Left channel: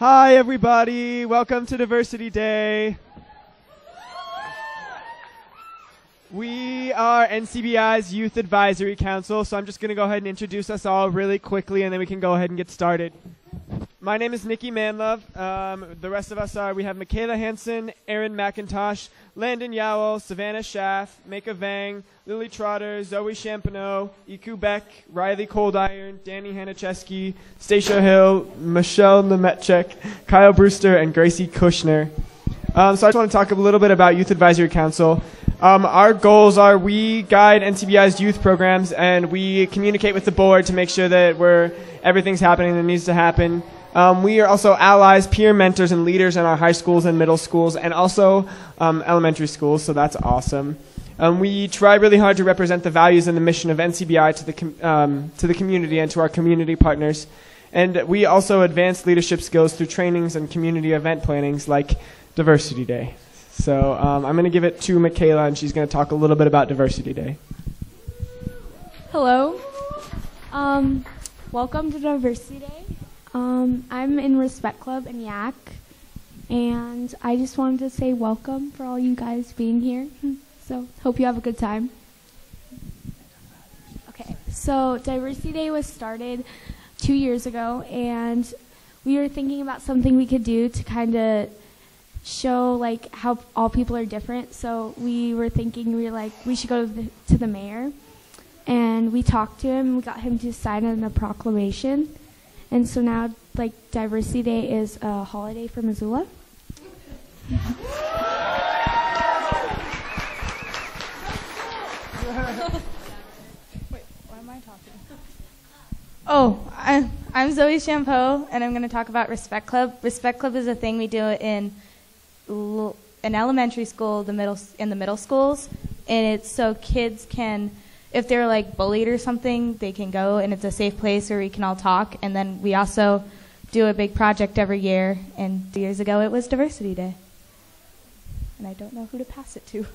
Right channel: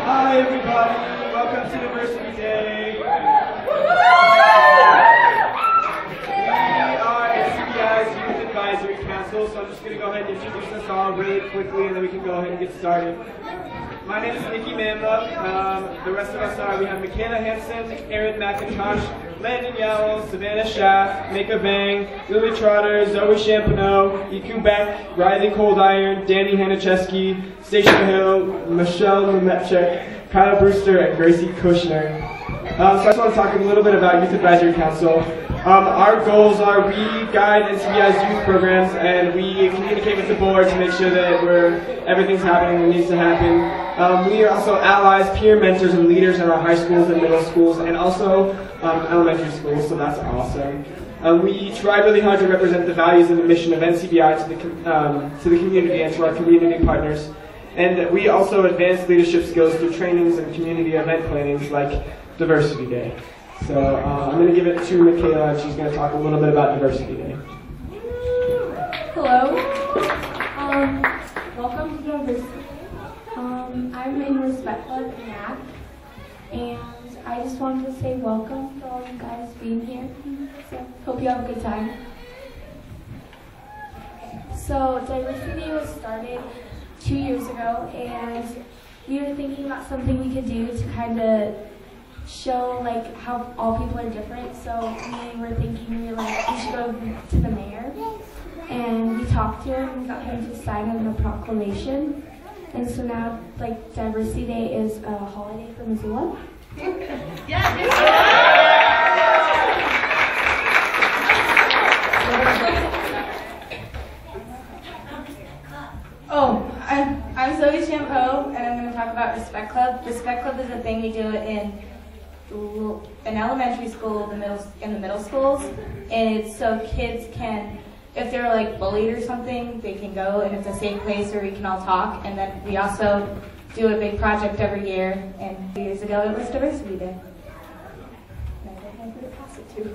Hi everybody, welcome to Diversity Day. We are NCBI's Youth Advisory Council, so I'm just going to go ahead and introduce us all really quickly and then we can go ahead and get started. My name is Nikki Manluck. The rest of us are, we have Michaela Hansen, Erin McIntosh, Landon Yowell, Savannah Schaff, Mako Bang, Lily Trotter, Zoe Champano, Iku Beck, Riley Coldiron, Danny Hanicheski, Stacia Hill, Michelle Lemetchek, Kyle Brewster, and Gracie Kushner. So I just want to talk a little bit about Youth Advisory Council. Our goals are we guide NCBI's youth programs and we communicate with the board to make sure that everything's happening that needs to happen. We are also allies, peer mentors, and leaders in our high schools and middle schools and also elementary schools, so that's awesome. We try really hard to represent the values and the mission of NCBI to the community and to our community partners. And we also advance leadership skills through trainings and community event plannings like Diversity Day. So I'm going to give it to Michaela, and she's going to talk a little bit about Diversity Day. Hello. Welcome to Diversity Day. I'm in Respect Club in YAC, and I just wanted to say welcome for all you guys being here. So hope you have a good time. Okay. So Diversity Day was started 2 years ago, and we were thinking about something we could do to kind of show like how all people are different. So we were thinking we should go to the mayor, and we talked to him and got him to sign on a proclamation. And so now like Diversity Day is a holiday for Missoula. Oh, I'm Zoe Champeau, and I'm going to talk about Respect Club. Respect Club is a thing we do in elementary school, in the middle schools. It's so kids can, if they're like bullied or something, they can go, and it's a safe place where we can all talk. And then we also do a big project every year, and 2 years ago it was Diversity Day. And I don't know who to pass it to.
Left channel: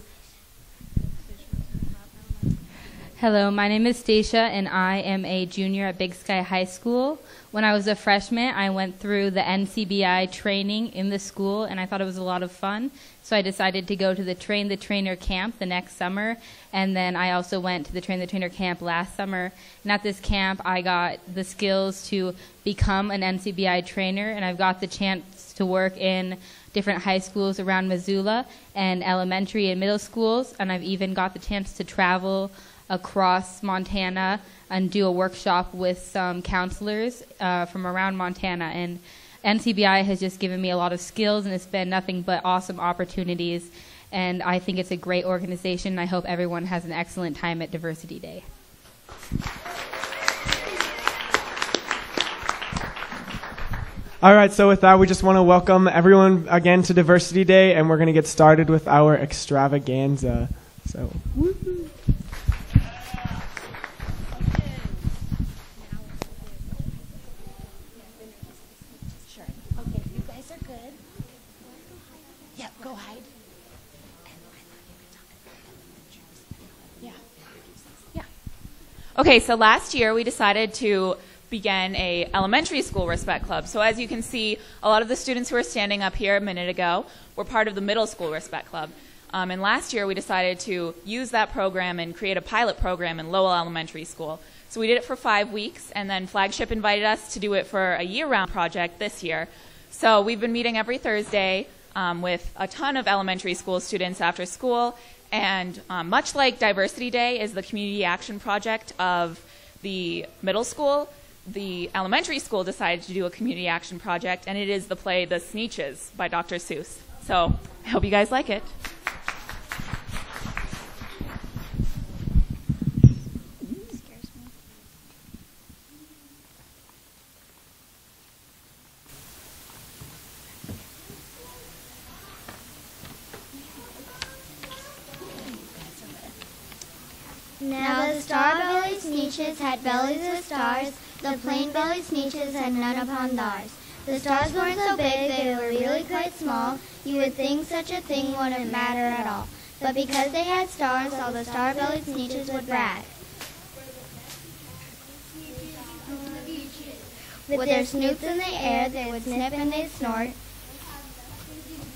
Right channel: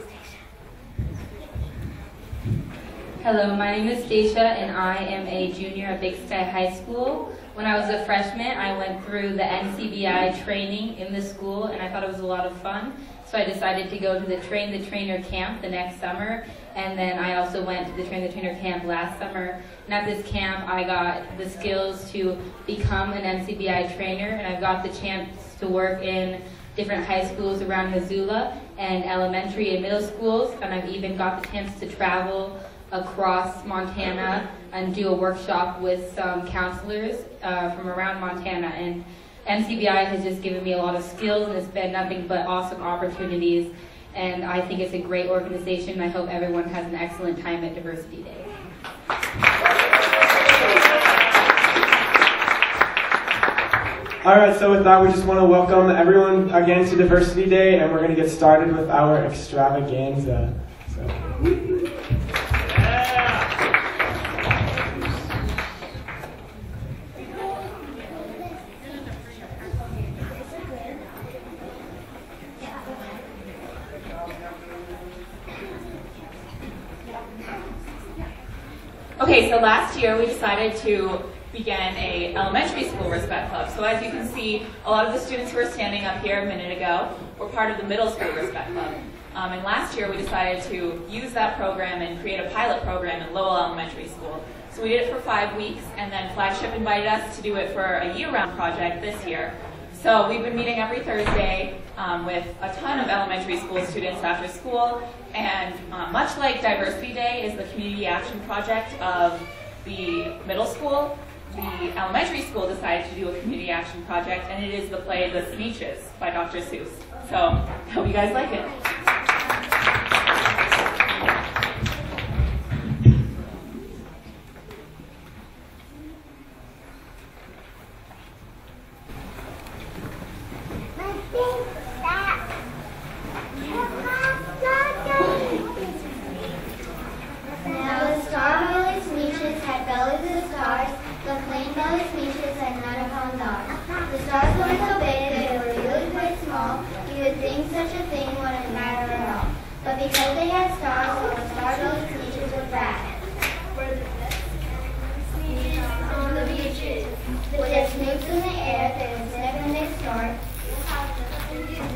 Hello, my name is Stacia, and I am a junior at Big Sky High School. When I was a freshman, I went through the NCBI training in the school, and I thought it was a lot of fun. So I decided to go to the Train the Trainer camp the next summer, and then I also went to the Train the Trainer camp last summer. And at this camp, I got the skills to become an NCBI trainer, and I've got the chance to work in different high schools around Missoula and elementary and middle schools, and I've even got the chance to travel across Montana and do a workshop with some counselors from around Montana. And NCBI has just given me a lot of skills, and it's been nothing but awesome opportunities. And I think it's a great organization. I hope everyone has an excellent time at Diversity Day. All right, so with that, we just want to welcome everyone again to Diversity Day, and we're going to get started with our extravaganza. So. Okay, so last year we decided to begin a elementary school Respect Club. So as you can see, a lot of the students who were standing up here a minute ago were part of the middle school Respect Club. And last year we decided to use that program and create a pilot program in Lowell Elementary School. So we did it for 5 weeks, and then Flagship invited us to do it for a year-round project this year. So we've been meeting every Thursday with a ton of elementary school students after school. And much like Diversity Day is the community action project of the middle school, the elementary school decided to do a community action project, and it is the play The Sneetches by Dr. Seuss. So I hope you guys like it. With their snoops in the air, they would sniff and they'd snort.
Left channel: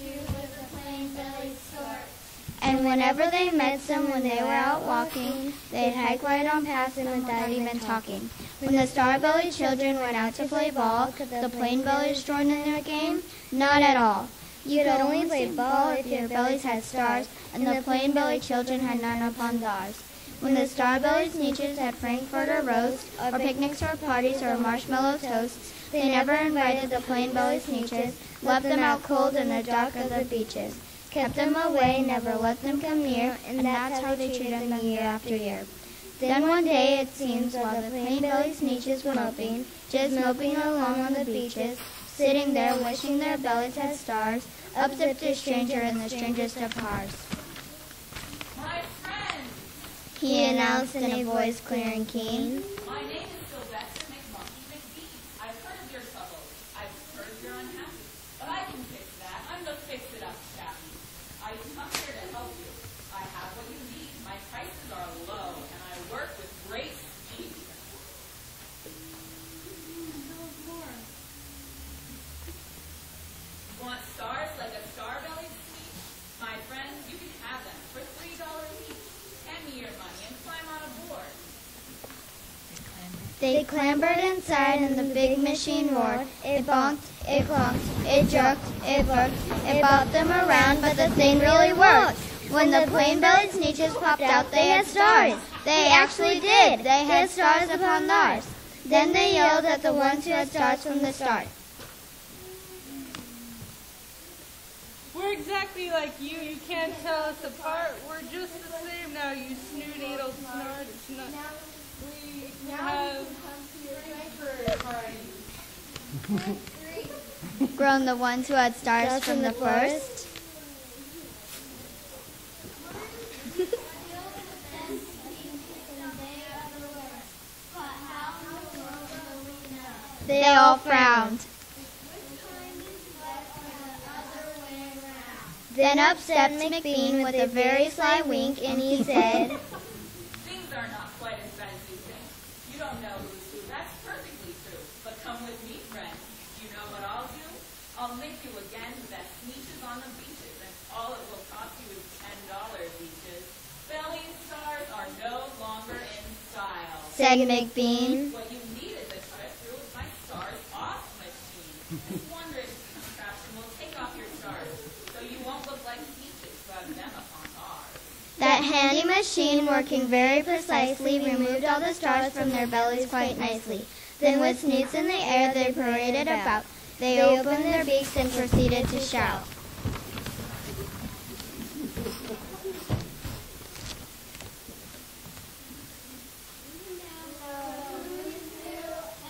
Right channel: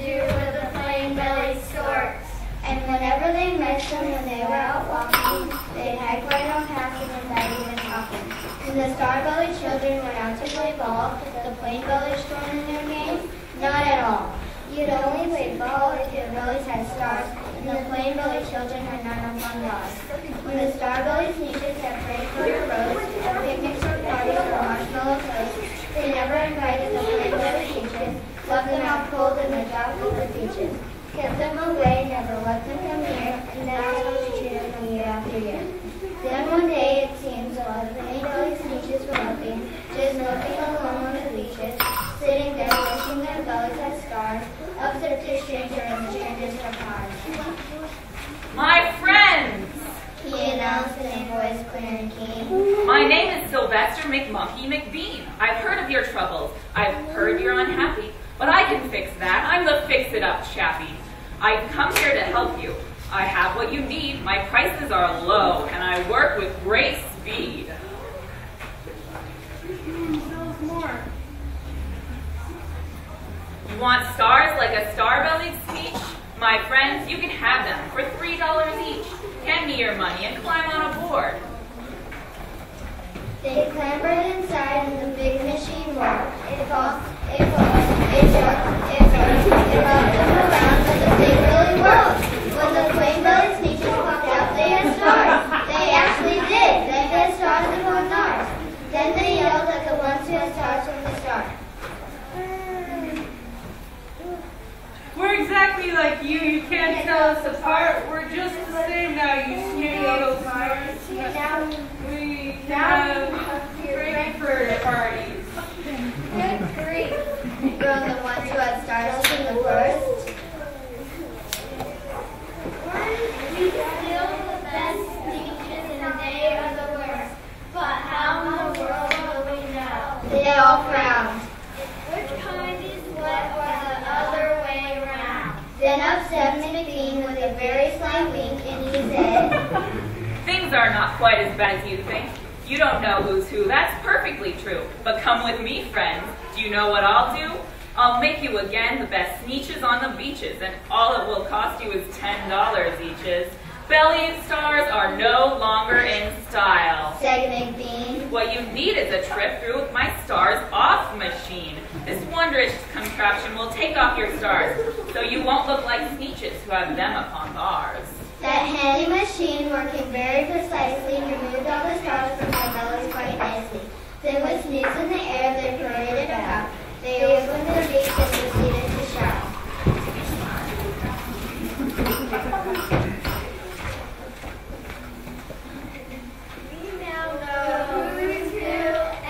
With the plain-bellied storks. And whenever they met them when they were out walking, they'd hike right on past them without even talking. When the star-bellied children went out to play ball, could the plain-bellied join in their game? Not at all. You'd only play ball if your bellies had stars, and the plain-bellied children had none upon God's. When the star-bellied sneetches had Frankfurt or roast, or picnics or parties or marshmallow toasts, they never invited the plain-bellied sneetches, left them out cold in the dark of the beaches, kept them away, never let them come near, and that's how they treated them year after year. Then one day, it seems, while the plain-bellied sneetches were loping, just loping along on the beaches, sitting there wishing their bellies had stars, up stepped a stranger and the stranger stepped hard. My friends! He announced in a voice clear and keen. My name is Sylvester McMonkey McBean. I've heard of your troubles. I've heard you're unhappy. But I can fix that. I'm the fix-it-up chappie. I've come here to help you. I have what you need. My prices are low, and I work with great speed. You want stars like a star-bellied speech? My friends, you can have them for $3 each. Hand me your money and climb on a board. They clambered inside and the big machine roared. It bumped, it bumped, it jerked, it burst, it bobbed them around, but the thing really worked. When the plain-bellied sneetches popped out, they had stars. They actually did. They had stars upon ours. Then they yelled at the ones who had stars from the start. We're exactly like you. You can't tell us apart. We're just the same now, you snooty little stars. We have Frankfurt parties. Good grief. Groaned the ones who had stars from the first. Weren't we still the best sneetches in the day of the worst? But how in the world will we know? They all frowned. Which kind is what or the other way around? Then up stepped McBean with a very sly wink, and he said, Things are not quite as bad as you think. You don't know who's who. That's perfectly true. But come with me, friends. Do you know what I'll do? I'll make you again the best sneetches on the beaches, and all it will cost you is $10 eaches. Bellied stars are no longer in style, said McBean. What you need is a trip through my stars off machine. This wondrous contraption will take off your stars, so you won't look like sneetches who have them upon bars. That handy machine, working very precisely, removed all the stars from their bellies quite nicely. Then with snoots in the air, they paraded about. They opened their beaks and proceeded to shout. We now know who's who,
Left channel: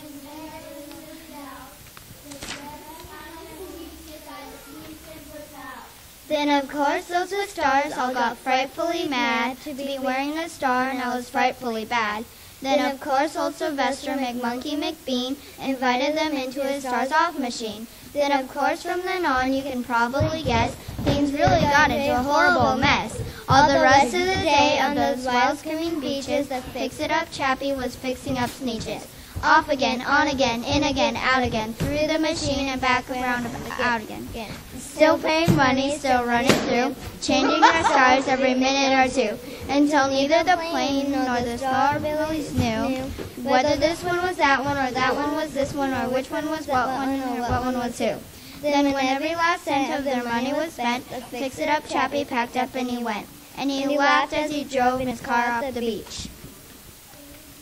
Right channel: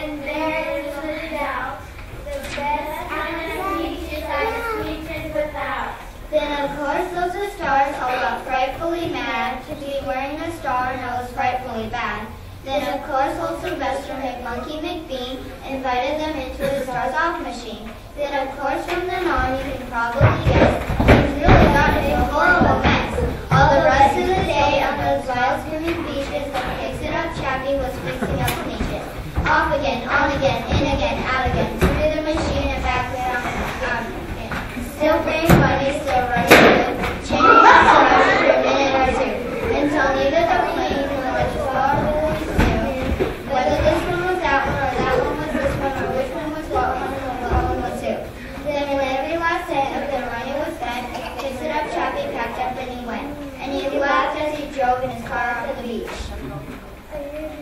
and there is the doubt. The best kind of sneetches are the sneetches without. Then of course those with stars all got frightfully mad. To be wearing a star now was frightfully bad. Then of course old Sylvester McMonkey McBean invited them into his stars off machine. Then of course from then on you can probably guess things really got into a horrible mess. All the rest of the day on those wild screaming beaches the fix-it-up chappie was fixing up sneetches. Off again, on again, in again, out again, through the machine and back around out again. Still pretty funny, still running through, changing the stars every minute or two, until neither the plane nor the star really knew whether this one was that one, or that one was this one, or which one was what one, or what one was who. Then when every last cent of their money was spent, the fix-it-up chappie packed up and he went, and he laughed as he drove in his car off the beach.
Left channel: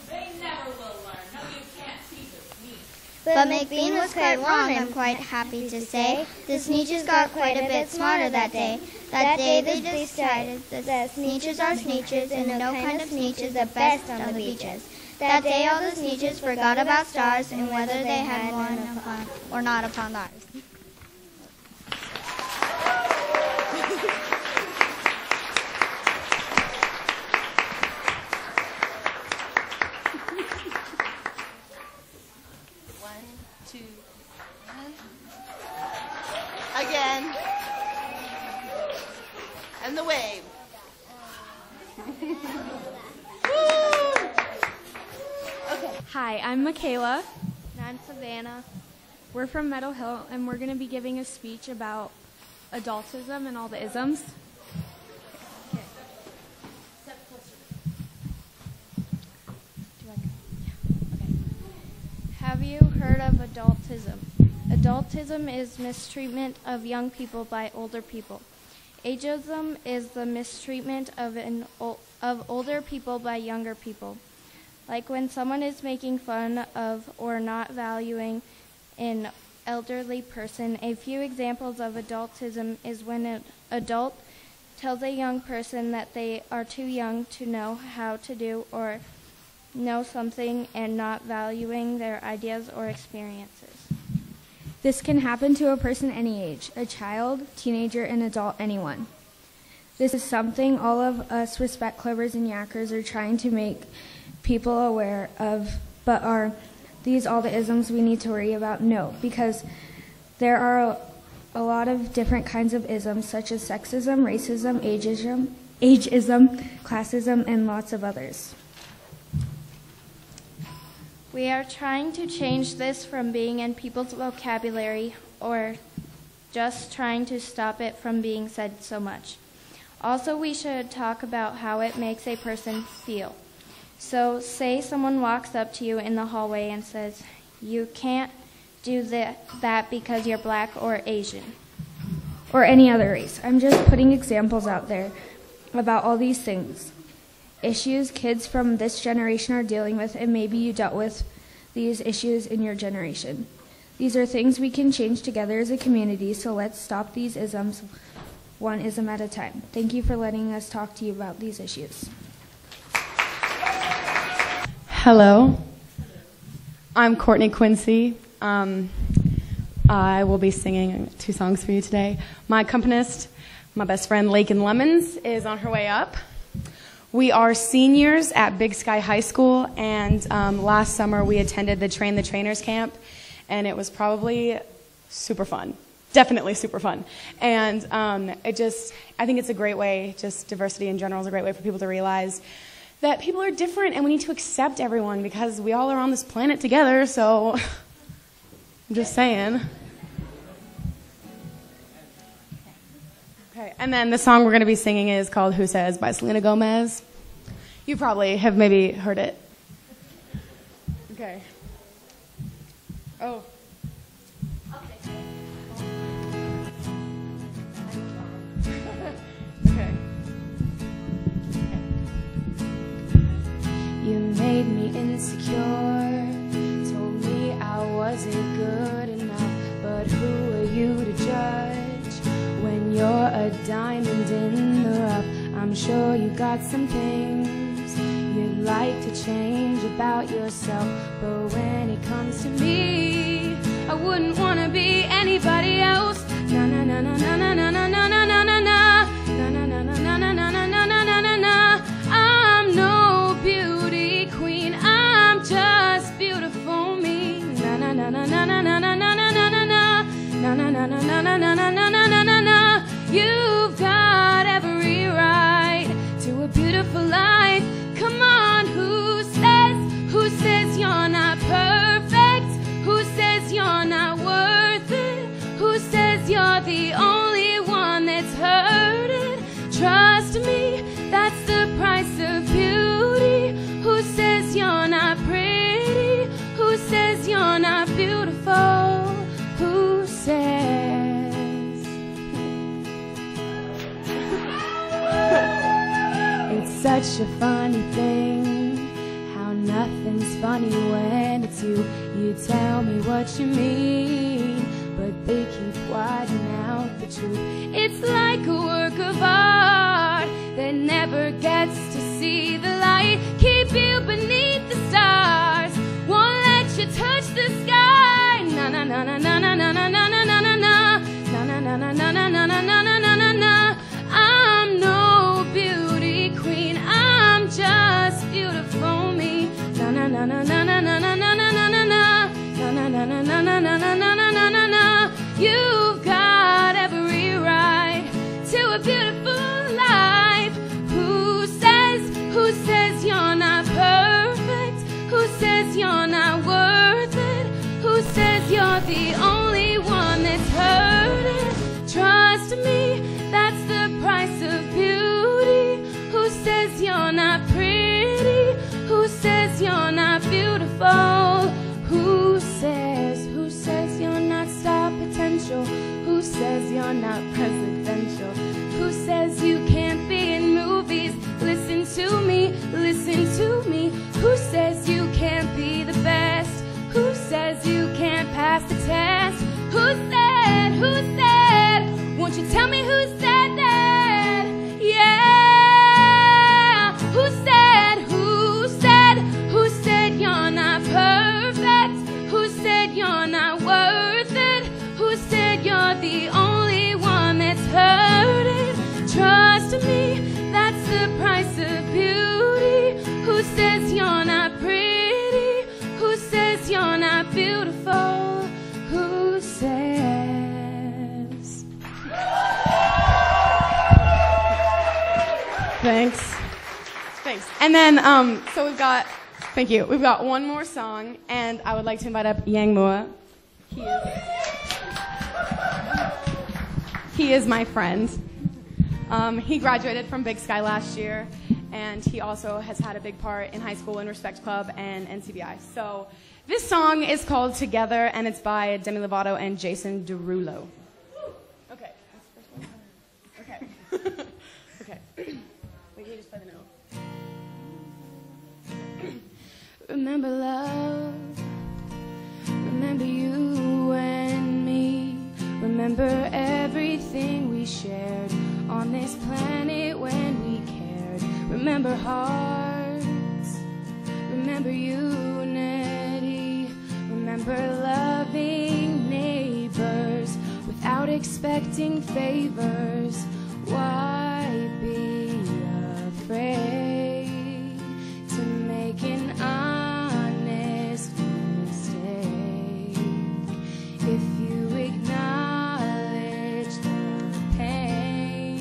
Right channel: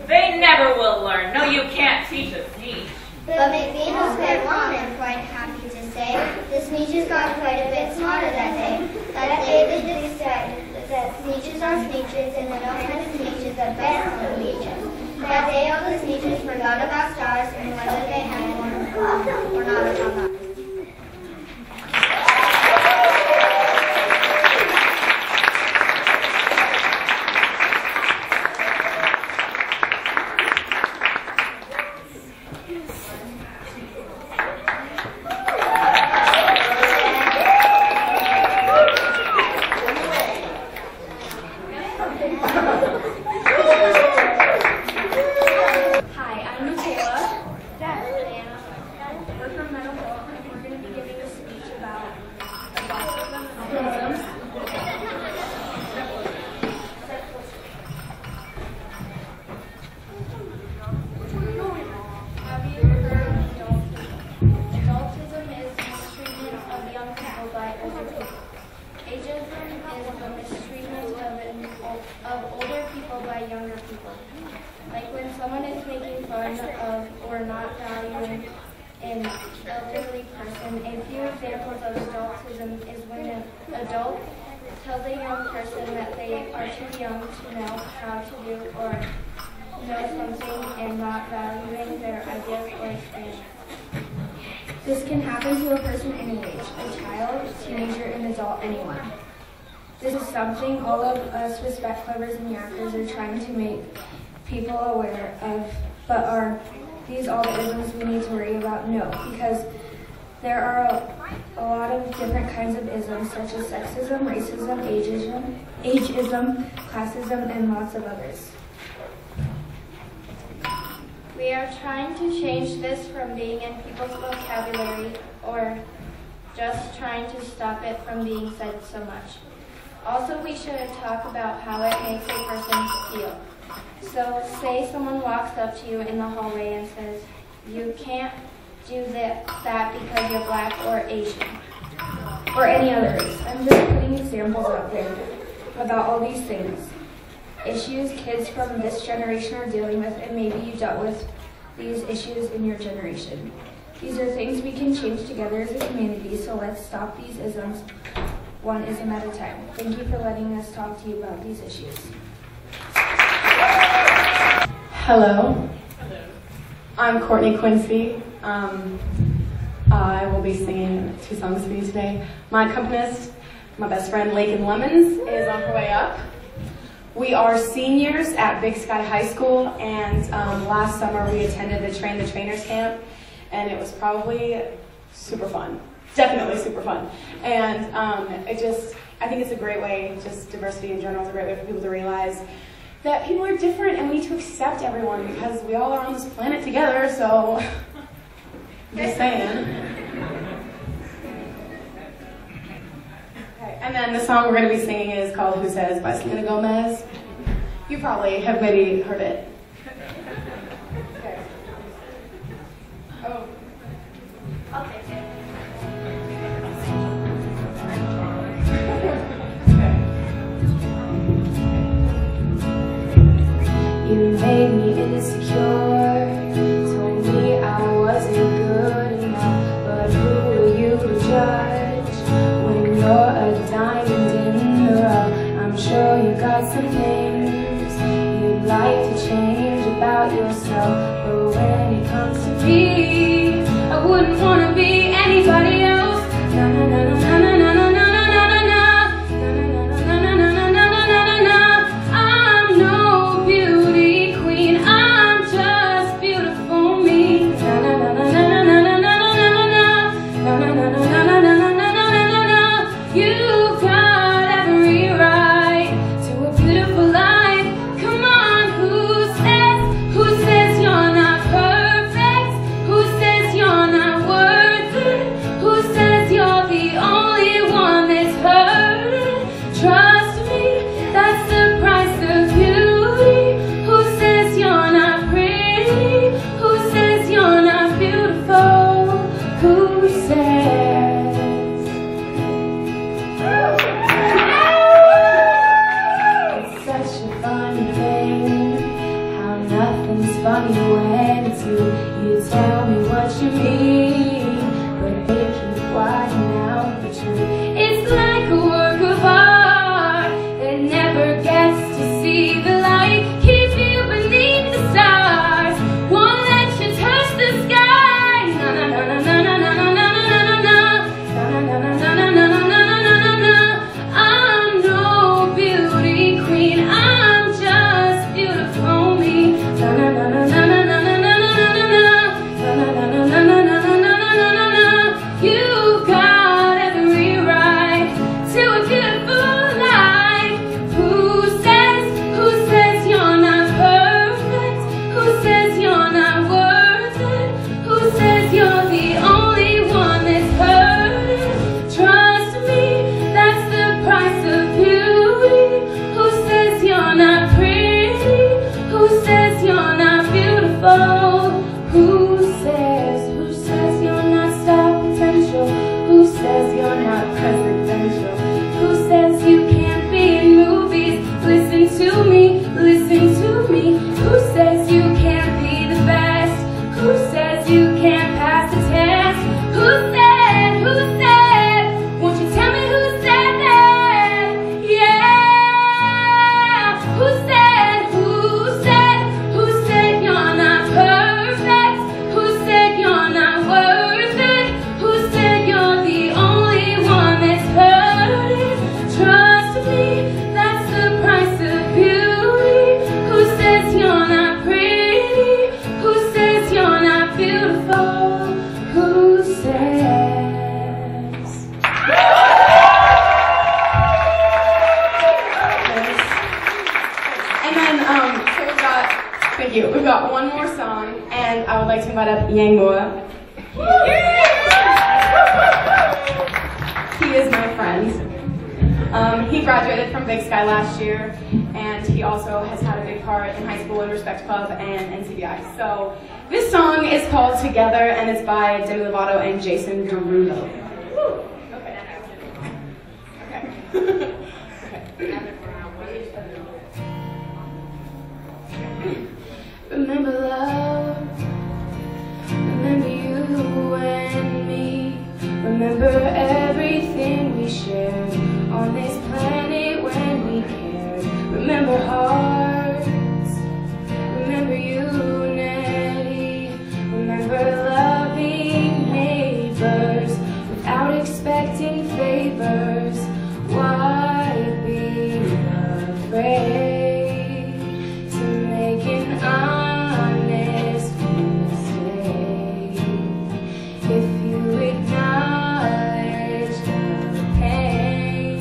They never will learn. No, you can't teach a sneetch. But McBean was quite wrong and quite happy to say the sneetches got quite a bit smarter that day. That day they decided that sneetches are sneetches and no kind of sneetch is the best on the beaches. That day all the sneetches forgot about stars and whether they had one or not upon them. Hi, I'm Michaela. That's Savannah. mistreatment of older people by younger people. Like when someone is making fun of or not valuing an elderly person. A few examples of adultism is when an adult tells a young person that they are too young to know how to do or know something and not valuing their ideas or experiences. This can happen to a person any age, a child, teenager, an adult, anyone. This is something all of us Respect Clubbers and Yackers are trying to make people aware of, but are these all the isms we need to worry about? No, because there are a lot of different kinds of isms such as sexism, racism, ageism, classism, and lots of others. We are trying to change this from being in people's vocabulary or just trying to stop it from being said so much. Also, we should talk about how it makes a person feel. So, say someone walks up to you in the hallway and says, "You can't do that because you're black or Asian." Or any other race. I'm just putting examples out there about all these things. Issues kids from this generation are dealing with, and maybe you dealt with these issues in your generation. These are things we can change together as a community, so let's stop these isms one ism at a time. Thank you for letting us talk to you about these issues. Hello. I'm Courtney Quincy. I will be singing 2 songs for you today. My accompanist, my best friend Lakin Lemons, is on her way up. We are seniors at Big Sky High School, and last summer we attended the Train the Trainers camp, and it was probably super fun. Definitely super fun. And I think it's a great way, just diversity in general is a great way for people to realize that people are different and we need to accept everyone because we all are on this planet together, so I'm just saying. Okay, and then the song we're going to be singing is called Who Says by Selena Gomez. You probably have maybe heard it. Okay. Oh. You made me insecure, told me I wasn't good enough, but who are you to judge when you're a diamond in the rough? I'm sure you got some things you'd like to change about yourself, but when it comes to me, I wouldn't want to be anybody else. Na na na na na na na na na na na na na na na na na. I'm no beauty queen, I'm just beautiful me. Na na na na na na na na na na na na na na na na na na. You've got every right to a beautiful life. Thanks. And then, so thank you. We've got one more song, and I would like to invite up Yang Moa. He is my friend. He graduated from Big Sky last year, and he also has had a big part in High School and Respect Club and NCBI. So this song is called Together, and it's by Demi Lovato and Jason Derulo. Okay. Remember love, remember you and me, remember everything we shared on this planet when we cared, remember hearts, remember unity, remember loving neighbors without expecting favors. Why be afraid to make an honest mistake? If you acknowledge the pain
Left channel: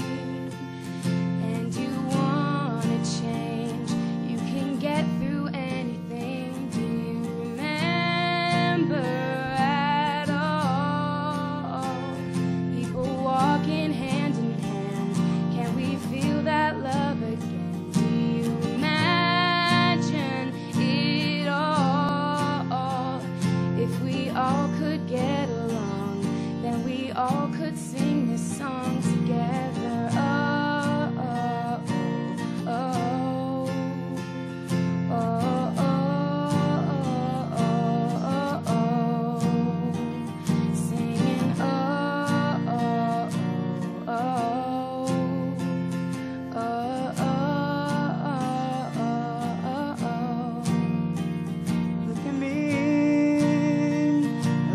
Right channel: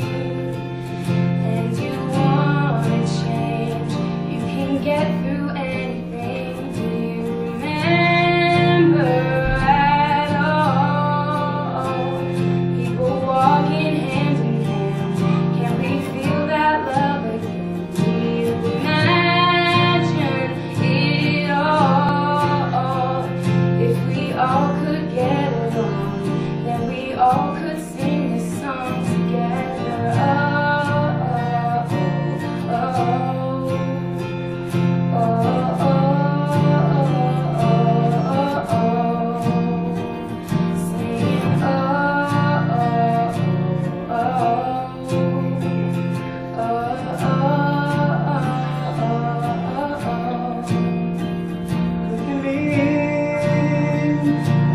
and you want to change, you can get through anything. Do you remember at all? People walking hand in hand. Can we feel that love again? Do you imagine it all? If we all could get along, then we all could sing this song together. Oh, oh, oh, oh, oh, oh, oh. Singing oh, oh, oh,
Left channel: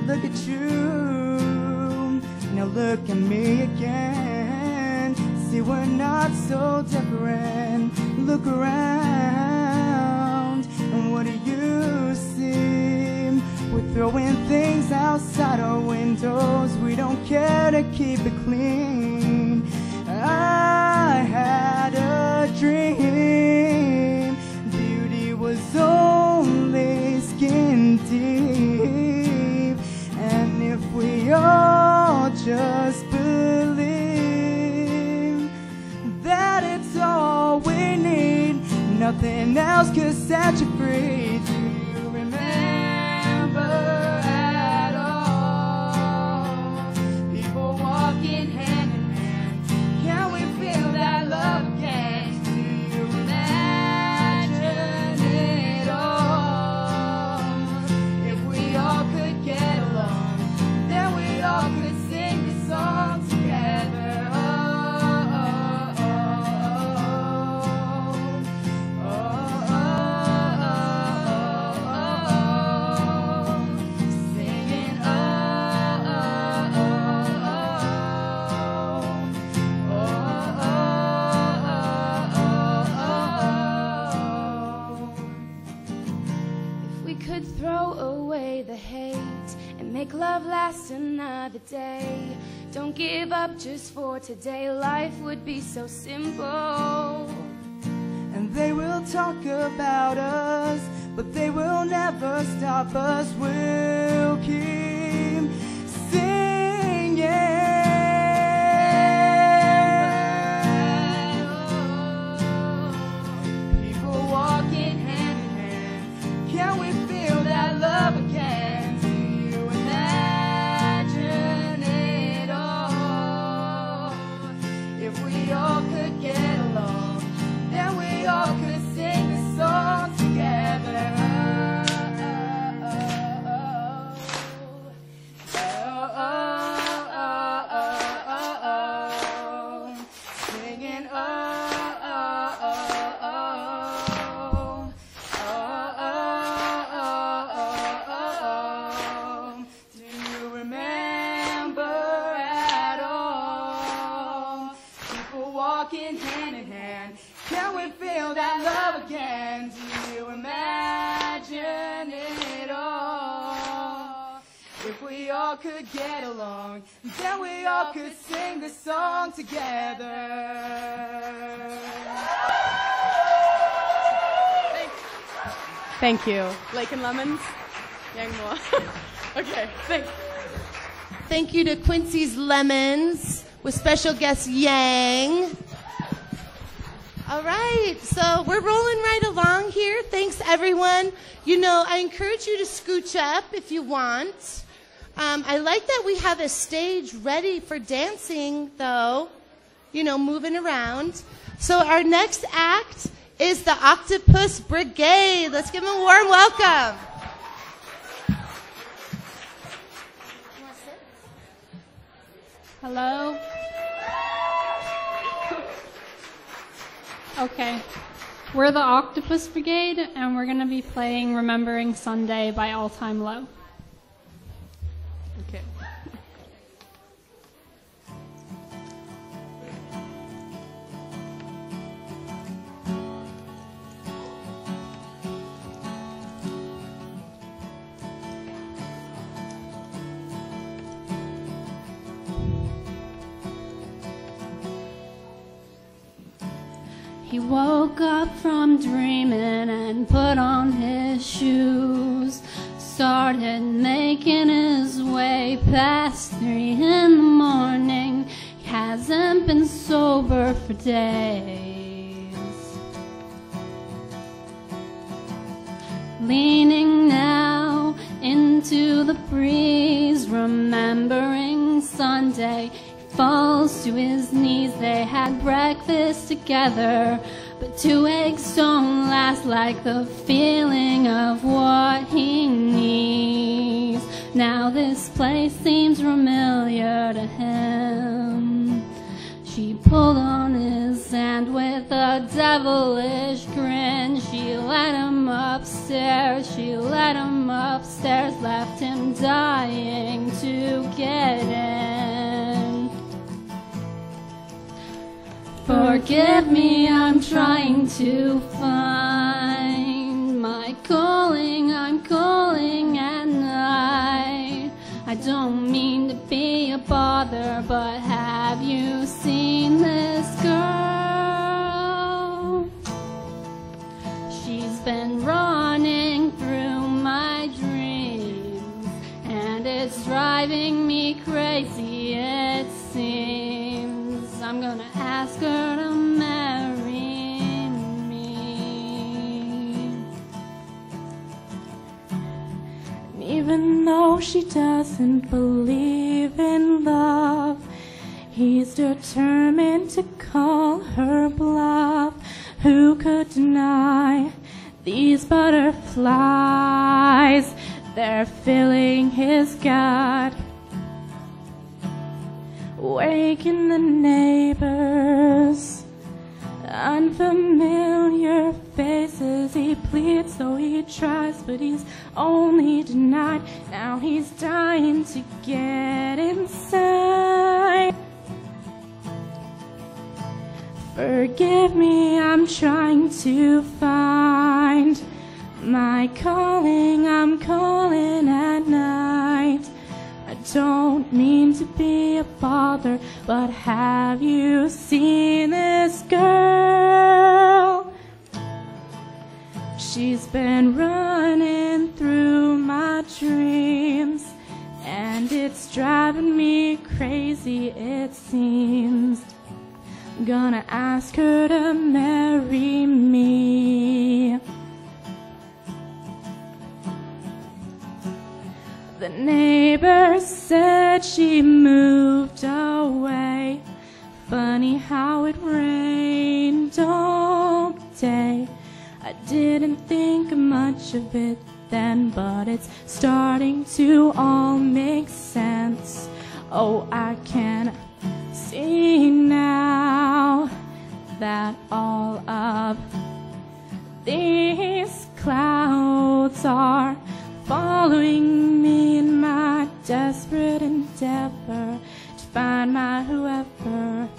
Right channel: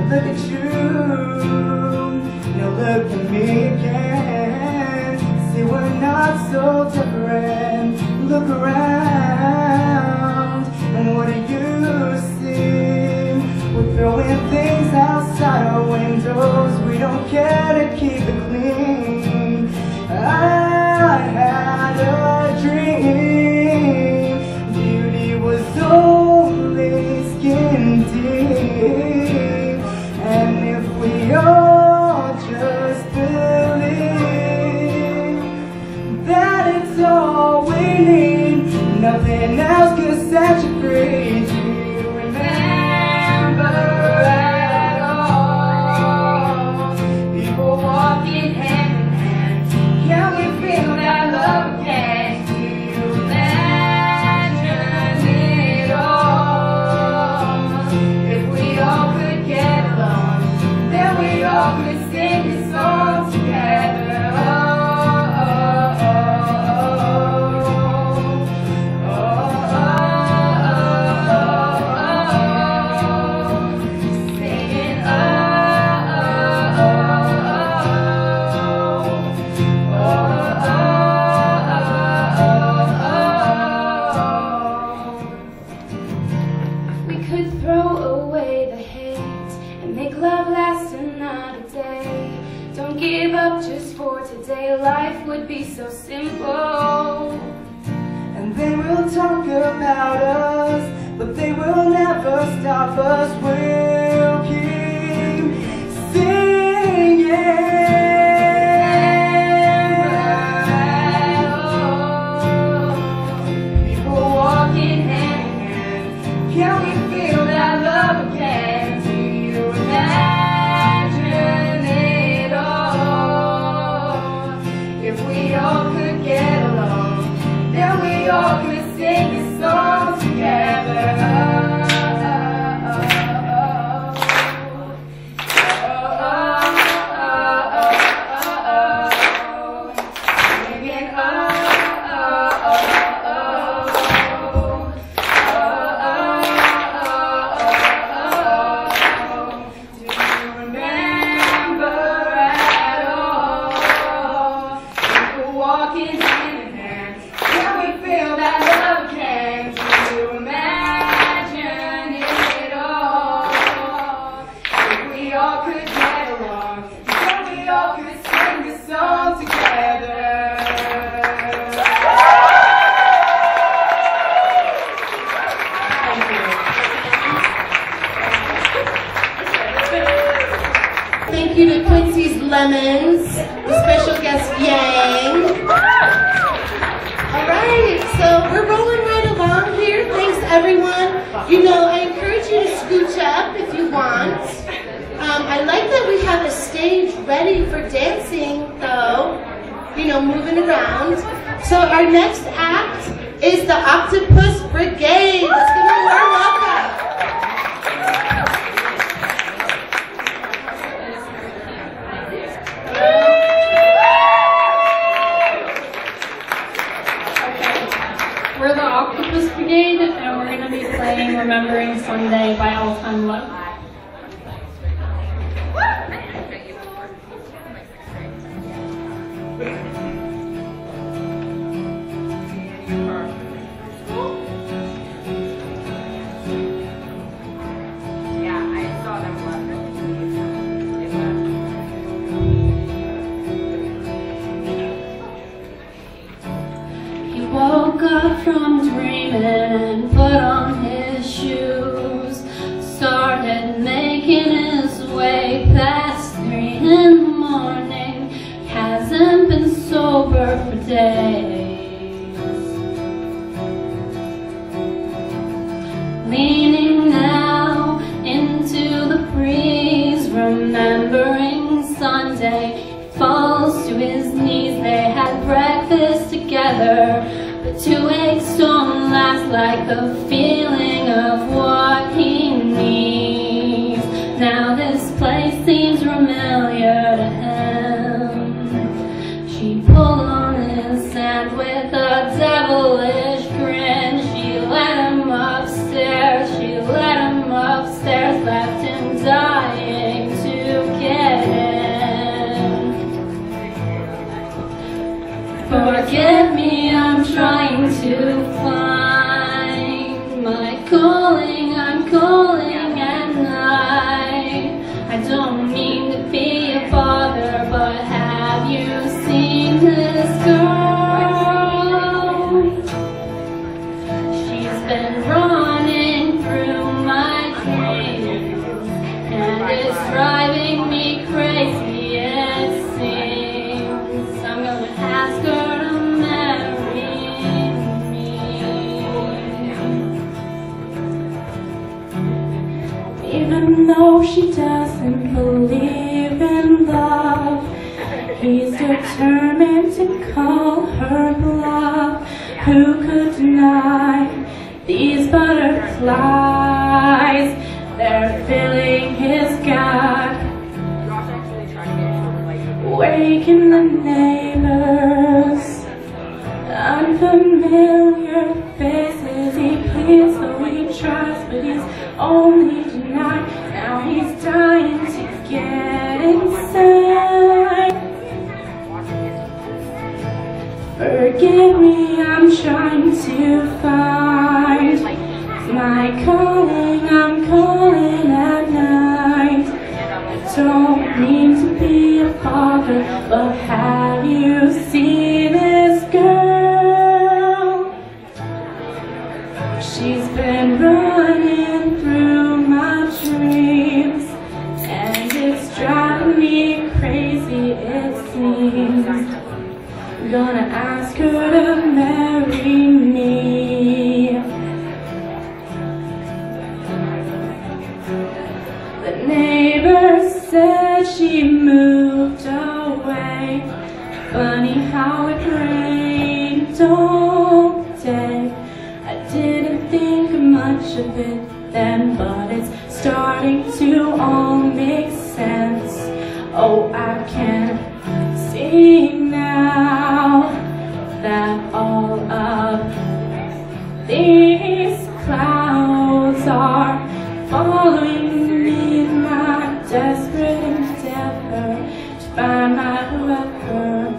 Look at you, now look at me again. See, we're not so different. Look around, and what do you see? We're throwing things outside our windows. We don't care to keep it clean. I had a dream. Beauty was only skin deep. And if we all just believe that it's all we need, nothing else can set you free. Do you remember at all? People walking hand in hand. Can we feel that love again? Do you imagine it all? If we all could get along, then we all could sing this song together. Singing we could throw away the hate and make love last another day. Don't give up just for today. Life would be so simple. And they will talk about us, but they will never stop us. We'll keep singing. People walking hand in hand. Can we feel that love again? Do you imagine it all? If we all could get along, then we all could sing this song together. Thank you. Thank you to Quincy's Lemons, the special guest Yang. All right, so we're rolling right along here. Thanks, everyone. You know, I encourage you to scooch up if you want. I like that we have a stage ready for dancing, though. You know, moving around. So our next act is the Octopus Brigade. Let's give them a warm welcome. We're the Octopus Brigade, and we're going to be playing Remembering Sunday by All Time Low. He woke up from dreaming and put on his shoes, started making his way past 3 in the morning, hasn't been sober for days, leaning now into the breeze, remembering Sunday, falls to his knees. They had breakfast together, but 2 eggs don't last like the feeling of what he needs. Now this place seems familiar to him. She pulled on his hand with a devilish grin. She let him upstairs, left him dying to get in. Forgive me, I'm trying to find my calling. I'm calling at night. I don't mean to be a bother, but have you seen this girl? She's been running through my dreams, and it's driving me crazy, it seems. I'm gonna ask her to marry me. Even though she doesn't believe in love, he's determined to call her bluff. Who could deny these butterflies? They're filling his gut, waking the neighbors. Unfamiliar faces, he pleads, so he tries, but he's only denied. Now he's dying to get inside. Forgive me, I'm trying to find my calling. I'm calling at night. I don't mean to be a bother, but have you seen this girl? She's been running through my dreams, and it's driving me crazy, it seems. I'm gonna ask her to marry me. The neighbor said she moved away. Funny how it rained all day. I didn't think much of it then, but it's starting to all make sense. Oh, I can see now that all of these clouds are following me in my desperate endeavor to find my whoever,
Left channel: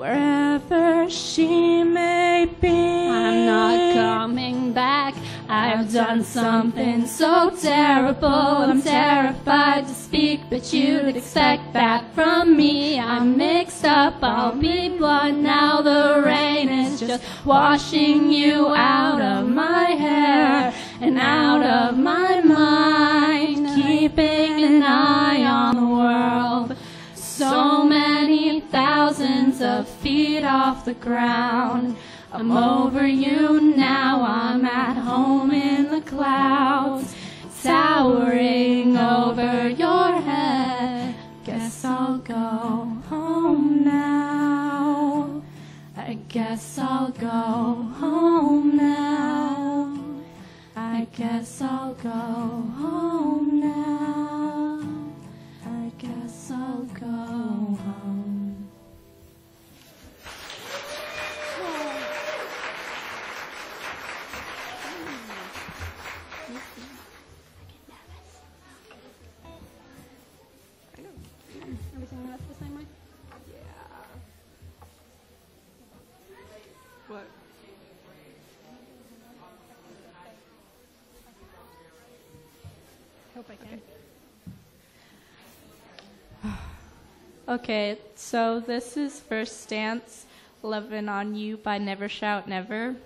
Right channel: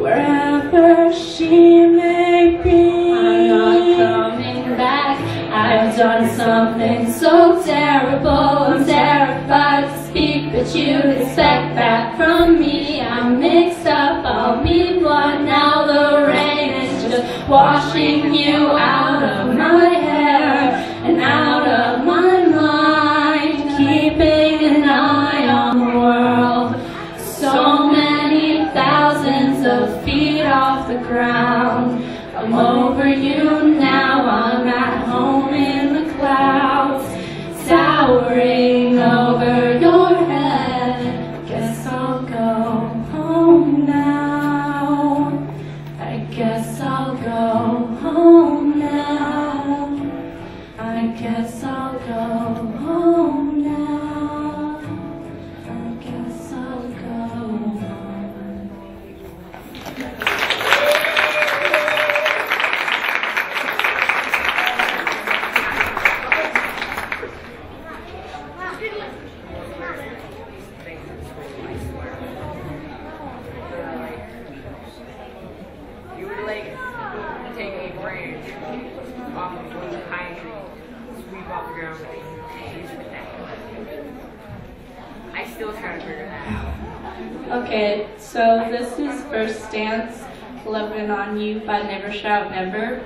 wherever she may be. I'm not coming back. I've done something so terrible. I'm terrified to speak, but you'd expect that from me. I'm mixed up, I'll be blood now. The rain is just washing you out of my hair. and out of my mind, keeping an eye on the world. So many thousands of feet off the ground. I'm over you now, I'm at home in the clouds, towering over your head. Guess I'll go home now. I guess I'll go home now. I guess I'll go home now. I guess I'll go home. You would like take a branch off of one of the pine trees, sweep off the ground, and use it that. I still try to figure that out. Okay, so this is First Stance, Lovin' on You by Never Shout Never.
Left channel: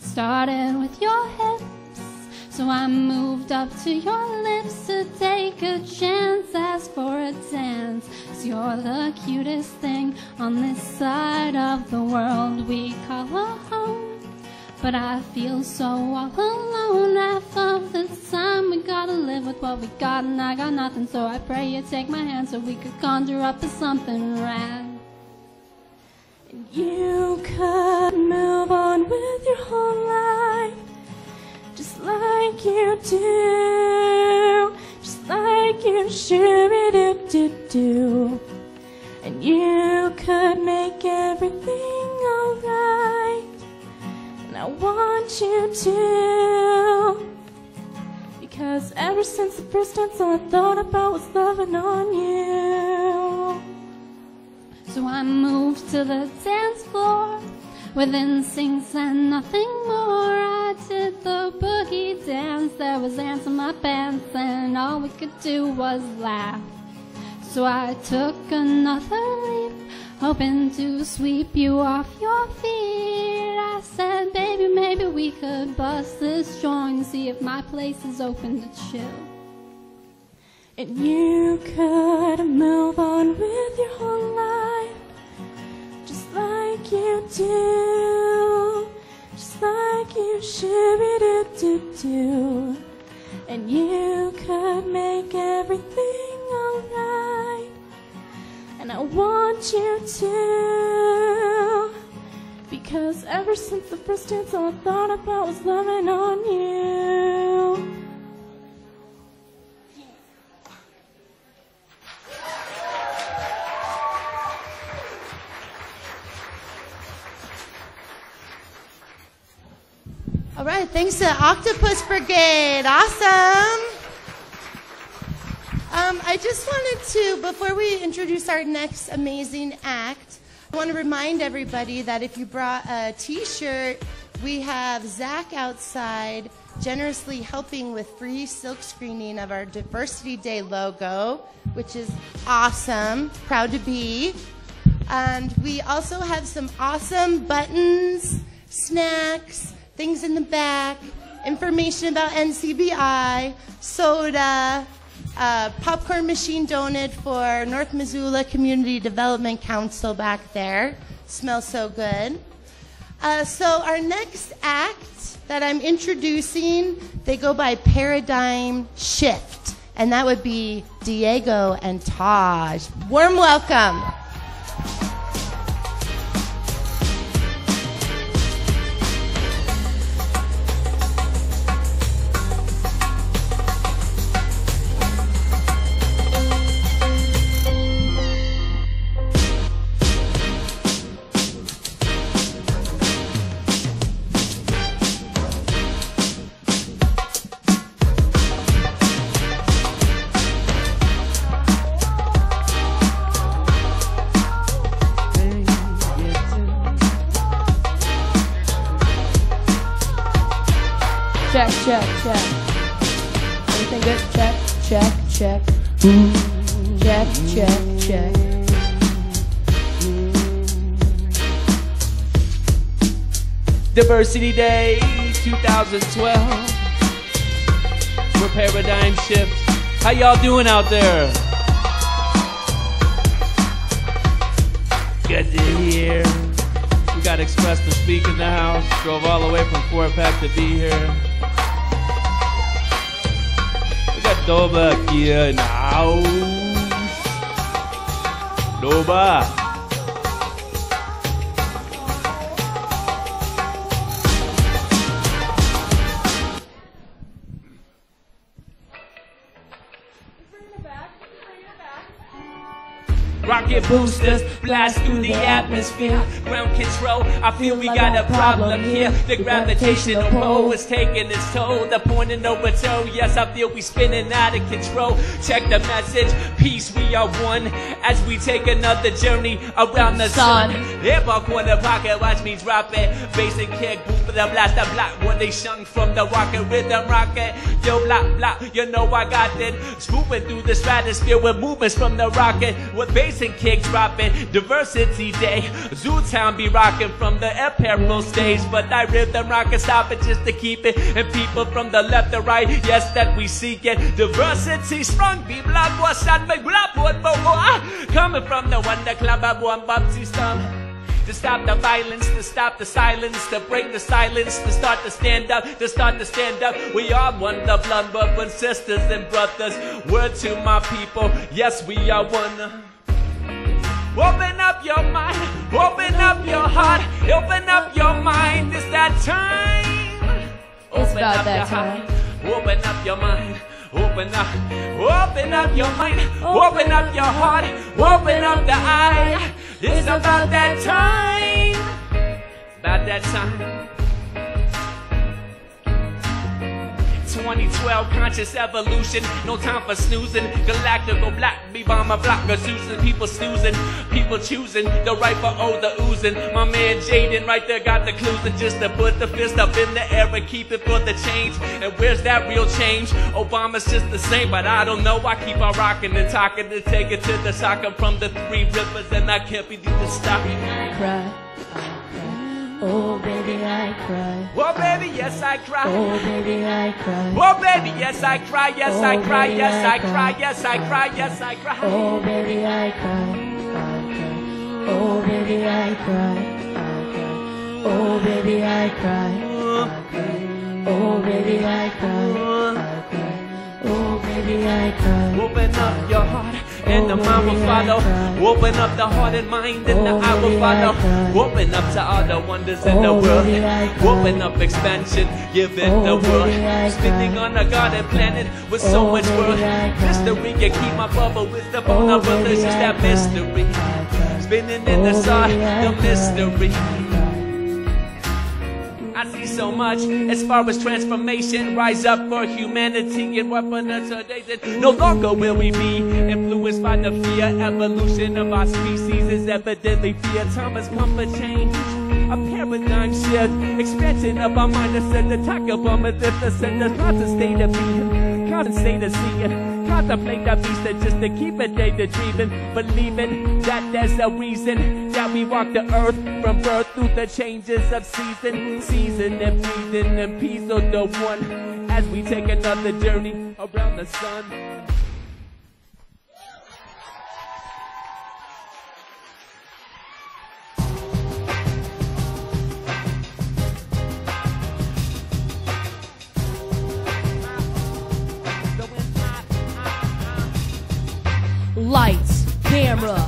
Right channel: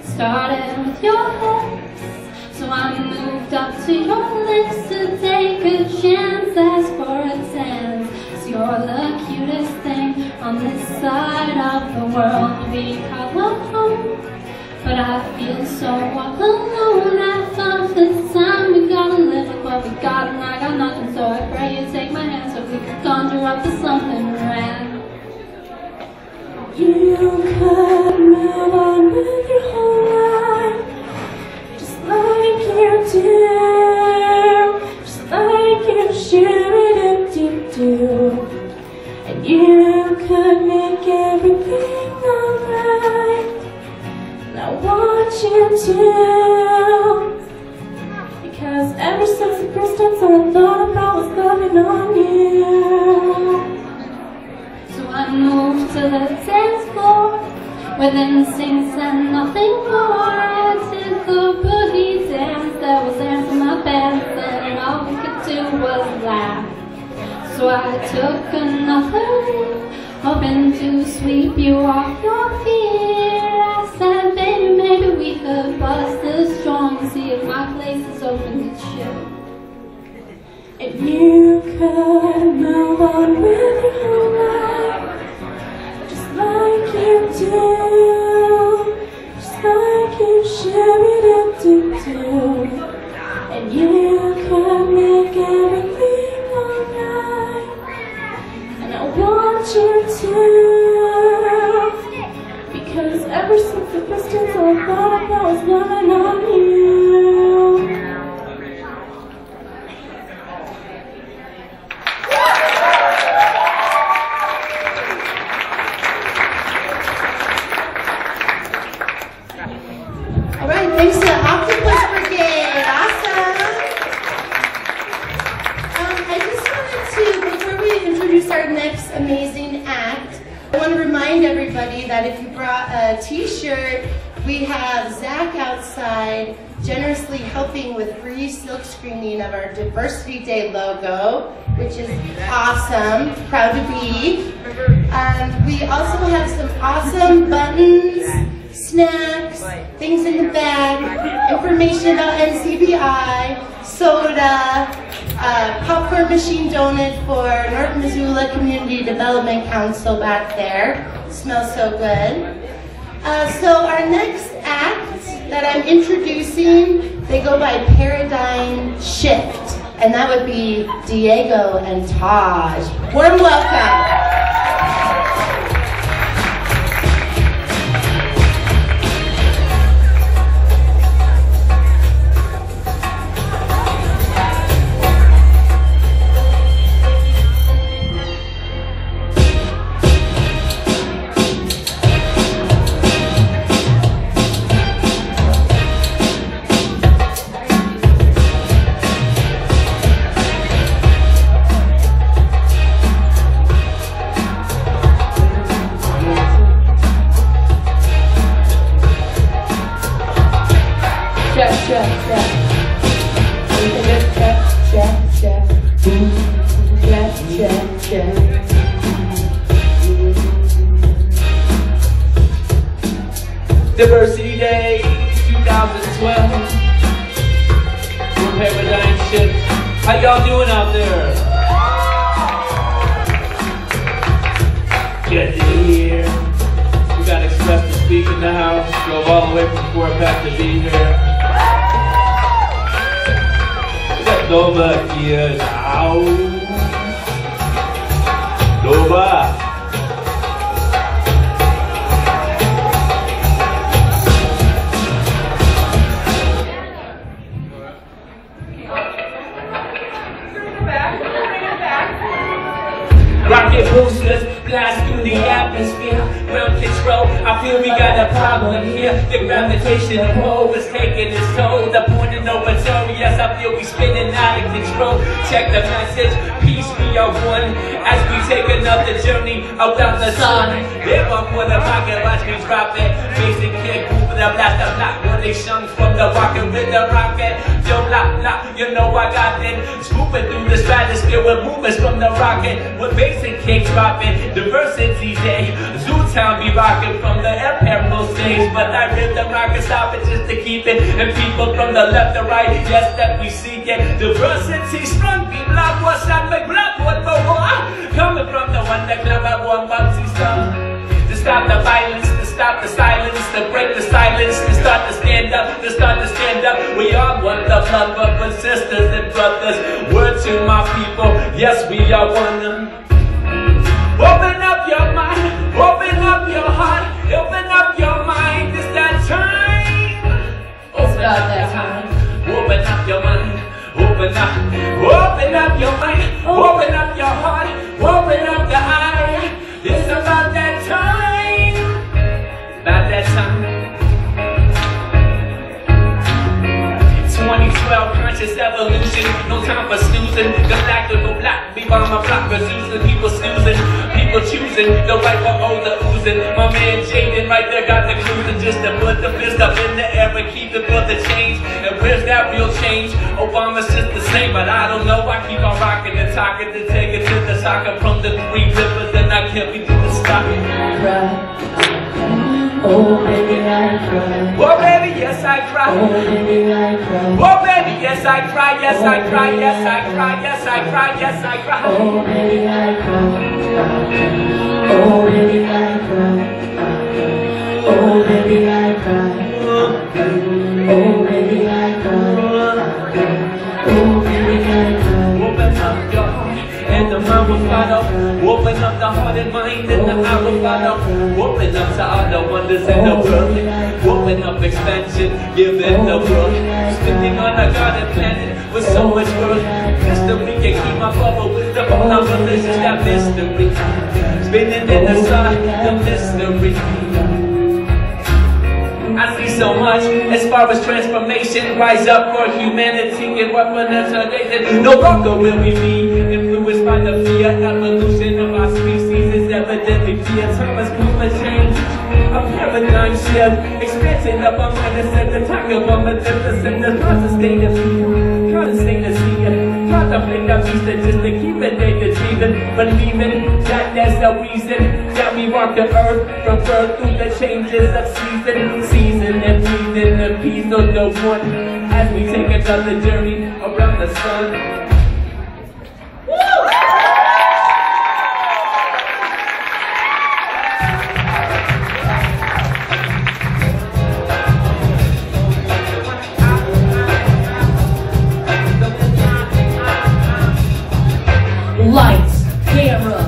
Started with your hips, so I moved up to your lips to take a chance, ask for a dance. 'Cause you're the cutest thing on this side of the world. We call home, but I feel so all alone. I thought for the time we gotta live with what we got, and I got nothing, so I pray you take my hand so we could conjure up to something grand. You could move on with your whole life, just like you do, just like you do. And you could make everything alright, and I want you to, because ever since the first time all I thought about was loving on you. So I moved to the dance floor with instincts and nothing more. I did the boogie dance that was dancing my best, and all we could do was laugh. So I took another leap, hoping to sweep you off your feet. I said, baby, maybe we could bust this joint and see if my place is open to chill. And you could move on with your whole life, just like you do, just like you do. And you could make everything alright, and I want you to, because ever since the first time all I thought about was loving on you. All right, thanks to Octopus Brigade. Awesome. I just wanted to, before we introduce our next amazing act, I want to remind everybody that if you brought a t-shirt, we have Zach outside generously helping with free silk screening of our Diversity Day logo, which is awesome. Proud to be. We also have some awesome buttons, snacks, things in the bag, information about NCBI, soda, popcorn machine donut for North Missoula Community Development Council back there. Smells so good. So our next act that I'm introducing, they go by Paradigm Shift, and that would be Diego and Taj. Warm welcome. Check. Diversity Day 2012. Your paradigm shift. How y'all doing out there? Good to hear. We got Express to Speak in the house. Drove all the way from Fort Pack to be here. We got Nova here now. Nova. Rocket boosters blast through the atmosphere. Ground control, I feel we got a problem here. The gravitational pull is taking its toll. The point of no return, yes, I feel we spinning out of control. Check the message, peace, we are one. As we take another journey around the sun. Live up with a rocket, watch me drop it. Basic kick, the blast, the block. What they shung from the rocket with the rocket. Yo, blah, blah, you know I got it. Scooping through the stratosphere with movements from the rocket. With basic kick dropping, Diversity Day. Zootown be rocking from the Imperial stage. But I rip the rocket, stop it just to keep it. And people from the left and right, yes, that we seek it. Diversity strong, be black, what's up, like black, what, coming from the one that clever, one bouncy stuff. To stop the violence, to stop the silence, to break the silence, to start to stand up, to start to stand up. We are one love, but sisters and brothers. Word to my people, yes, we are one. Open up your mind, open up your heart, open up your mind. It's that time. Open up that time. Open up your mind. Open up your mind, open up your heart, open up the eye. It's about that time, about that time. 2012 conscious evolution, no time for snoozing. Galactical black, be on my block, refusing. People snoozing, people choosing the right for all the oozing. My man Jaden right there got the clues, and just to put the fist up in the air and keep it for the change. And where's that real change? Obama's just the same, but I don't know. I keep on rocking and talking to take it to the soccer from the three pillars, and I can't be doing the stopping. Oh baby, I cry. Oh baby, yes I cry. Oh baby, I cry. Oh baby, yes I cry. Yes I cry. Yes I cry. Yes I cry. Yes I cry. Oh baby, I cry. Oh baby, I cry. Oh baby, I cry. Oh baby, I cry. Oh baby, I cry. Open up your heart and the mind will follow. Open up the heart and mind and the eye will follow. Open up to all the wonders in the world. Open up expansion, give in the world. Spinning on a garden planet with so much world. Mystery can keep my bubble with the whole number. This is that mystery. Spinning in the sun, the mystery. I see so much as far as transformation. Rise up for humanity and weaponization. No longer will we be influenced by the fear. Evolution of our species is evidently clear. Time has come for change. A paradigm shift. Expansion of our mind is at the time of our magnificent. The thoughts of state of being. Trying to stay to see it. Contemplate that beast that just to keep it day to dreaming. Believing that that's the reason that we walk the earth from birth through the changes of season and breathing the peace of the one as we take another journey around the sun. Lights, camera,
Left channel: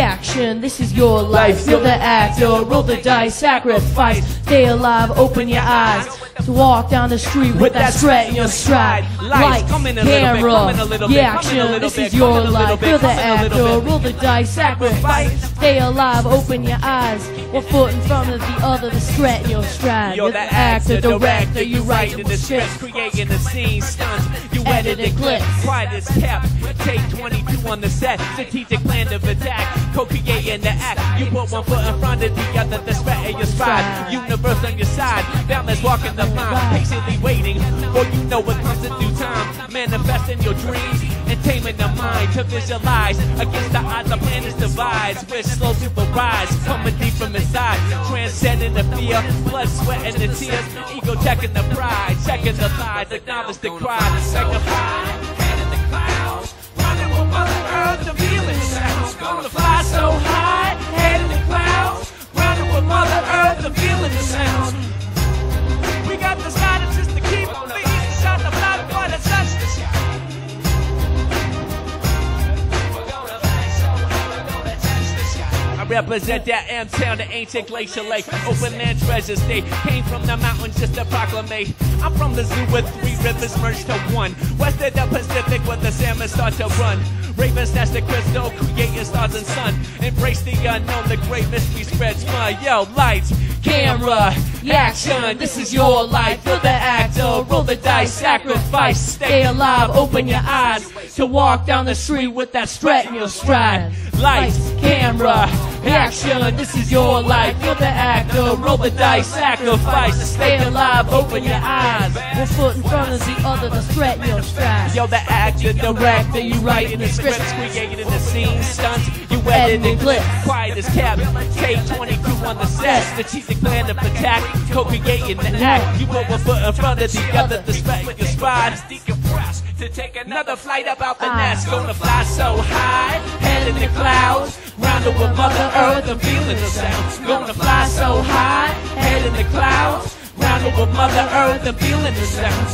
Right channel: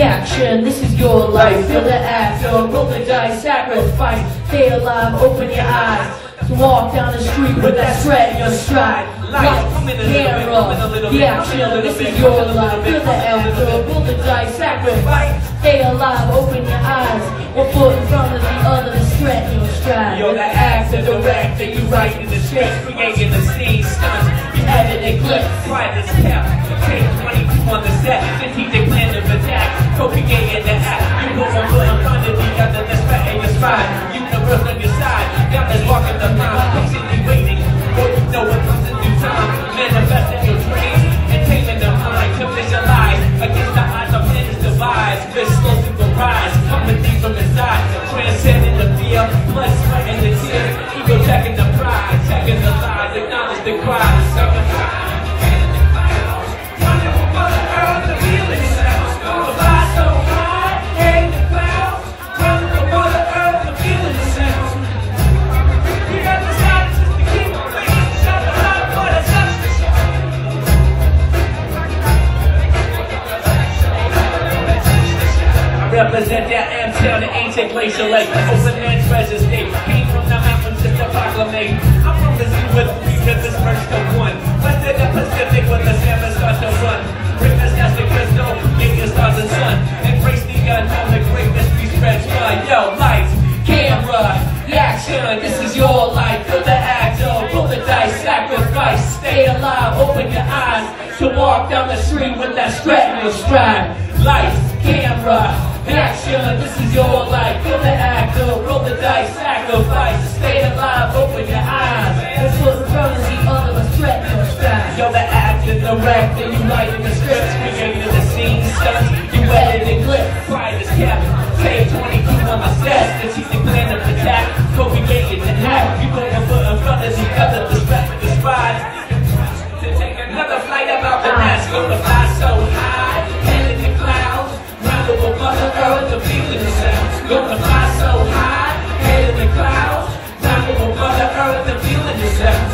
action, this is your life. Feel the actor, roll the dice, sacrifice. Stay alive, open your eyes. So walk down the street with that strut in your stride. Lights, camera, action, this is your life. Feel the actor, roll the dice, sacrifice. Stay alive, open your eyes. One foot in front of the other to strut in your stride. You're the actor, director, you writing the script, creating the scene, stunts, you editing clips. Quiet as kept. Take 22 on the set, strategic plan of attack, co-creating the act. You know one foot in front of the other, the spread in your stride. Universe on your side, balance walking the mind, patiently waiting. For you know what comes in due time. Manifesting your dreams and taming the mind to visualize against the odds of planets divide. Just slow to the rise, coming deep from inside, transcending the fear, blood, sweat, and represent that M-Town, the ancient glacial lake. Open and treasure state. Came from the mountains just to proclamate. I'm from Missoula, 3 rivers merged to one. West of the Pacific when the San starts to run. Break the fantastic crystal, give you stars and sun. Embrace the unknown, the great mystery spreads fun. Yo, lights, camera, action, this is your life. Feel the act of roll the dice, sacrifice. Stay alive, open your eyes to walk down the street with that strut in your stride. Lights, camera, action, this is your life. Feel the act of roll the dice, sacrifice. Stay alive, open your eyes. That's what's in front of the other, the threat in your stride. Yo, the act, you direct, and you write in the scripts, creating the scene, stunts. You edit and clip, quiet as cabin. Stay 22 on my stats, the teaching plan of attack. Co-created the knack. You went one foot in front of the other, the strap, the strides. To take another flight about the nest, go to fly so high, head in the clouds. Round over Mother Earth, the feeling the sounds. Go to fly so high, head in the clouds. Round over Mother Earth, the feeling the sounds.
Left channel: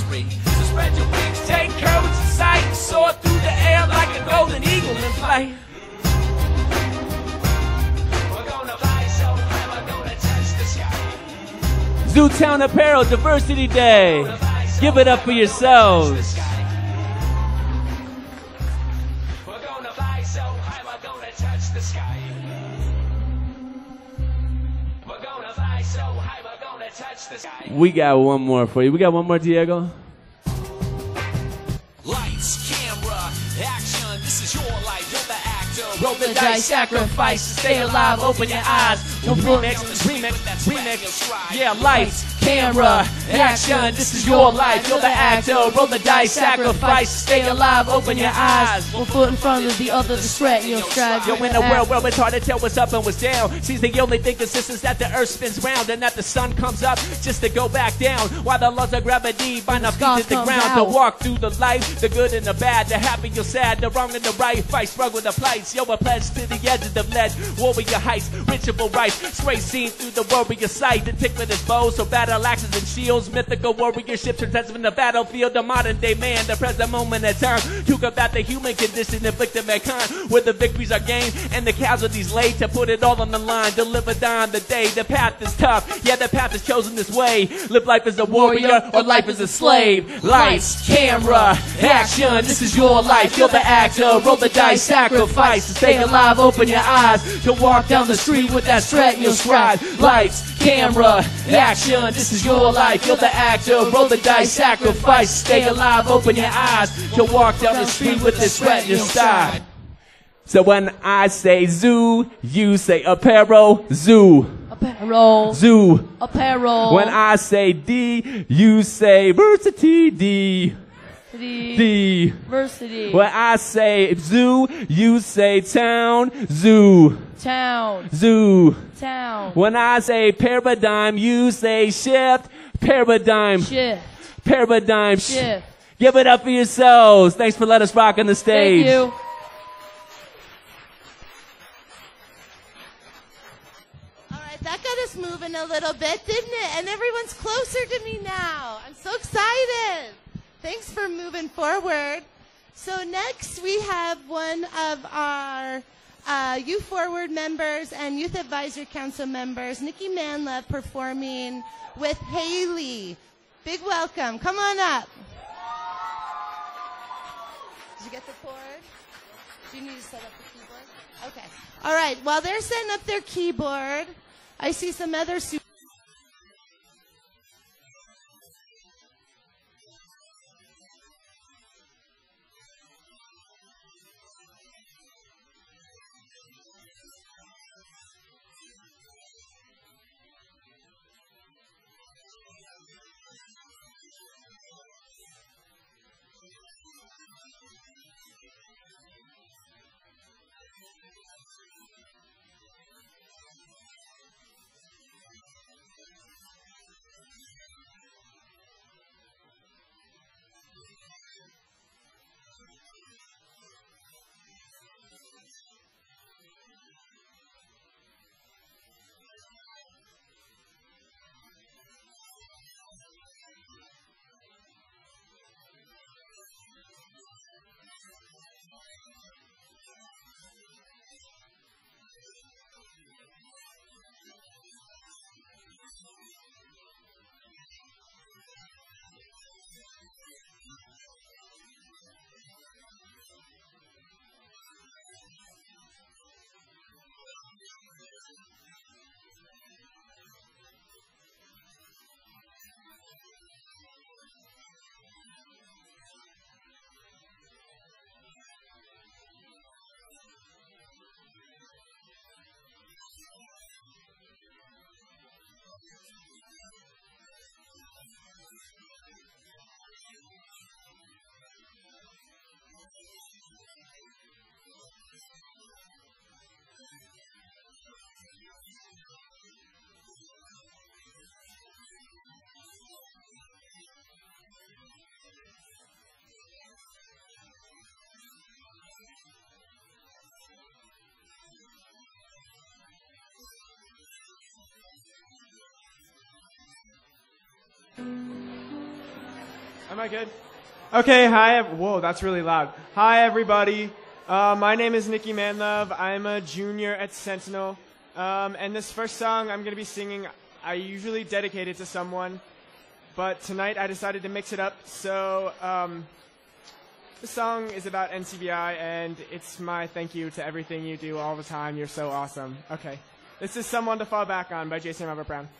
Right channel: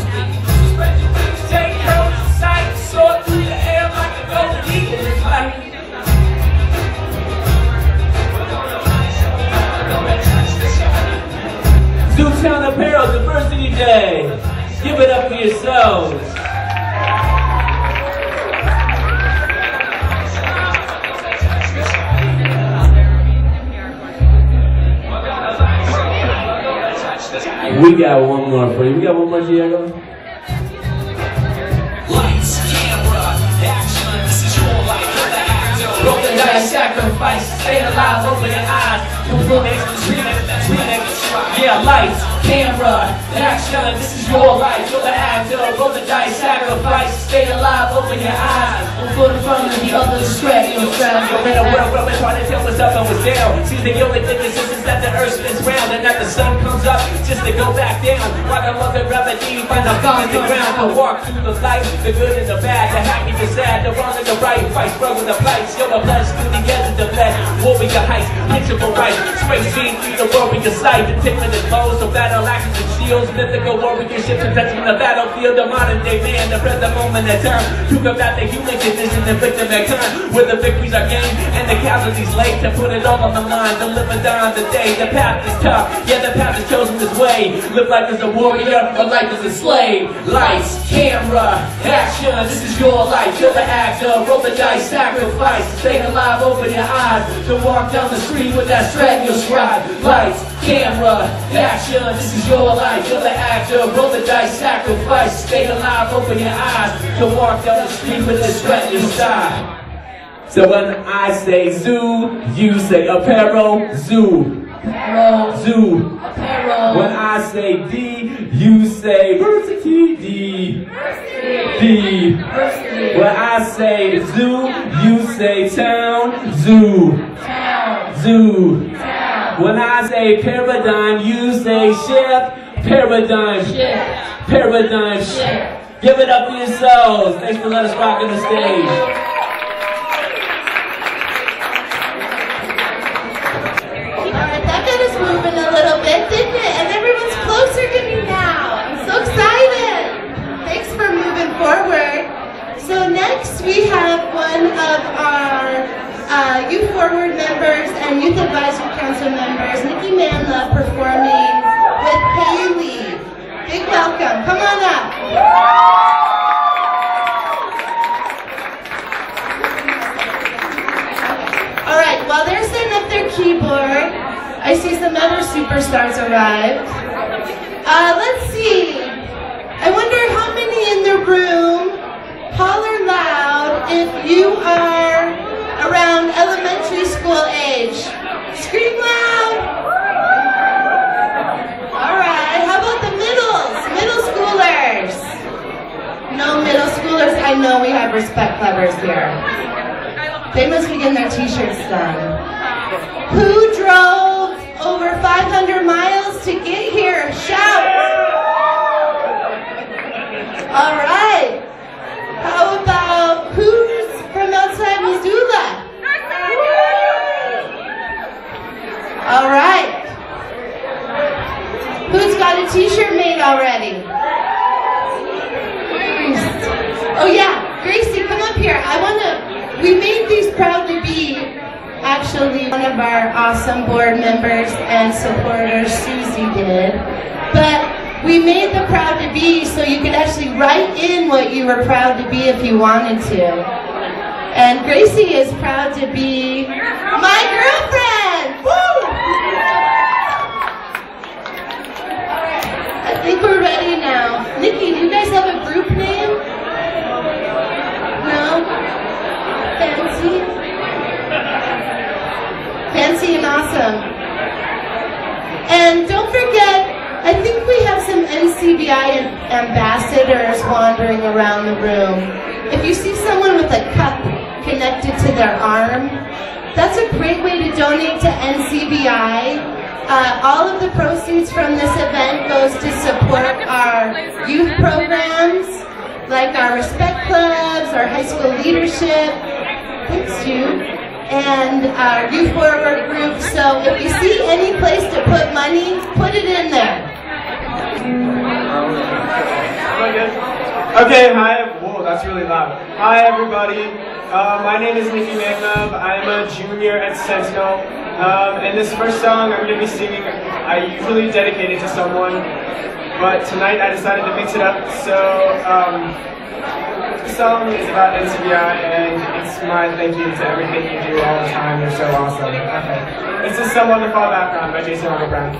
Spread your wings, take courage, sight, soar through the air like a golden eagle in flight. Zootown Apparel Diversity Day. Give it up for yourselves. We got one more for you. We got one more, Diego? Lights, camera, action, this is your life. Roll the dice, sacrifice, stay alive, open your eyes. You will yeah, lights, camera, action, this is your life. You're the actor, roll the dice, sacrifice, stay alive, open your eyes. One foot in front of the other, stretch your stride. You're in a world where it's hard to tell what's up and what's down. See, the only difference is that the earth spins round and that the sun comes up just to go back down. While the mother gravity find a feet in the ground to walk through the light, the good and the bad, the happy, the sad, the wrong and the right. Fight, struggle, the fights, you're the blessed to the edge of the bed. Warrior heights, integral right, straight scene through the warrior sight. The different is low, so battle axes and shields, mythical warrior ships and touching the battlefield. The modern day man, the present moment in time, to combat the human condition and victim at time, where the victories are gained and the casualties laid to put it all on the line. To live and die on the day, the path is tough, yeah, the path is chosen this way. Live life as a warrior or life as a slave. Lights, camera, action, this is your life. You're the actor, roll the dice, sacrifice. Stay alive, open your eyes to walk down the street with that strap in your stride. Lights, camera, action, this is your life. You're the actor, roll the dice, sacrifice. Stay alive, open your eyes to walk down the street with this strap in your stride. So when I say zoo, you say apparel, zoo. Apparel. Zoo. Apparel. When I say D, you say versity, D. D. When I say zoo, you say town, zoo. Town. Zoo. Town. When I say paradigm, you say ship, paradigm. Ship. Paradigm. Ship. Give it up for yourselves. Thanks for letting us rock on the stage. Thank you. We have one of our Youth Forward members and Youth Advisory Council members, Nikki Manla, performing with Haley. Big welcome. Come on up. All right, while they're setting up their keyboard, I see some other superstars arrive. Let's see. I wonder how many in the room holler loud if you are around elementary school age. Scream loud. All right, how about the middle schoolers? No middle schoolers? I know we have respect lovers here. They must be getting their t-shirts done. Who drove over 500 miles to get here? Shout. All right. How about who's from outside Missoula? All right. Who's got a t-shirt made already? Oh yeah, Gracie, come up here. We made these proud to be actually one one of our awesome board members and supporters, Susie, did. But we made the Proud to Be so you could actually write in what you were proud to be if you wanted to. And Gracie is proud to be my girlfriend! Woo! I think we're ready now. Nikki, do you guys have a group name? No? Fancy? Fancy and awesome. And don't forget, I think we have some NCBI ambassadors wandering around the room. If you see someone with a cup connected to their arm, that's a great way to donate to NCBI. All of the proceeds from this event goes to support our youth programs, like our Respect Clubs, our high school leadership, thanks Jude, and our youth forward group. So if you see any place to put money, put it in there. Okay, hi. Whoa, that's really loud. Hi, everybody. My name is Nicky Manlove. I'm a junior at Sentinel. And this first song I'm going to be singing, I usually dedicate it to someone, but tonight I decided to mix it up. So, the song is about NCBI, and it's my thank you to everything you do all the time. You're so awesome. Okay. This is Someone to Fall Back On by Jason Arnold Brown.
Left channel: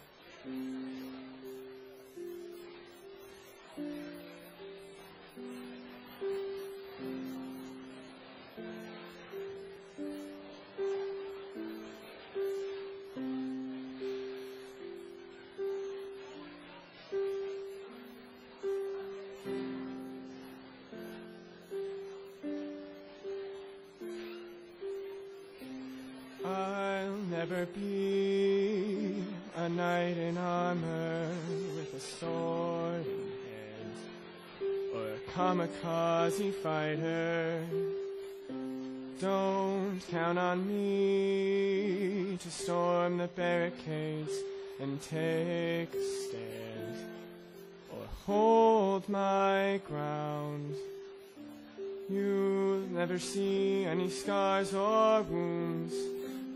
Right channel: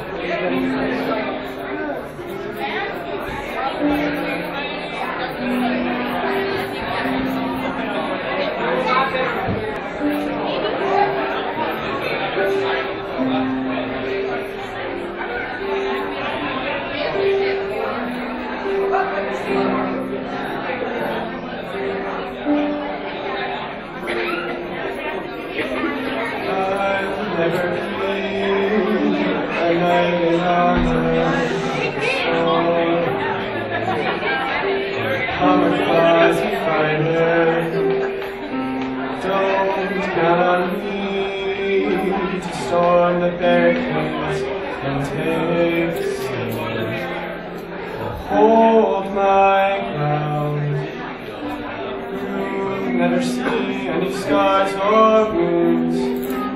Never see any scars or wounds.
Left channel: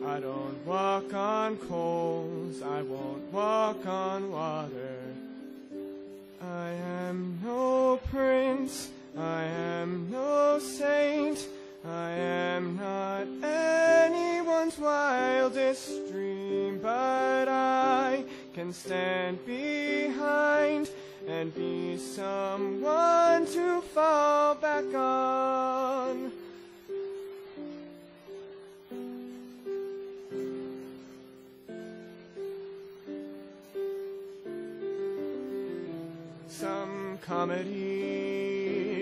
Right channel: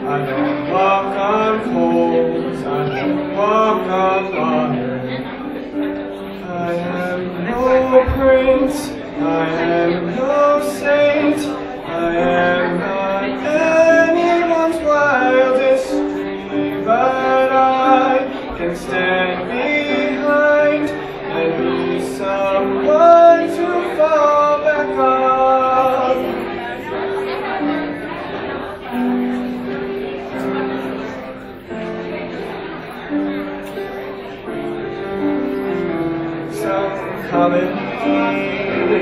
I don't walk on coals. I don't walk on water. I am no prince. I am no saint. I am not anyone's wildest dream, but I can stand behind and be someone to fall back on.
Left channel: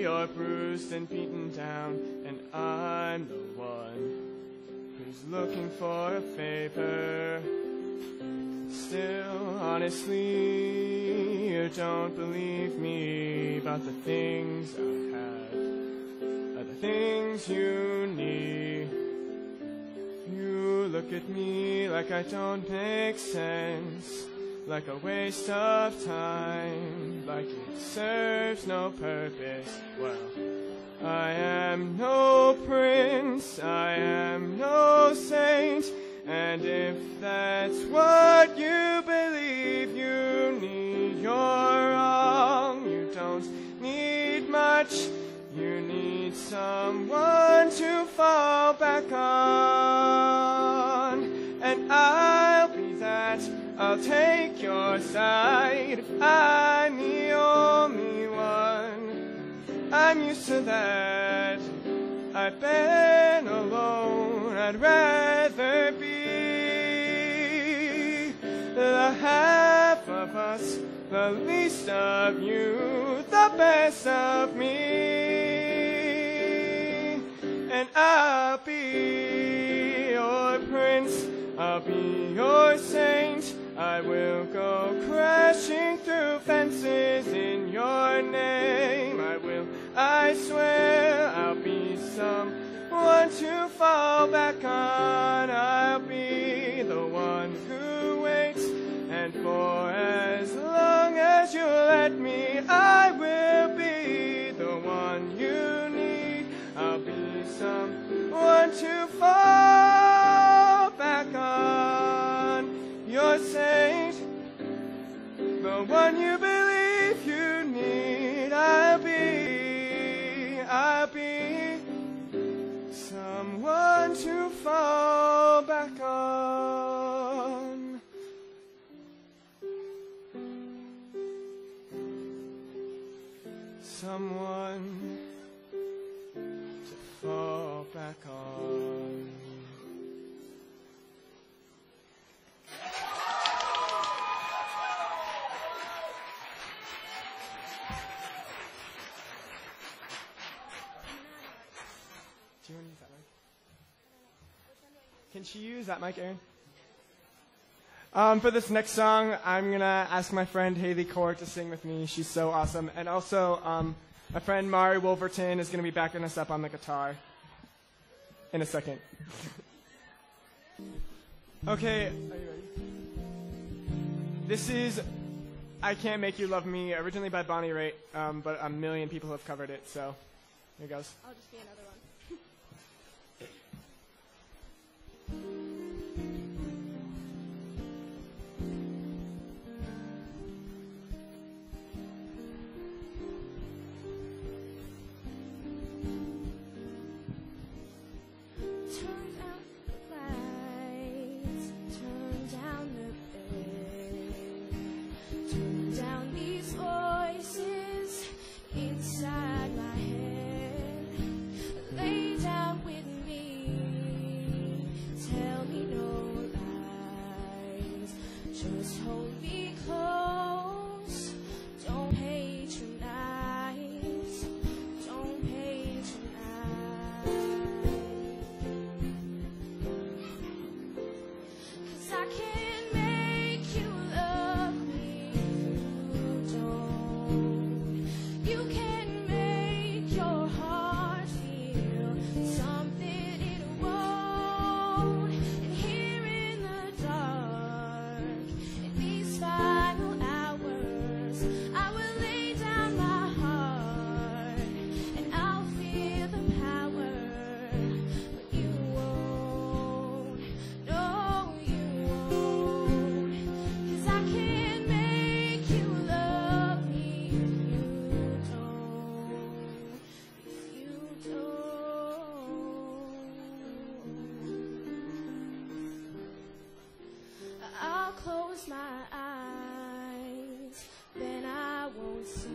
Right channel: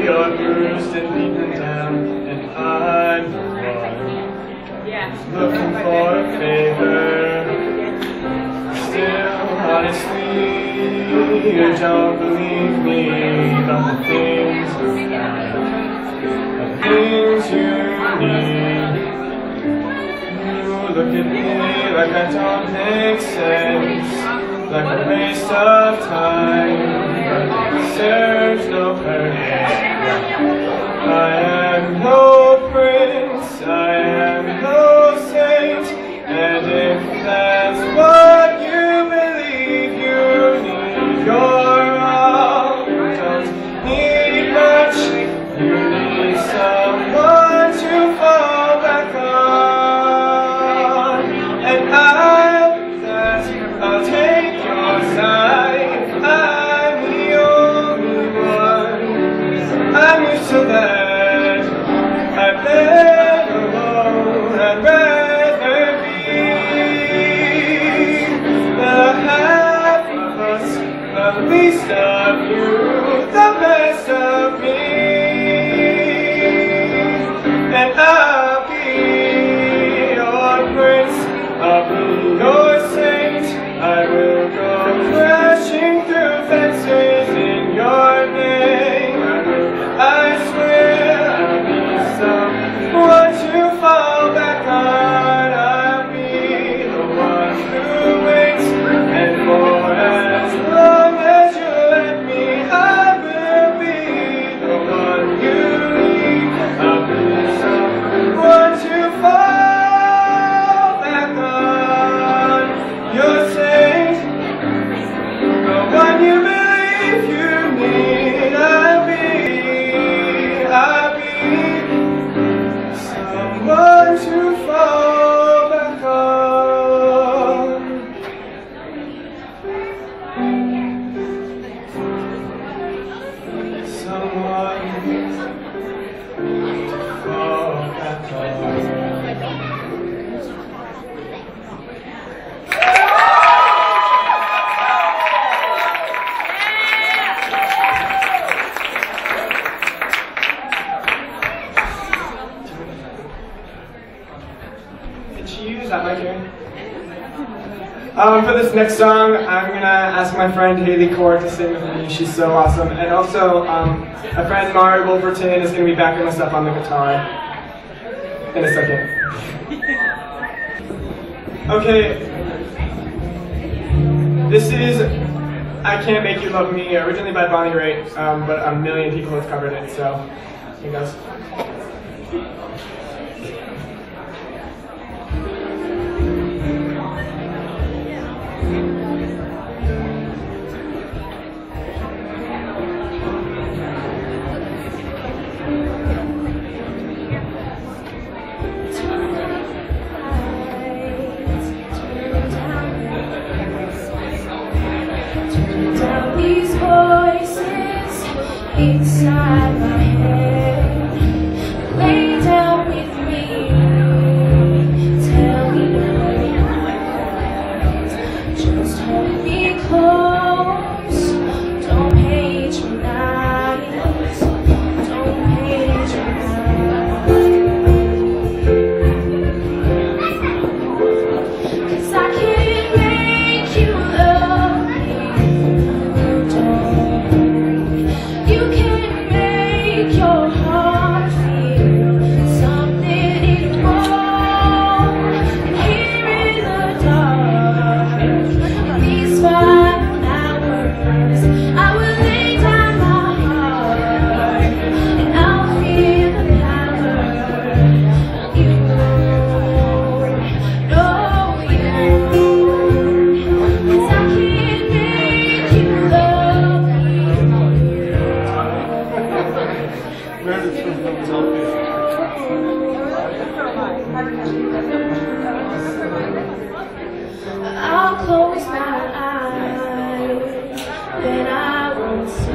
You're bruised and beaten down, and I'm the one looking for a favor. Still, honestly, you don't believe me about the things you have, the things you need. You look at me like I don't make sense, like a waste of time. Serves no purpose. I am no prince, I am no saint, and if that's what you believe you need, you're all. You don't need much, you need someone to fall back on, and I'll take your side. I'm used to that. I've been alone. I'd rather be the half of us, the least of you, the best of me. And I'll be your prince of Did she use that mic here? For this next song, I'm gonna ask my friend Haley Core to sing with me. She's so awesome. And also, my friend Mari Wolverton is gonna be backing us up on the guitar in a second. Okay. This is I Can't Make You Love Me, originally by Bonnie Raitt, but a million people have covered it, so here goes. Inside my head, lay down with me, tell me lies, just hold me close, don't hate your lies, don't hate your lies, 'cause I can't make you love me, you can make your heart feel something is wrong. And here in the dark, these 5 hours, I will lay down my heart, and I'll feel the power of you. No, you, 'cause I can't make you love me. I'll close my eyes, then I won't see.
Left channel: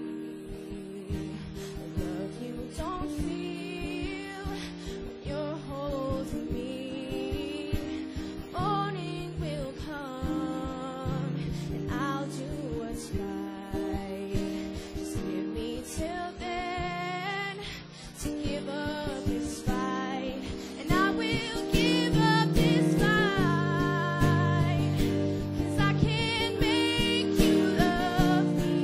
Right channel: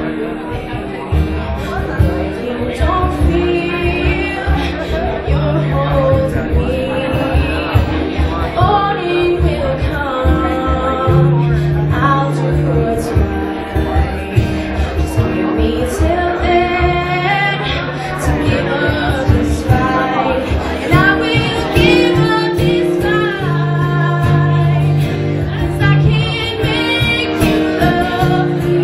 You don't feel you're holding me. Morning will come, I'll do what's right. Just give me till then to give up this fight, and I will give up this fight, 'cause I can't make you love me.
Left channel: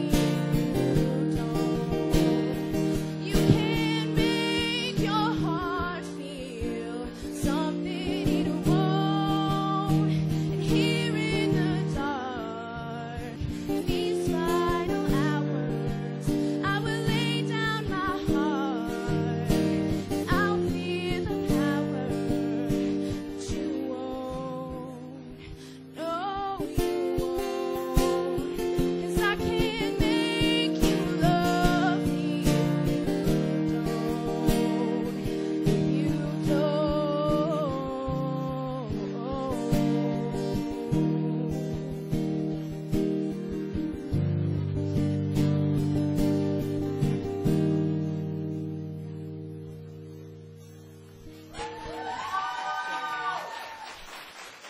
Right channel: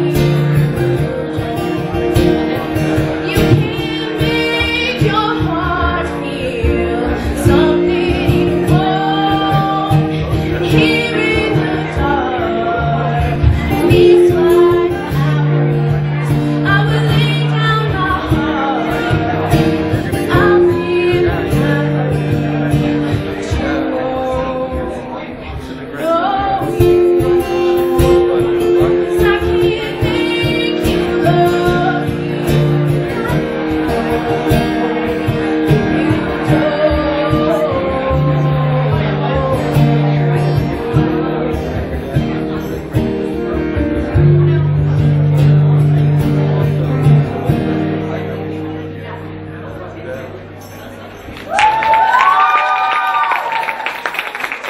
You can't make your heart feel something wrong. Here in the dark, these 5 hours, I will lay down my heart, and I'll feel the power of you. No, you, 'cause I can't make you love me.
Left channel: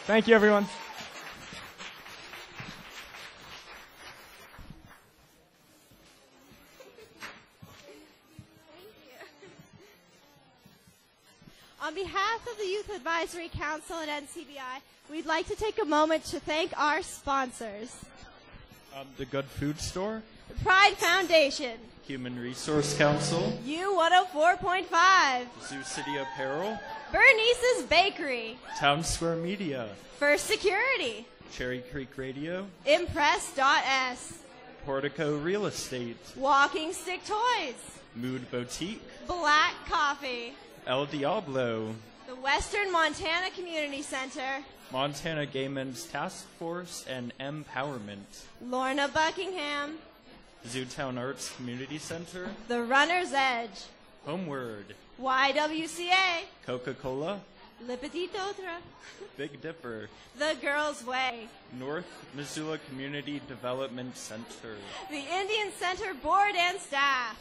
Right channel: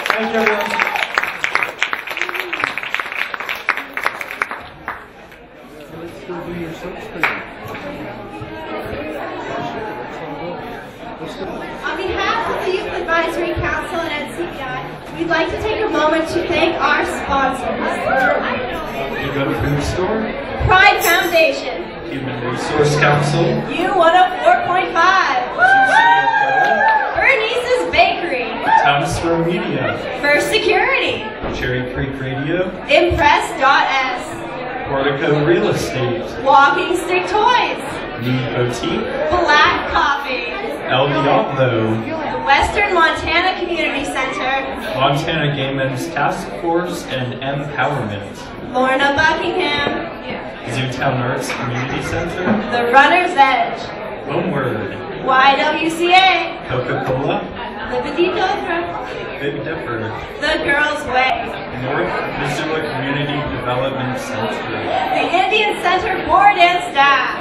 Thank you, everyone. On behalf of the Youth Advisory Council and NCBI, we'd like to take a moment to thank our sponsors. You Go to Food Store, Pride Foundation, Human Resource Council, U104.5, Bernice's Bakery, Town Square Media, First Security, Cherry Creek Radio, Impress.S, Portico Real Estate, Walking Stick Toys, Mead Boutique, Black Coffee, El Diablo, the Western Montana Community Center, Montana Gay Men's Task Force and Empowerment, Lorna Buckingham, Zootown Arts Community Center, The Runner's Edge, Homeward, YWCA, Coca-Cola, Liberty Pilgrim, Big Dipper, The Girls' Way, North Missoula Community Development Center, the Indian Center Board and Staff,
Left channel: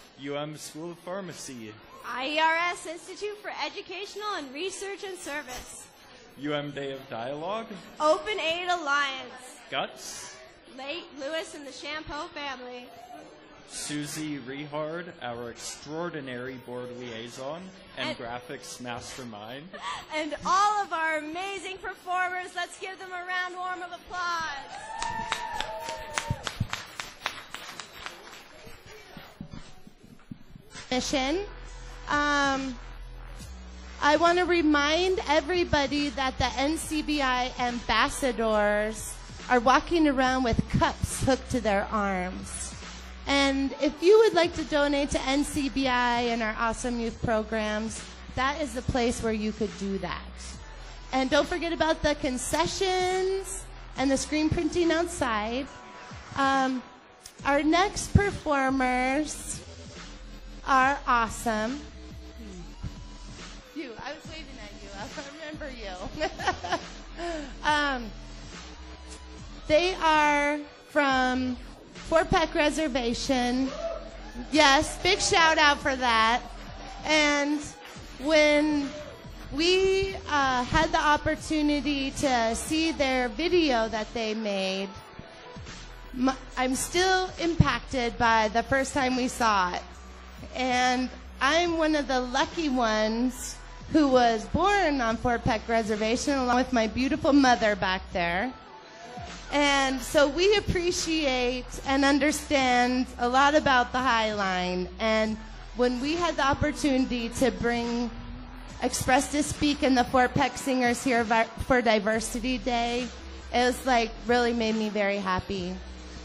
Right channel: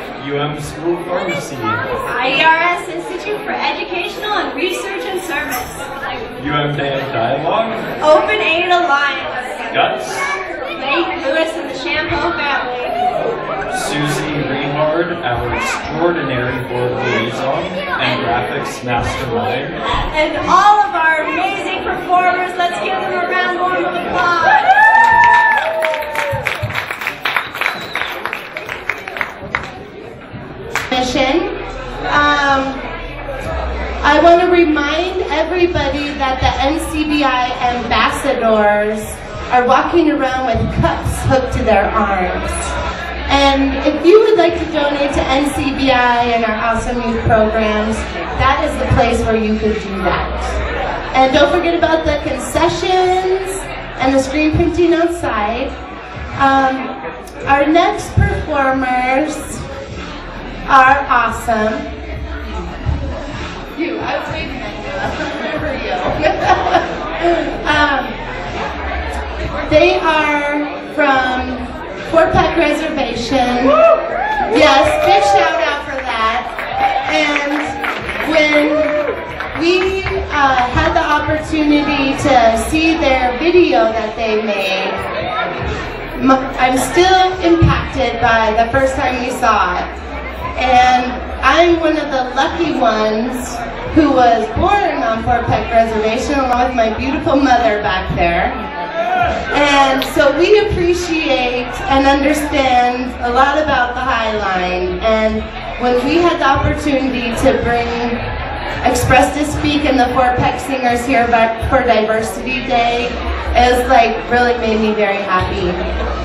School Pharmacy, IERS Institute for Educational and Research and Service, Band Dialogue, Open Aid Alliance, Guts, Lake Lewis and the Champeau family, Susie Reinhard, our extraordinary board liaison and graphics mastermind, and all of our amazing I want to remind everybody that the NCBI ambassadors are walking around with cups hooked to their arms. And if you would like to donate to NCBI and our awesome youth programs, that is the place where you could do that. And don't forget about the concessions and the screen printing outside. Our next performers are awesome. You, I was waving at you. I remember you. They are from Fort Peck Reservation. Yes, big shout out for that. And when we had the opportunity to see their video that they made, I'm still impacted by the first time we saw it. And I'm one of the lucky ones who was born on Fort Peck Reservation along with my beautiful mother back there. And so we appreciate and understand a lot about the High Line. And when we had the opportunity to bring Express to Speak and the Fort Peck Singers here for Diversity Day, it was like really made me very happy.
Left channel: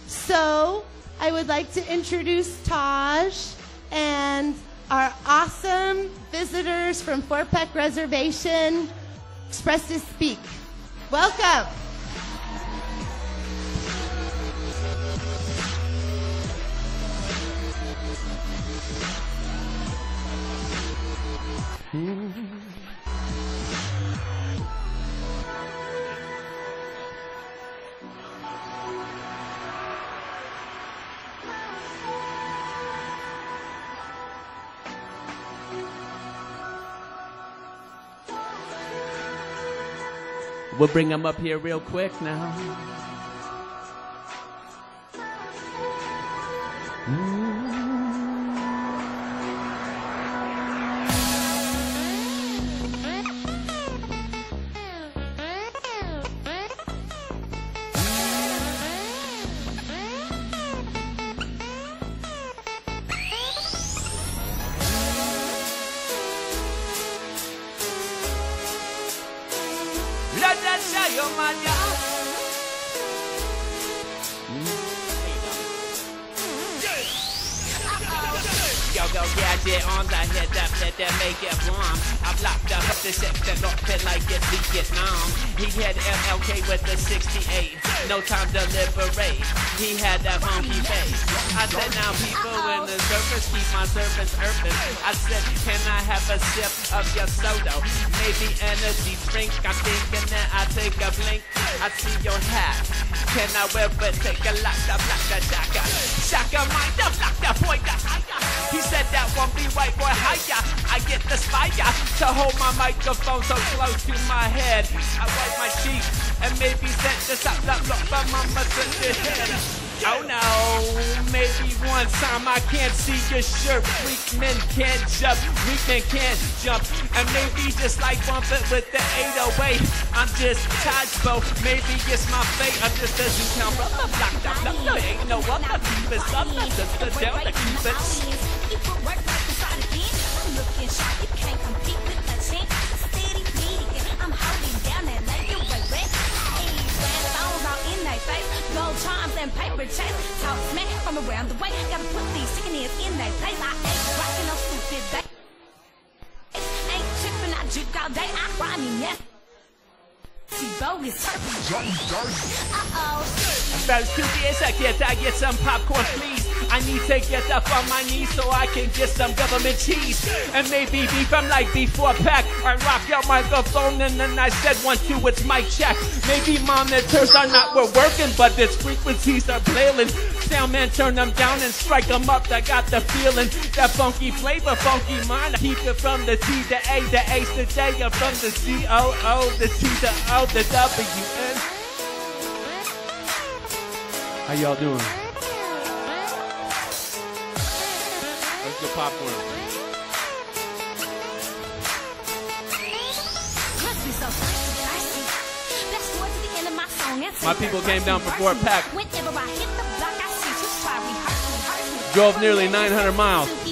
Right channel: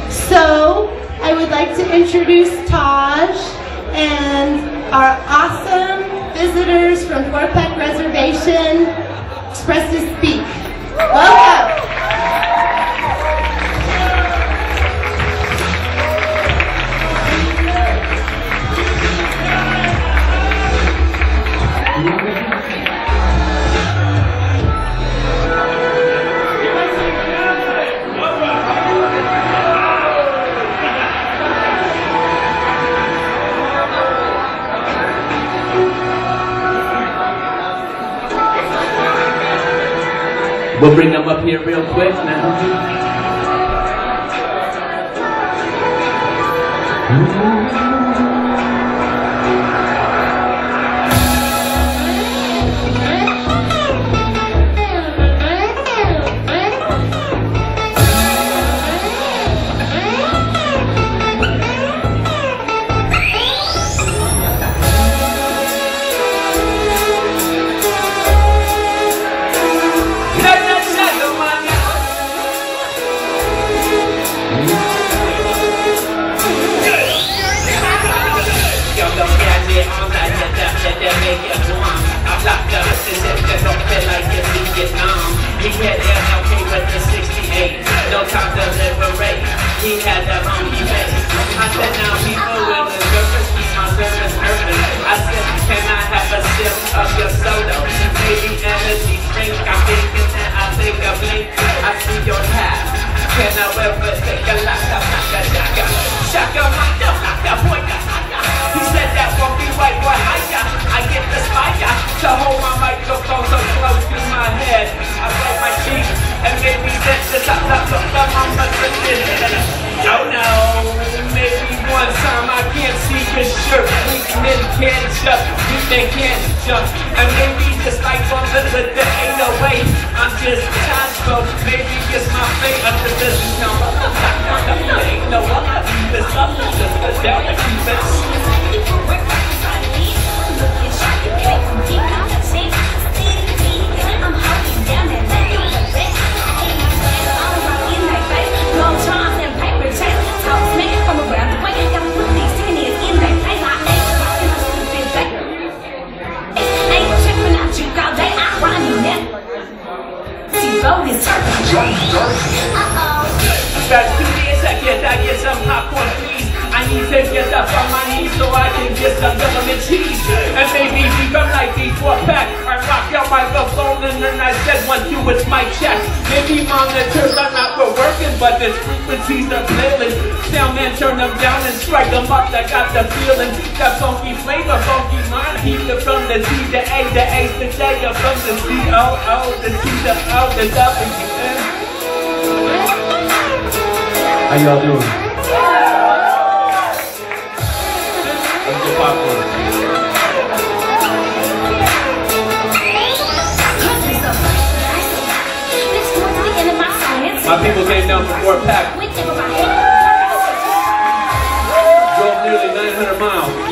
So I would like to introduce Taj and our awesome visitors from Fort Peck Reservation, Express to Speak. Welcome. We'll bring them up here real quick now. How y'all doing? My people came down from Fort Peck. Drove nearly 900 miles.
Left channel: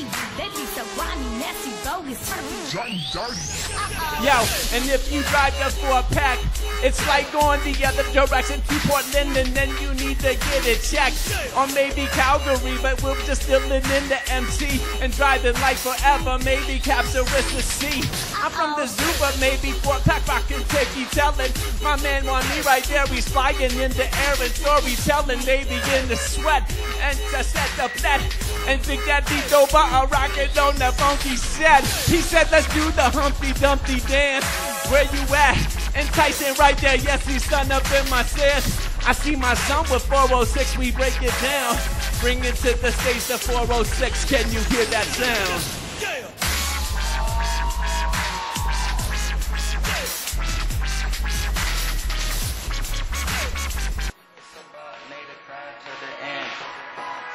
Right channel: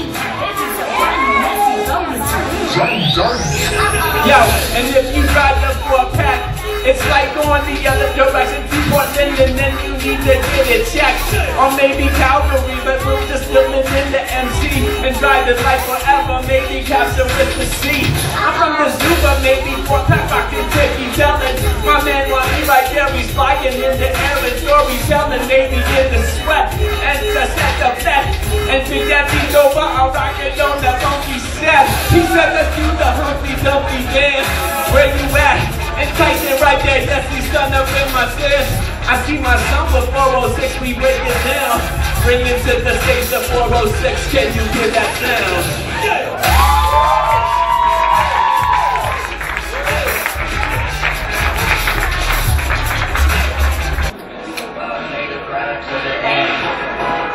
Yo, and if you ride up for a pack, it's like going the other direction. People are sending, then you need to get it checked. Or maybe Calgary, but we're just living in the MC and drive it like forever. Maybe capture with the sea. I'm from Missoula, maybe for pack I can take you telling. My man Lonnie right there, he's flying in the air and storytelling. Maybe in the sweat and just at the back. And to get these over, I'll rock it on the funky step. He said, let's do the Humpty Dumpty dance. Where you at? And Tyson right there, yes, he's gonna rip my stairs. I see my son with 406, we break it down. Bring it to the stage of 406, can you hear that sound?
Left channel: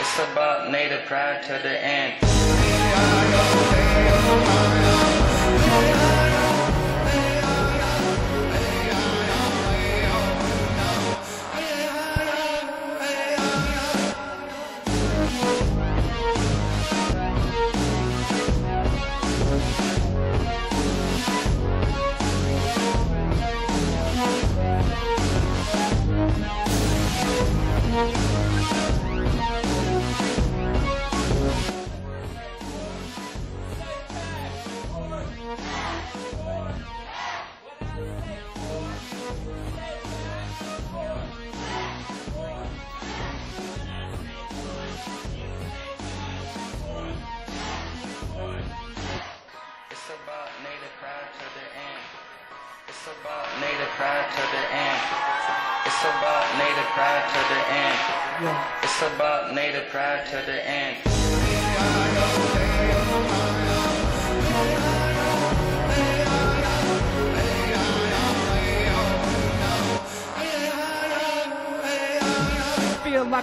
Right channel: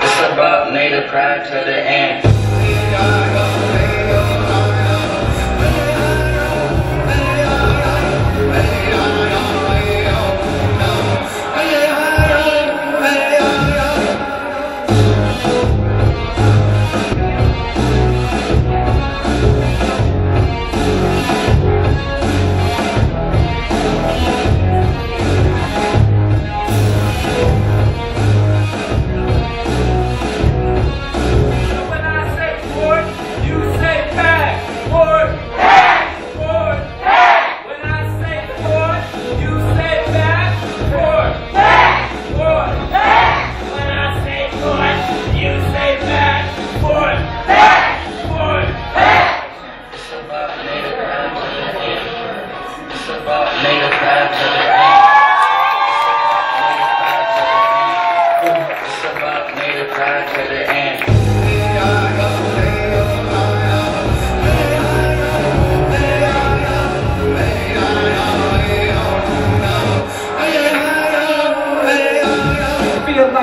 It's about native pride to the end.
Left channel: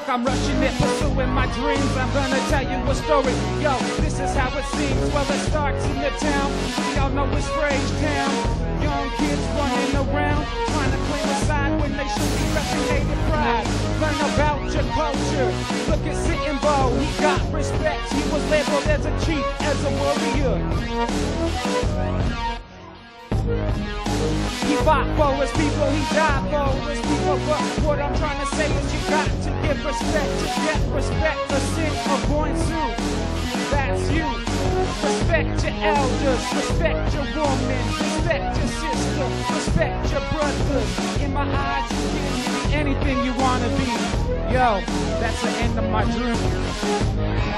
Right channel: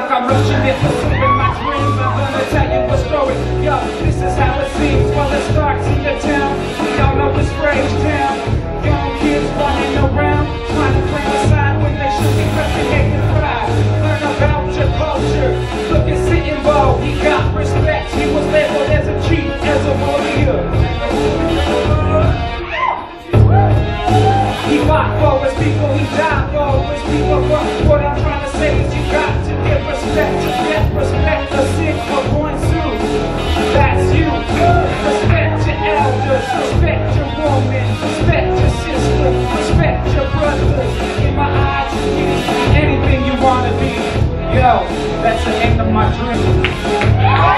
I'm rushing in, pursuing my dreams. I'm gonna tell you a story. Yo, this is how it seems. Well, it starts in the town. We all know the strange town. Young kids running around, trying to claim a side when they should be crushing making pride. Learn about your culture. Look at Sitting Bull. He got respect. He was labeled as a chief, as a warrior. He fought for his people. He died for his people. What I'm trying to say is you got to give respect to get respect the sick for one soon. That's you. Respect your elders, respect your woman, respect your sister, respect your brothers. In my eyes, you can be anything you wanna be. Yo, that's the end of my dream.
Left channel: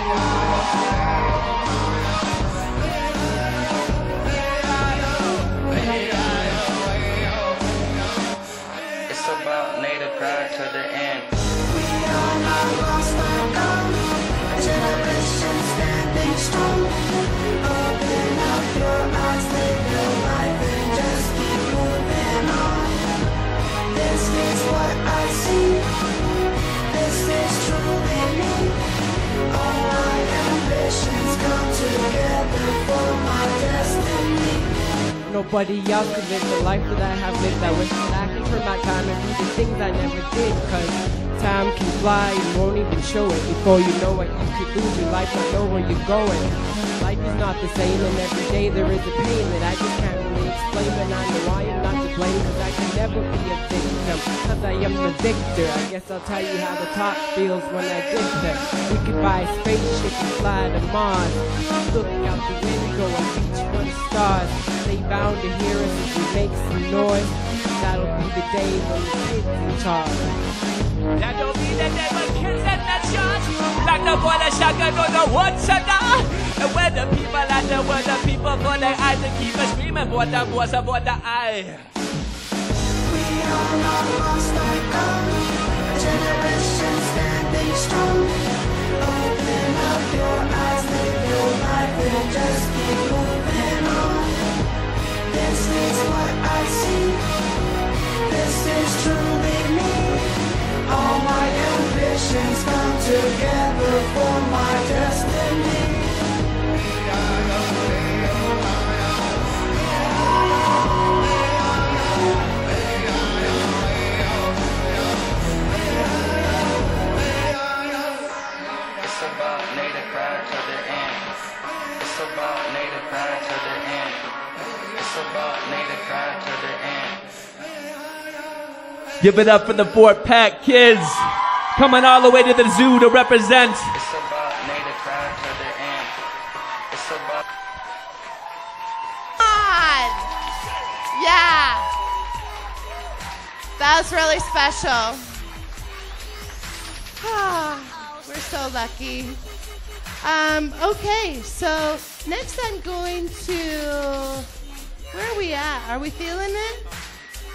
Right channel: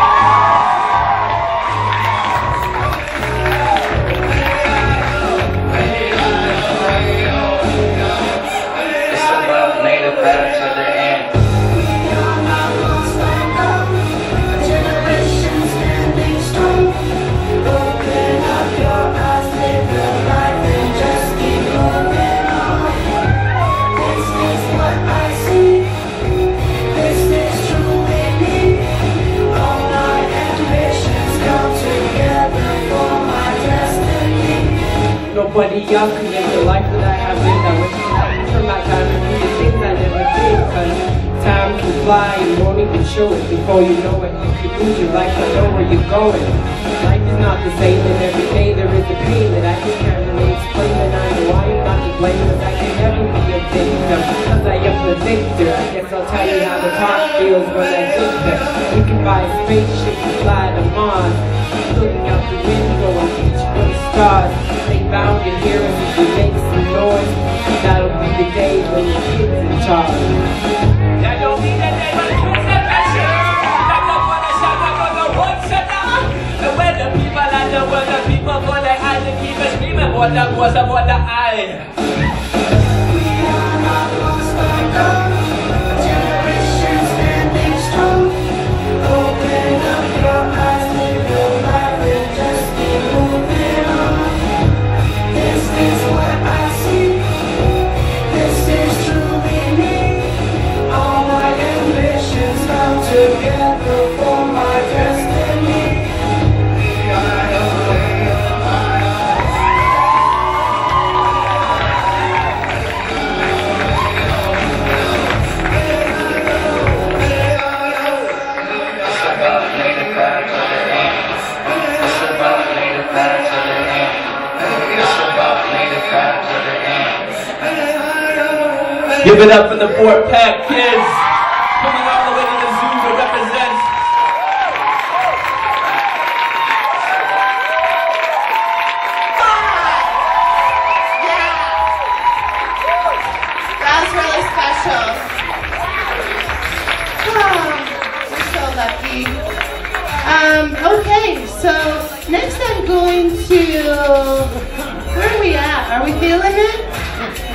Nobody young can live the life that I have lived. I wish I could turn my time and do the things I never did. Cause time can fly and morning can show it. Before you know it, you can lose your life. I know where you're going. Life is not the same, and every day there is a pain that I just can't really explain. And I know I am not to blame, cause I can never be a victim. Cause I am the victor. I guess I'll tell you how the heart feels when I get there. You can buy a spaceship and fly to Mars. Looking out the window and reach for the stars. They bound to hear us if we make some noise. That'll be the day when the kids in charge. That don't mean that they're gonna use that shit. Like the one that shot, like on the one shot. And when the people and the when the people when they had to keep it screaming, what that was about the eye. We are not lost by God. A generation standing strong. Open up your eyes, live your life, and just keep moving on. This is what I see. This is truly me. All my ambitions come together for my destiny. Give it up for the Fort Pack kids coming all the way to the zoo to represent. That's really special. Oh, we're so lucky. Okay, so next I'm going to, where are we at? Are we feeling it?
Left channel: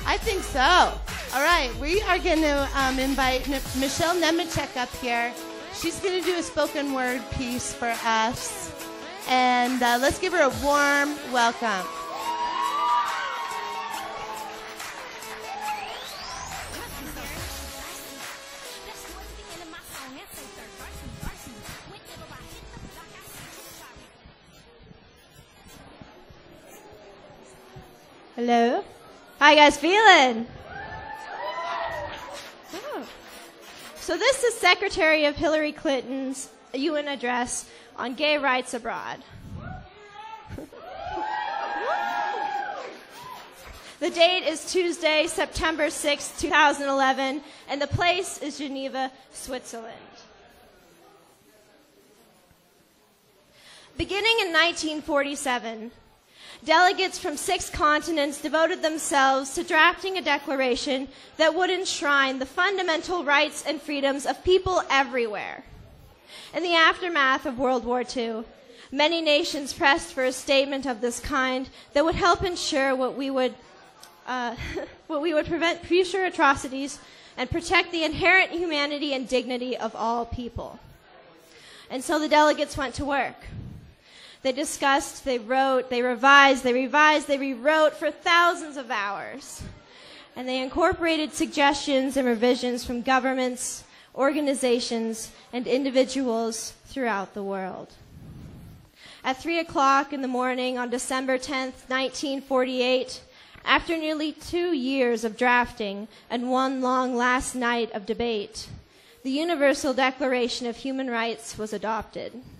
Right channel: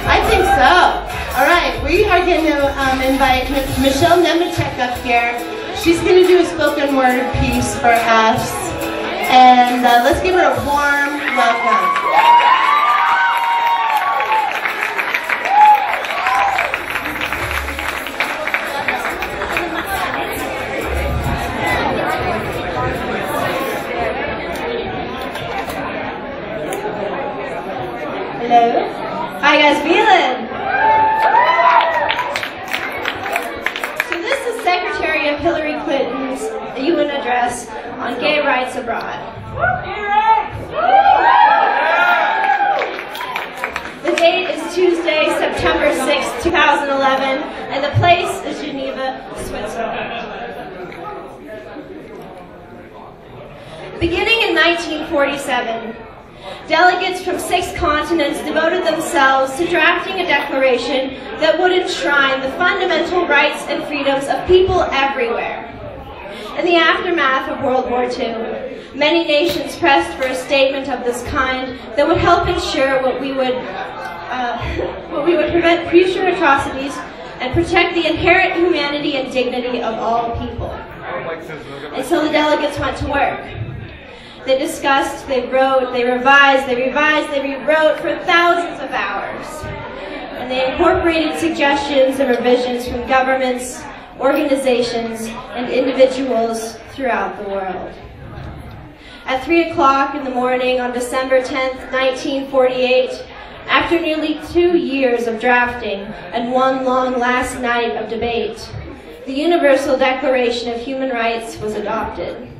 I think so. All right, we are going to invite Michelle Nemechek up here. She's going to do a spoken word piece for us. And let's give her a warm welcome. Hello. How you guys feeling? So this is Secretary of Hillary Clinton's UN address on gay rights abroad. The date is Tuesday, September 6, 2011, and the place is Geneva, Switzerland. Beginning in 1947, delegates from 6 continents devoted themselves to drafting a declaration that would enshrine the fundamental rights and freedoms of people everywhere. In the aftermath of World War II, many nations pressed for a statement of this kind that would help ensure we would prevent future atrocities and protect the inherent humanity and dignity of all people. And so the delegates went to work. They discussed, they wrote, they revised, they rewrote for thousands of hours. And they incorporated suggestions and revisions from governments, organizations, and individuals throughout the world. At 3 o'clock in the morning on December 10th, 1948, after nearly 2 years of drafting and one long last night of debate, the Universal Declaration of Human Rights was adopted.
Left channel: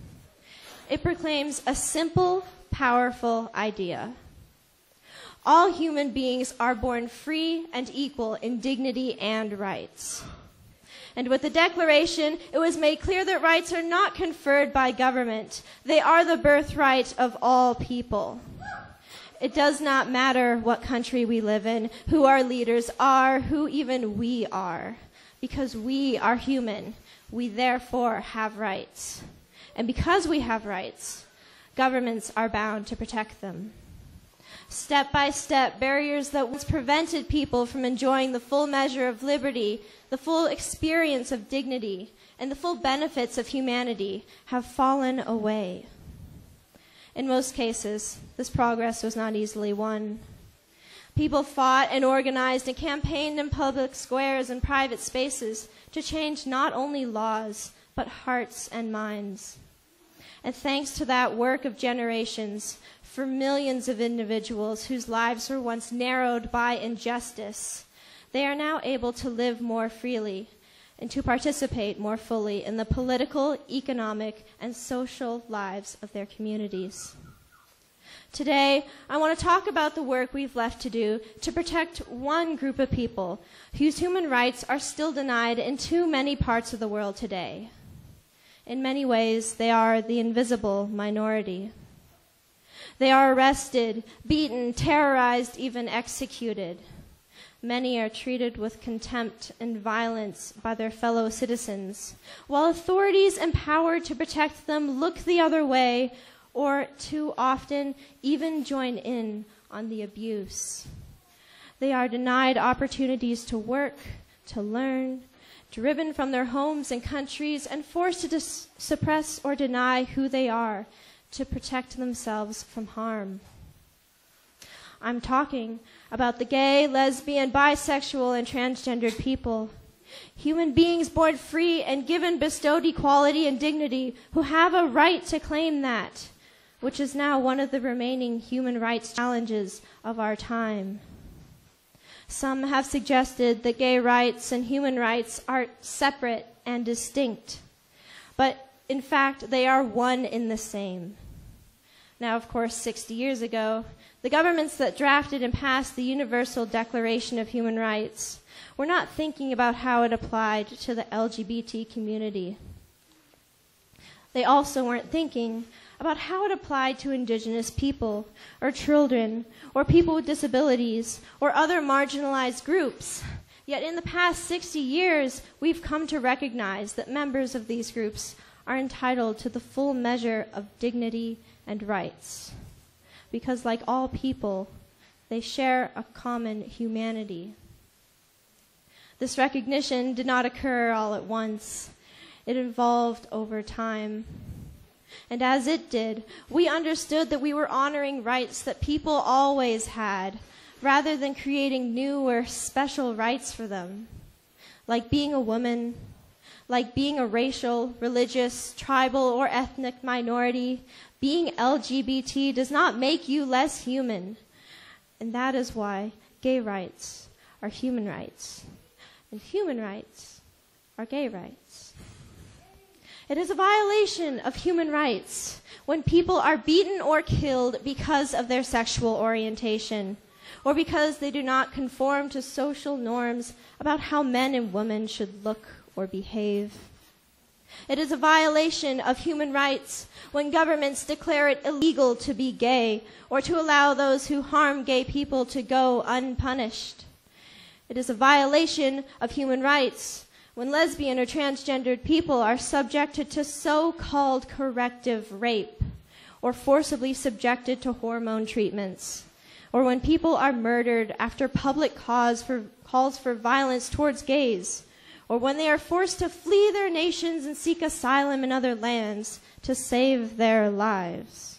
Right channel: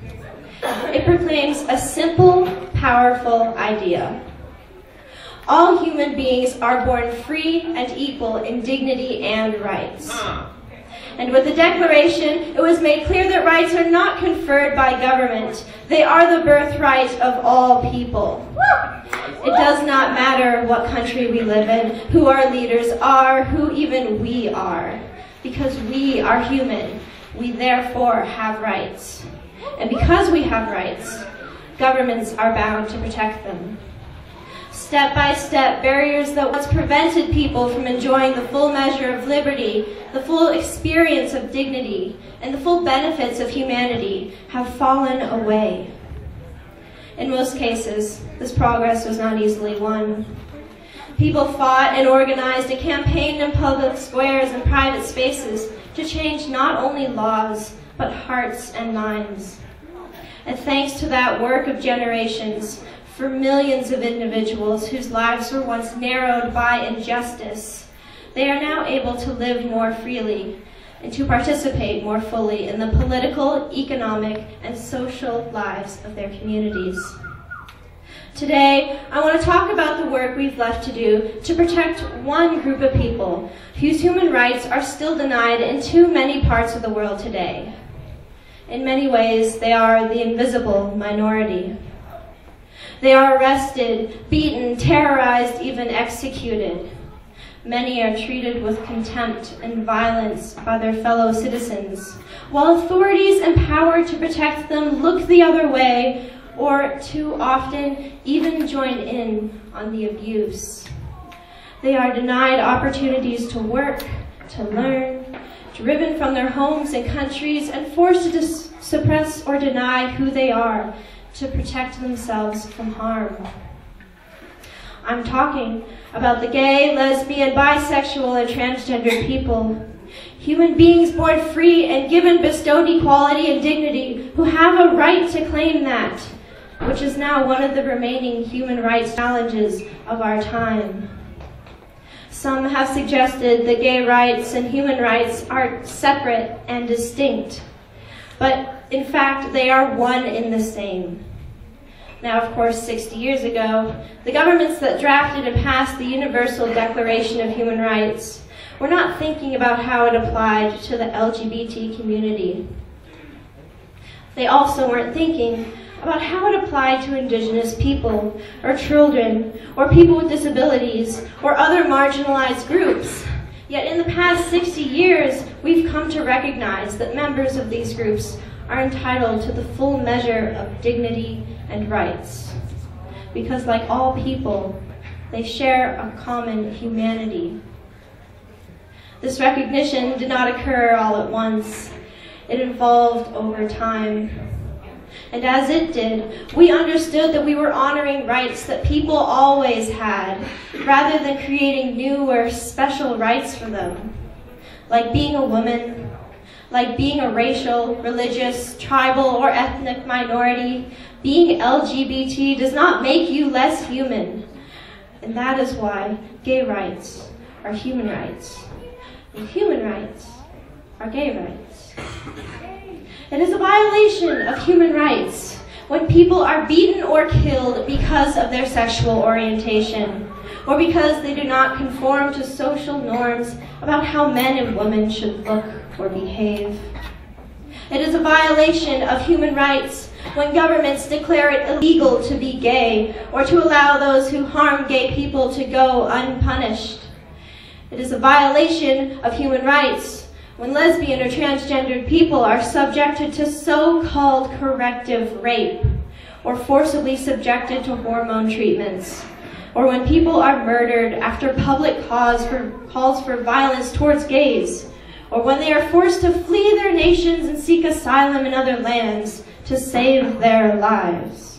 It proclaims a simple, powerful idea. All human beings are born free and equal in dignity and rights. And with the Declaration, it was made clear that rights are not conferred by government. They are the birthright of all people. It does not matter what country we live in, who our leaders are, who even we are. Because we are human, we therefore have rights. And because we have rights, governments are bound to protect them. Step by step, barriers that once prevented people from enjoying the full measure of liberty, the full experience of dignity, and the full benefits of humanity have fallen away. In most cases, this progress was not easily won. People fought and organized and campaigned in public squares and private spaces to change not only laws, but hearts and minds. And thanks to that work of generations, for millions of individuals whose lives were once narrowed by injustice, they are now able to live more freely and to participate more fully in the political, economic, and social lives of their communities. Today, I want to talk about the work we've left to do to protect one group of people whose human rights are still denied in too many parts of the world today. In many ways, they are the invisible minority. They are arrested, beaten, terrorized, even executed. Many are treated with contempt and violence by their fellow citizens, while authorities empowered to protect them look the other way or too often even join in on the abuse. They are denied opportunities to work, to learn, driven from their homes and countries, and forced to suppress or deny who they are to protect themselves from harm. I'm talking about the gay, lesbian, bisexual, and transgender people. Human beings born free and given bestowed equality and dignity who have a right to claim that, which is now one of the remaining human rights challenges of our time. Some have suggested that gay rights and human rights are separate and distinct, but in fact they are one in the same. Now, of course, 60 years ago, the governments that drafted and passed the Universal Declaration of Human Rights were not thinking about how it applied to the LGBT community. They also weren't thinking about how it applied to Indigenous people, or children, or people with disabilities, or other marginalized groups. Yet in the past 60 years, we've come to recognize that members of these groups are entitled to the full measure of dignity and rights. Because like all people, they share a common humanity. This recognition did not occur all at once. It evolved over time. And as it did, we understood that we were honoring rights that people always had, rather than creating new or special rights for them, like being a woman, like being a racial, religious, tribal, or ethnic minority. Being LGBT does not make you less human. And that is why gay rights are human rights, and human rights are gay rights. It is a violation of human rights when people are beaten or killed because of their sexual orientation, or because they do not conform to social norms about how men and women should look or behave. It is a violation of human rights when governments declare it illegal to be gay, or to allow those who harm gay people to go unpunished. It is a violation of human rights when lesbian or transgendered people are subjected to so-called corrective rape, or forcibly subjected to hormone treatments, or when people are murdered after public calls for violence towards gays, or when they are forced to flee their nations and seek asylum in other lands to save their lives.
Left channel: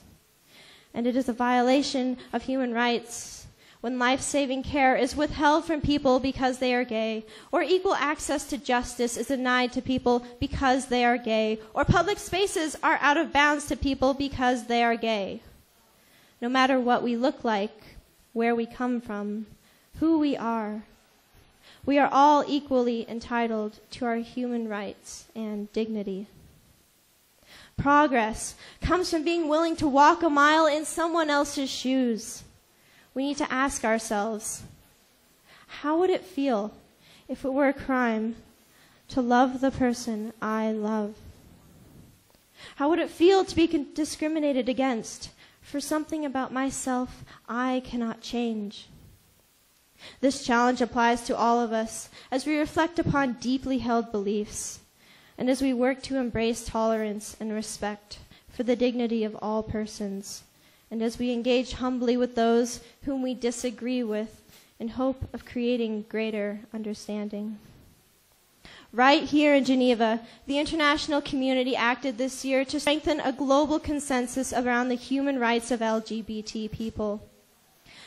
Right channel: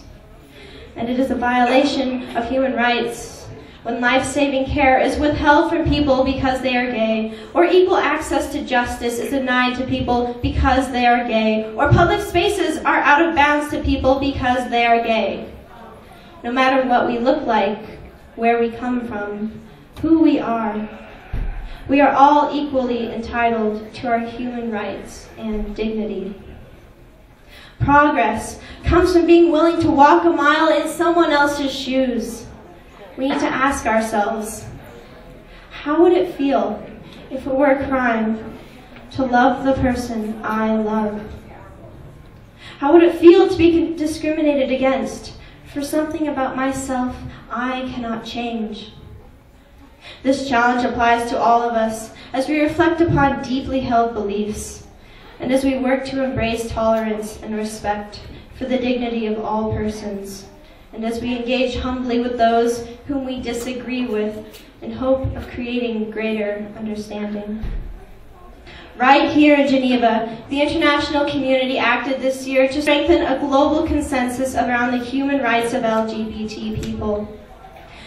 And it is a violation of human rights when life-saving care is withheld from people because they are gay, or equal access to justice is denied to people because they are gay, or public spaces are out of bounds to people because they are gay. No matter what we look like, where we come from, who we are all equally entitled to our human rights and dignity. Progress comes from being willing to walk a mile in someone else's shoes. We need to ask ourselves, how would it feel if it were a crime to love the person I love? How would it feel to be discriminated against for something about myself I cannot change? This challenge applies to all of us as we reflect upon deeply held beliefs, and as we work to embrace tolerance and respect for the dignity of all persons, and as we engage humbly with those whom we disagree with in hope of creating greater understanding. Right here in Geneva, the international community acted this year to strengthen a global consensus around the human rights of LGBT people.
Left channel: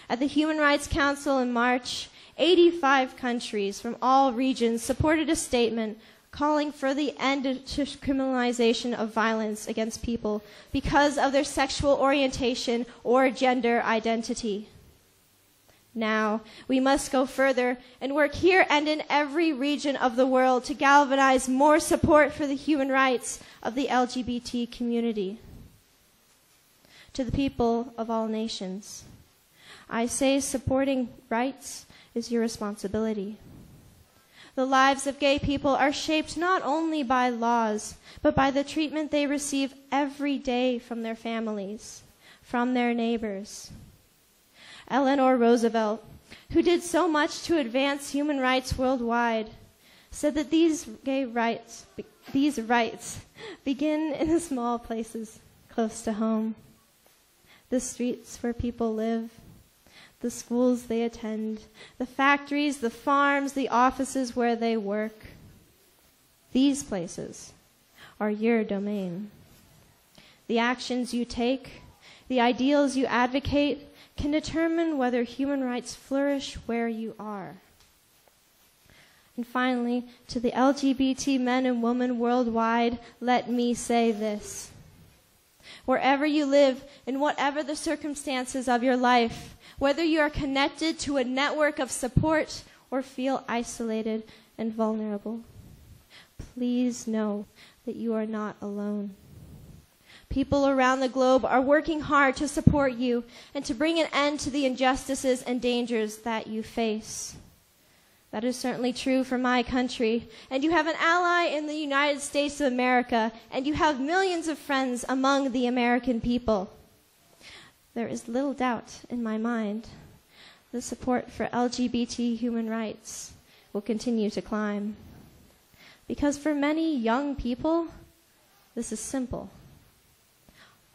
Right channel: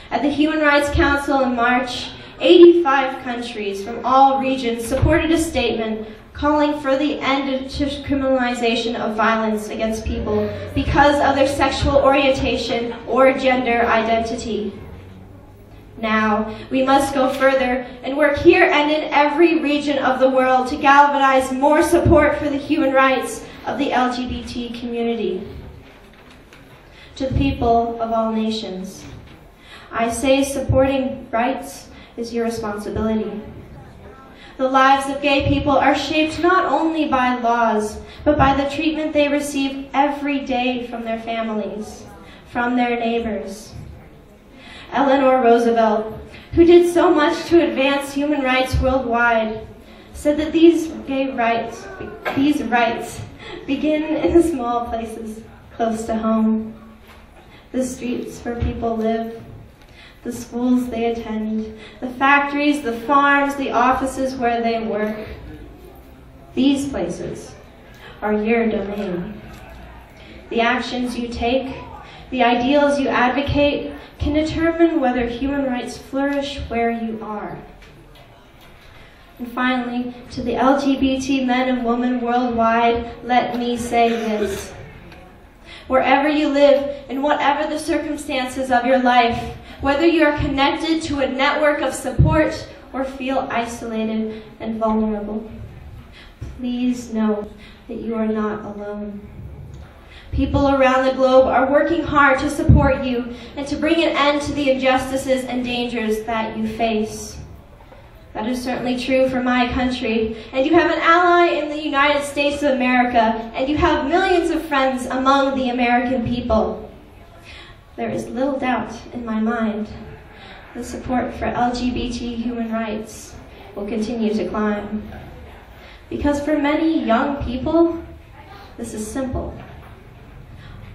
At the Human Rights Council in March, 85 countries from all regions supported a statement calling for the end to criminalization of violence against people because of their sexual orientation or gender identity. Now, we must go further and work here and in every region of the world to galvanize more support for the human rights of the LGBT community. To the people of all nations, I say supporting rights is your responsibility. The lives of gay people are shaped not only by laws, but by the treatment they receive every day from their families, from their neighbors. Eleanor Roosevelt, who did so much to advance human rights worldwide, said that these rights begin in the small places close to home, the streets where people live, the schools they attend, the factories, the farms, the offices where they work. These places are your domain. The actions you take, the ideals you advocate, can determine whether human rights flourish where you are. And finally, to the LGBT men and women worldwide, let me say this. Wherever you live, in whatever the circumstances of your life, whether you are connected to a network of support or feel isolated and vulnerable, please know that you are not alone. People around the globe are working hard to support you and to bring an end to the injustices and dangers that you face. That is certainly true for my country. And you have an ally in the United States of America, and you have millions of friends among the American people. There is little doubt in my mind the support for LGBT human rights will continue to climb. Because for many young people, this is simple.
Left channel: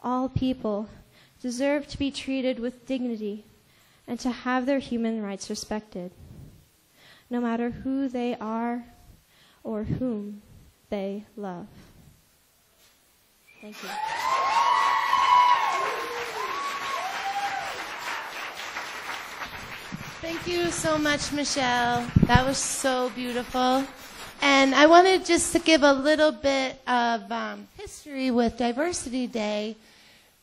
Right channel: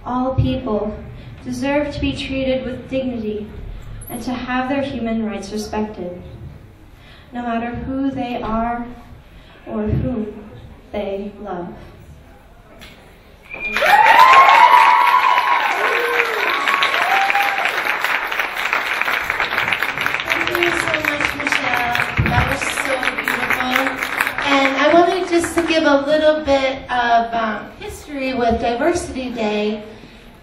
All people deserve to be treated with dignity and to have their human rights respected, no matter who they are or whom they love. Thank you so much, Michelle. That was so beautiful. And I wanted just to give a little bit of history with Diversity Day.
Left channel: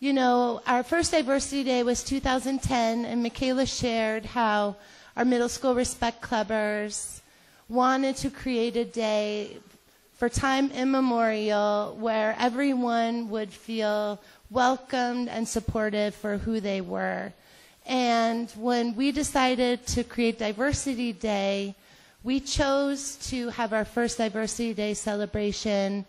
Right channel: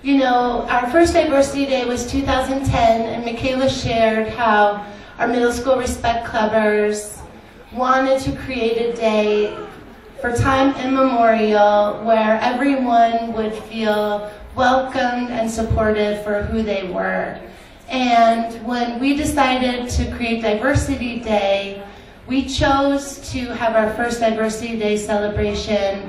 You know, our first Diversity Day was 2010, and Michaela shared how our middle school Respect Clubbers wanted to create a day for time immemorial where everyone would feel welcomed and supported for who they were. And when we decided to create Diversity Day, we chose to have our first Diversity Day celebration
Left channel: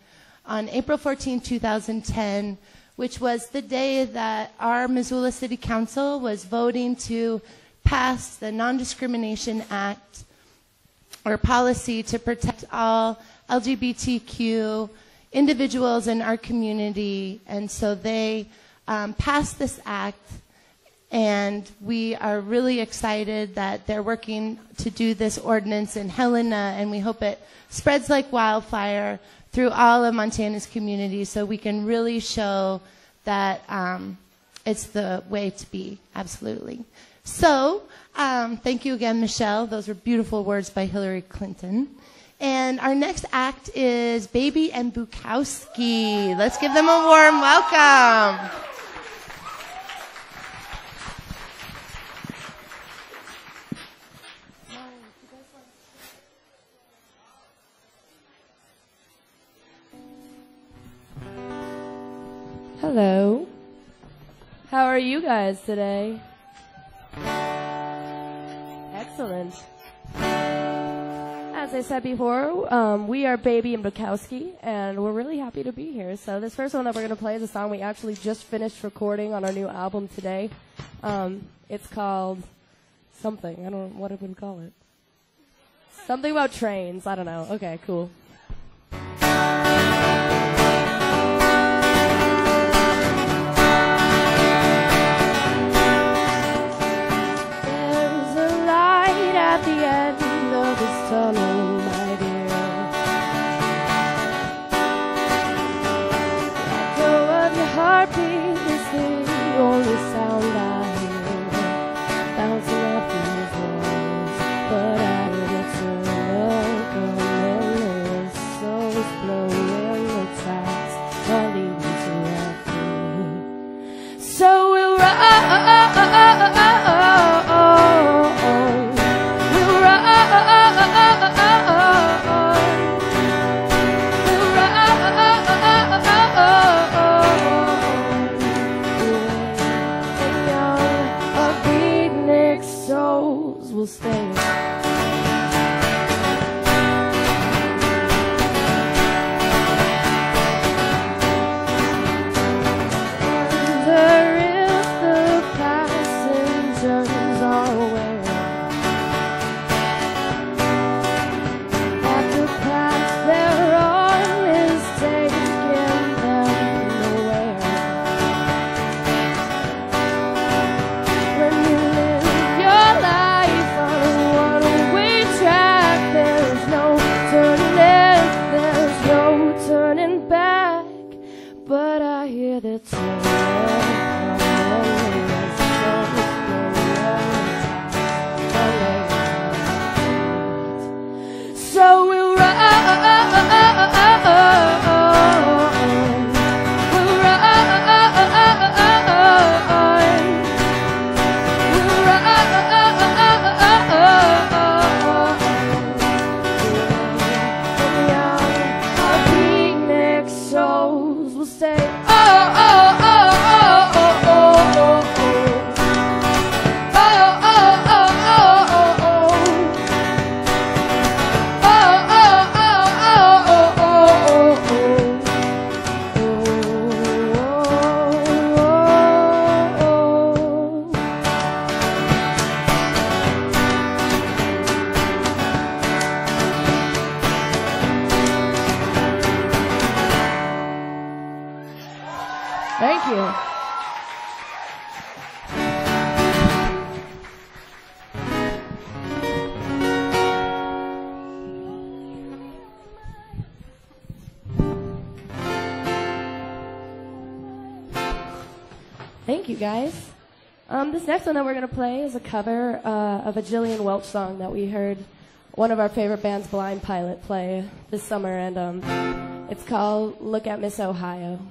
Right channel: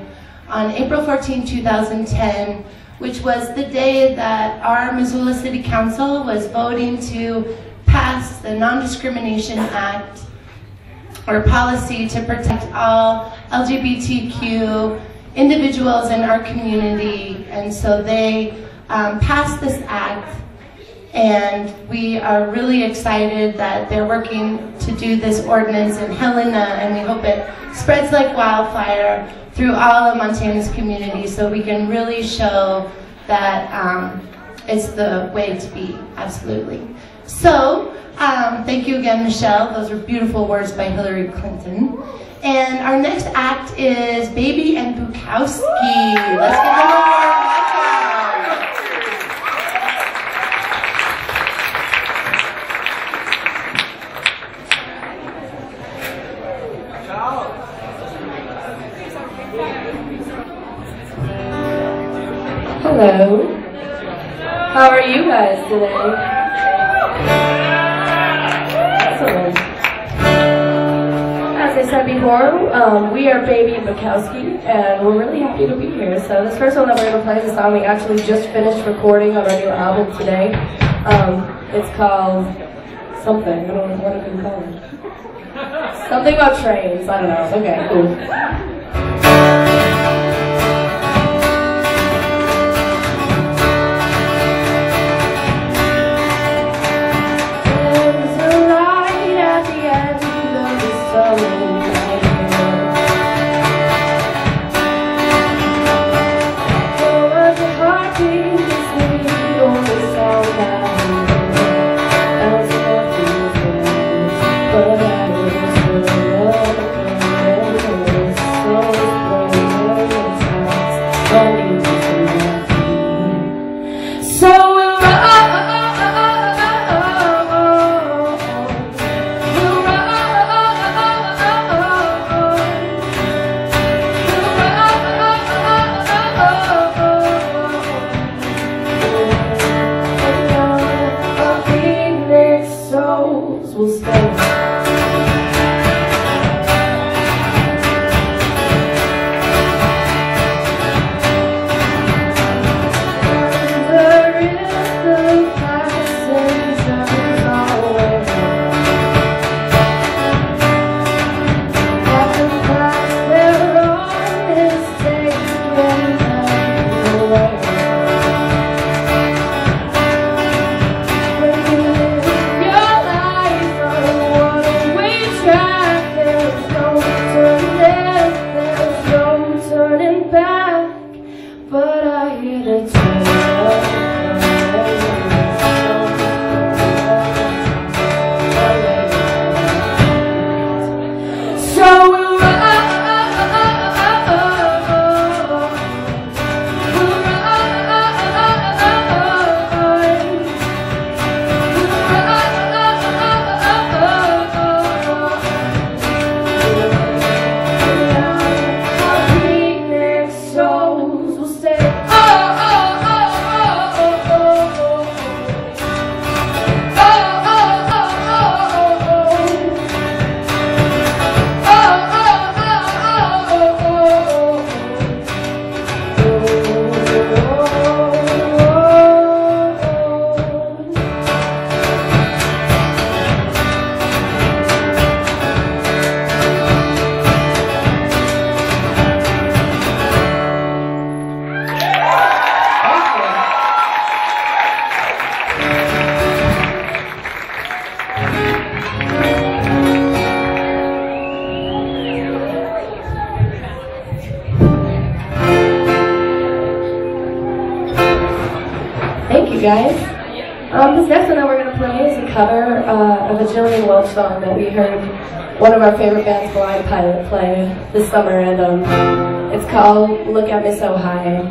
on April 14, 2010, which was the day that our Missoula City Council was voting to pass the Non-Discrimination Act, or policy to protect all LGBTQ individuals in our community. And so they passed this act, and we are really excited that they're working to do this ordinance in Helena, and we hope it spreads like wildfire through all of Montana's community so we can really show that it's the way to be, absolutely. So, thank you again, Michelle. Those were beautiful words by Hillary Clinton. And our next act is Baby and Bukowski. Let's give them a warm welcome. Hello. How are you guys today? Excellent. As I said before, we are Baby Bukowski, and we're really happy to be here. So this first one that we're going to play is a song we actually just finished recording on our new album today. It's called something. I don't know what I'm going to call it. Something about trains. I don't know. Okay, cool. guys. This next one that we're going to play is a cover of a Jillian Welch song that we heard one of our favorite bands, Blind Pilot, play this summer, and it's called Look at Me So High.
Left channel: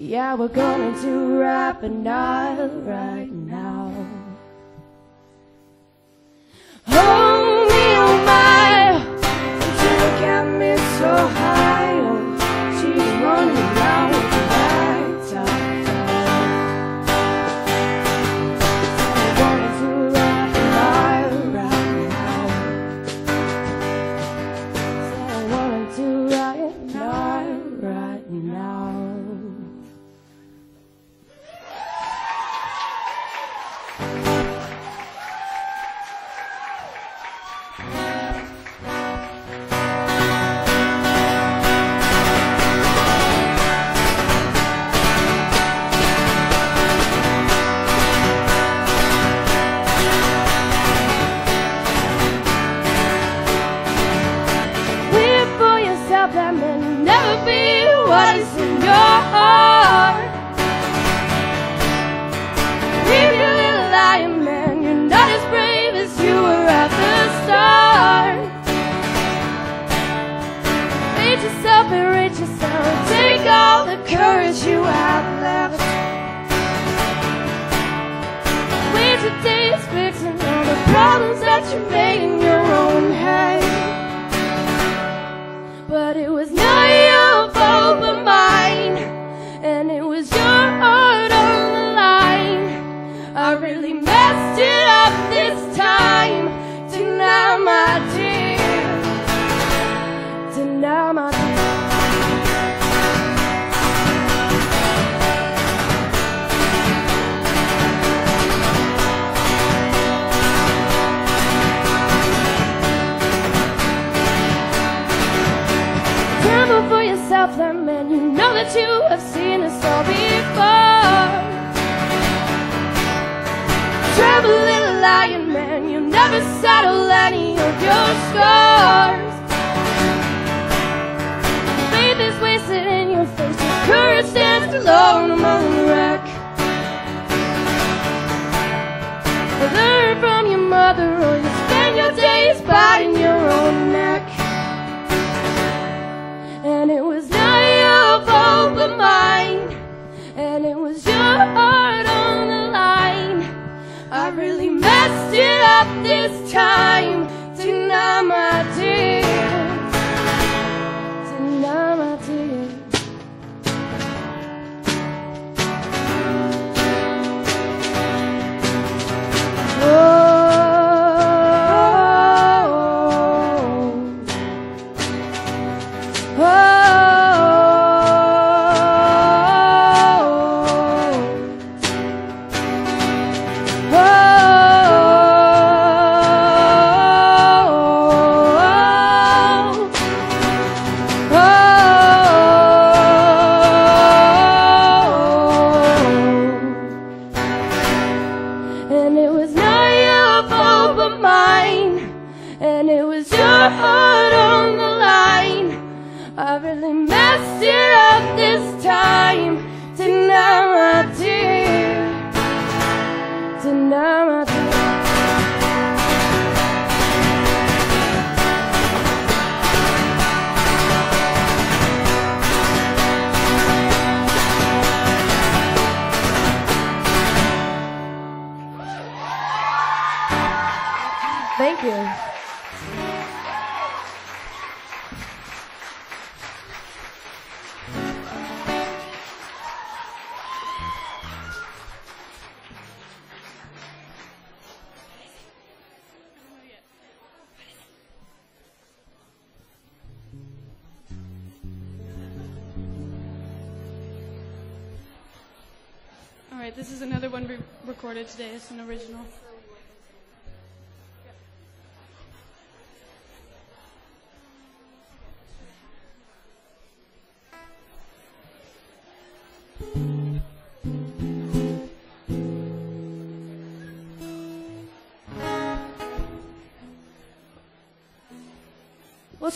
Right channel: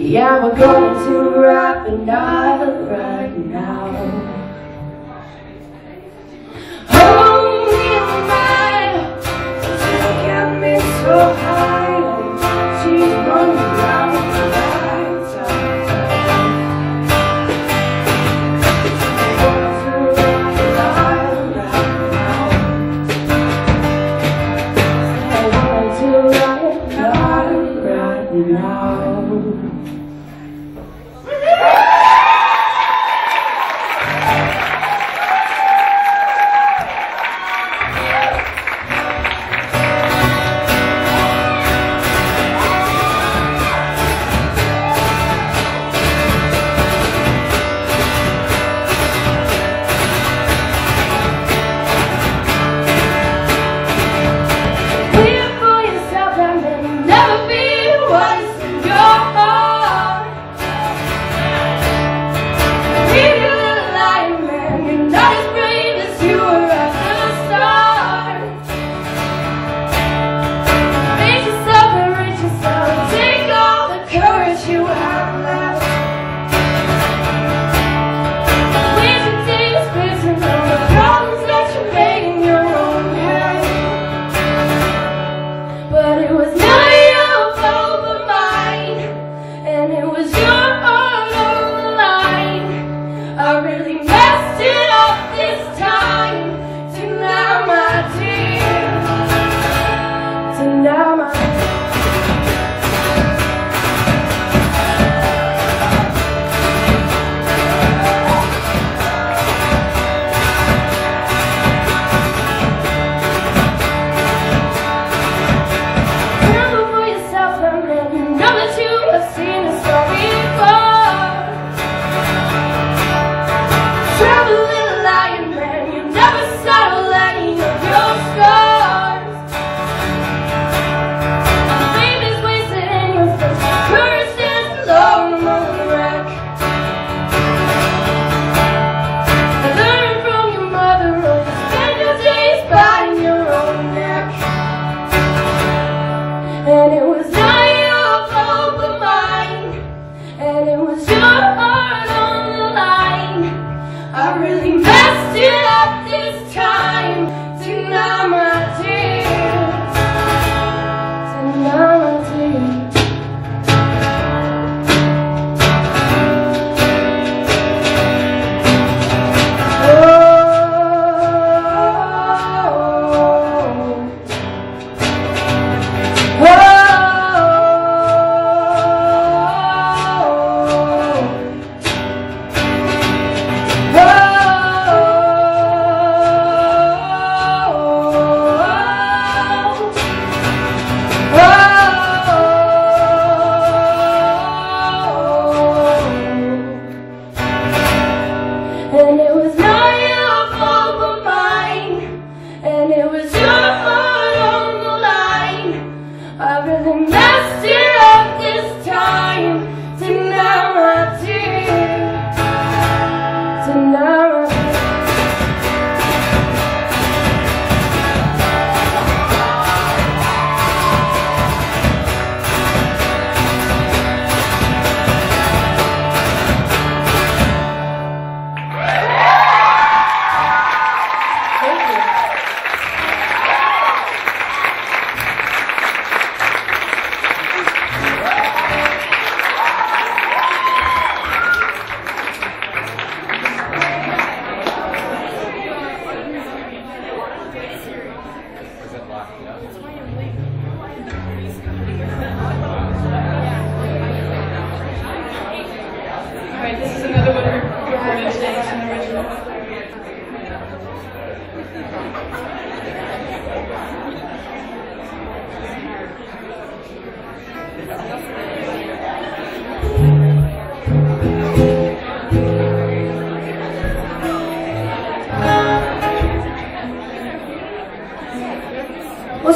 Yeah, we're going to rap a night right now. Oh, me, oh, my, she got me so high. She's running around with the lights out. We're going to rap a night right now. We're going to rap a night right now.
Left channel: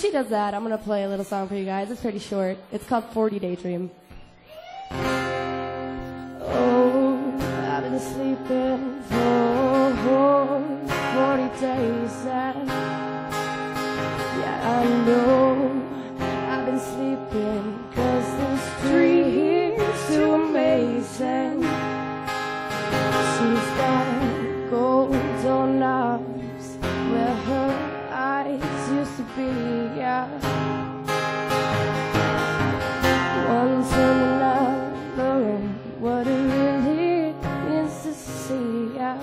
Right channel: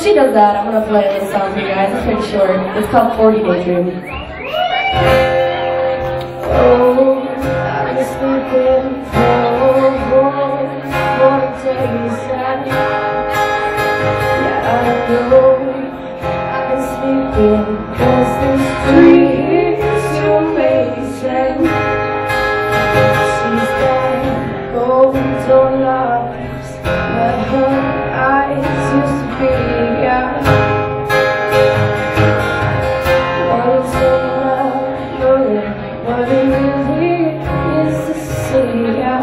she does that, I'm gonna play a little song for you guys. It's pretty short. It's called 40 Daydream. Oh, I've been sleeping for days and yeah, I know I've been sleeping 'cause this dream's so amazing. She's got gold donuts where her eyes used to be, yeah. Want to know what it really is to see, yeah.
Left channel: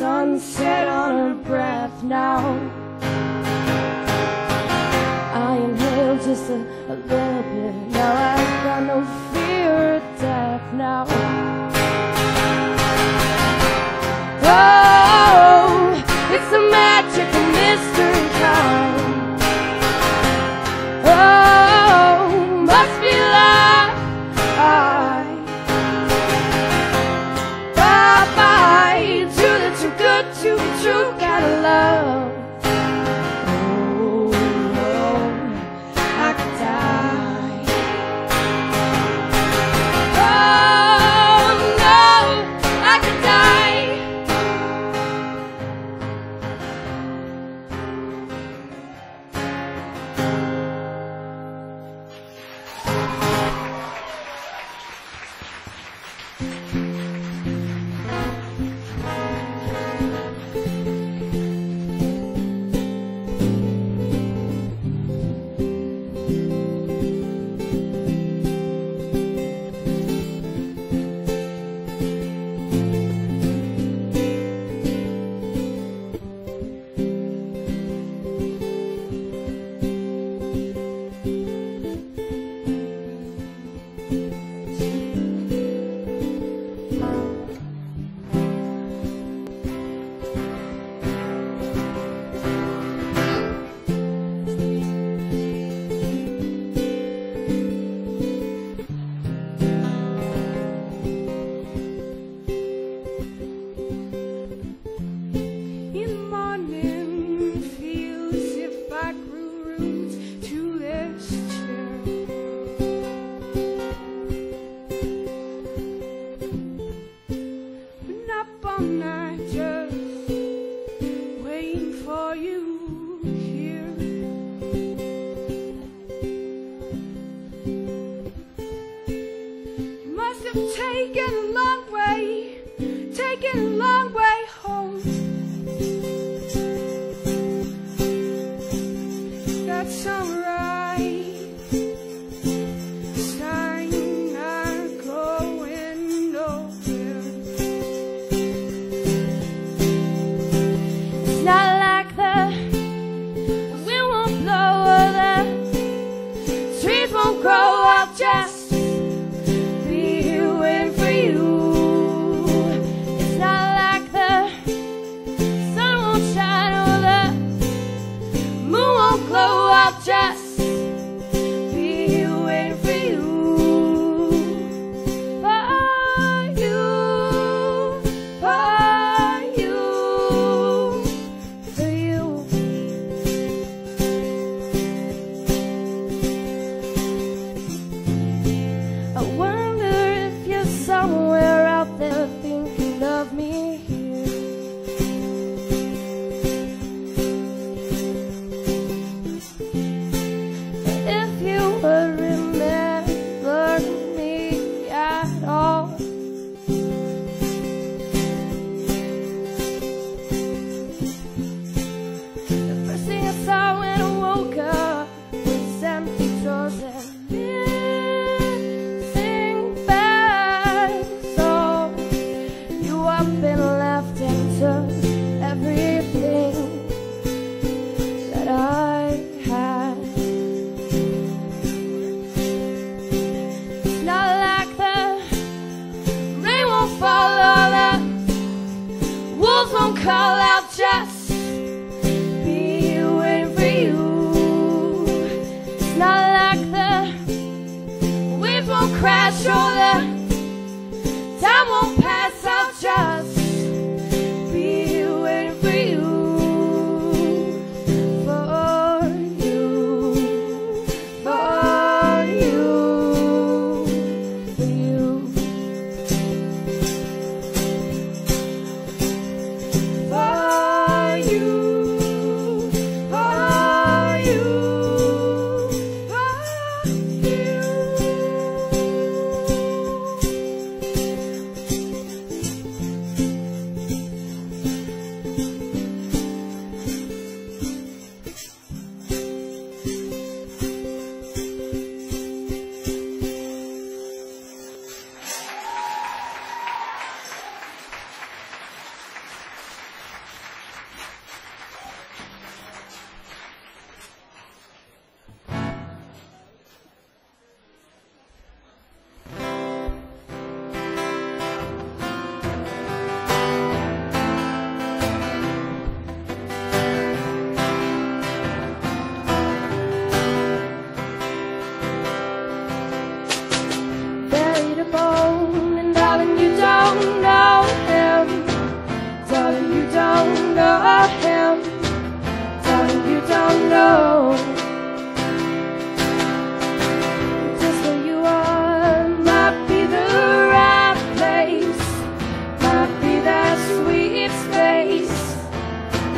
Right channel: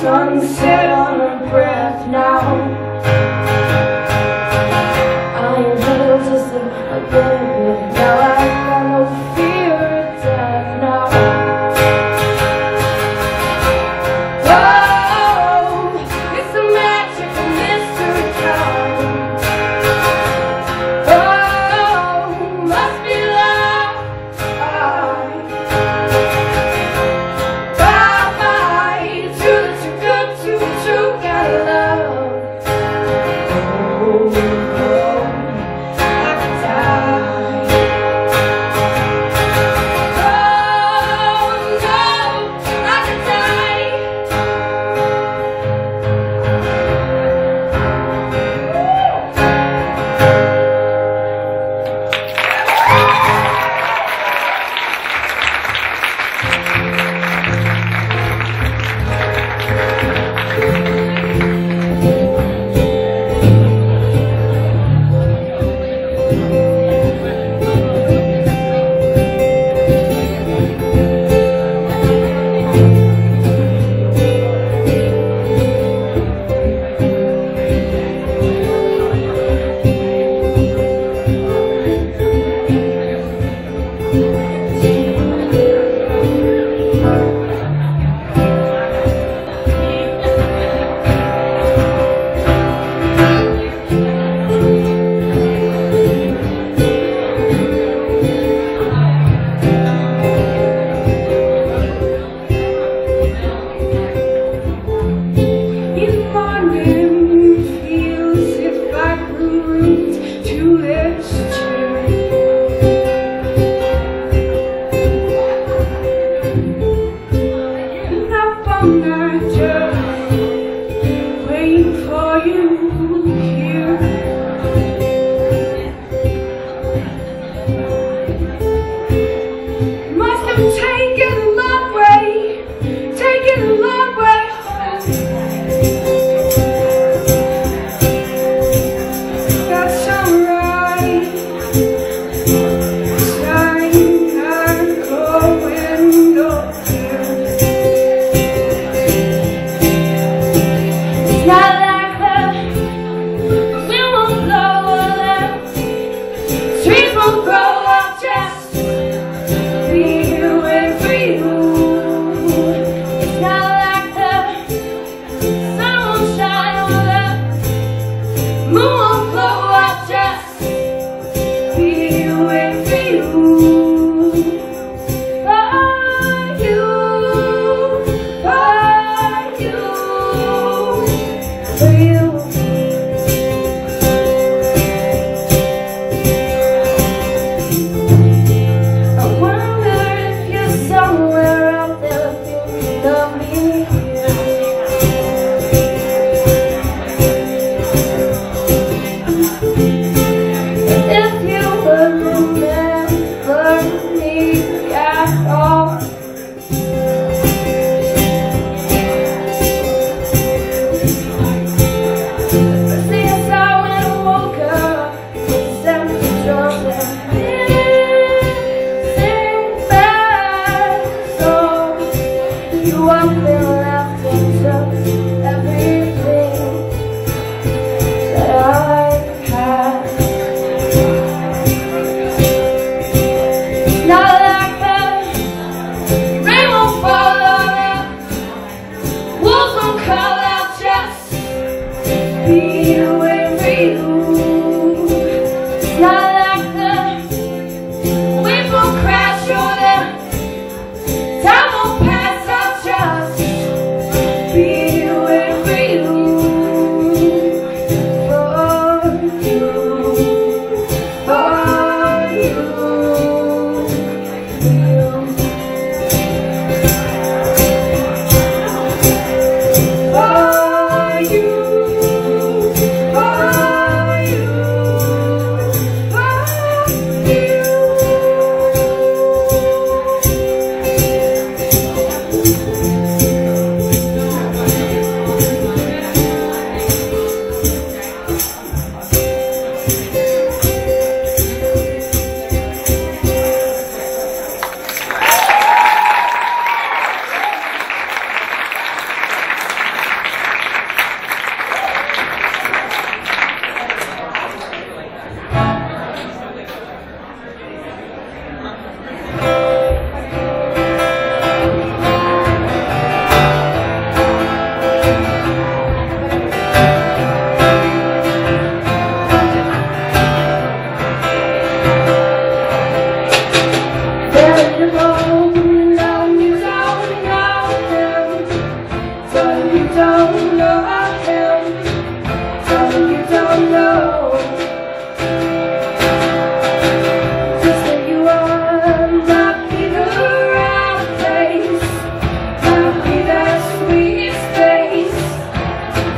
Sunset on her breath now. I inhale just a little bit. Now I got no fear of death now. Oh, it's the magic of mystery kind. Oh,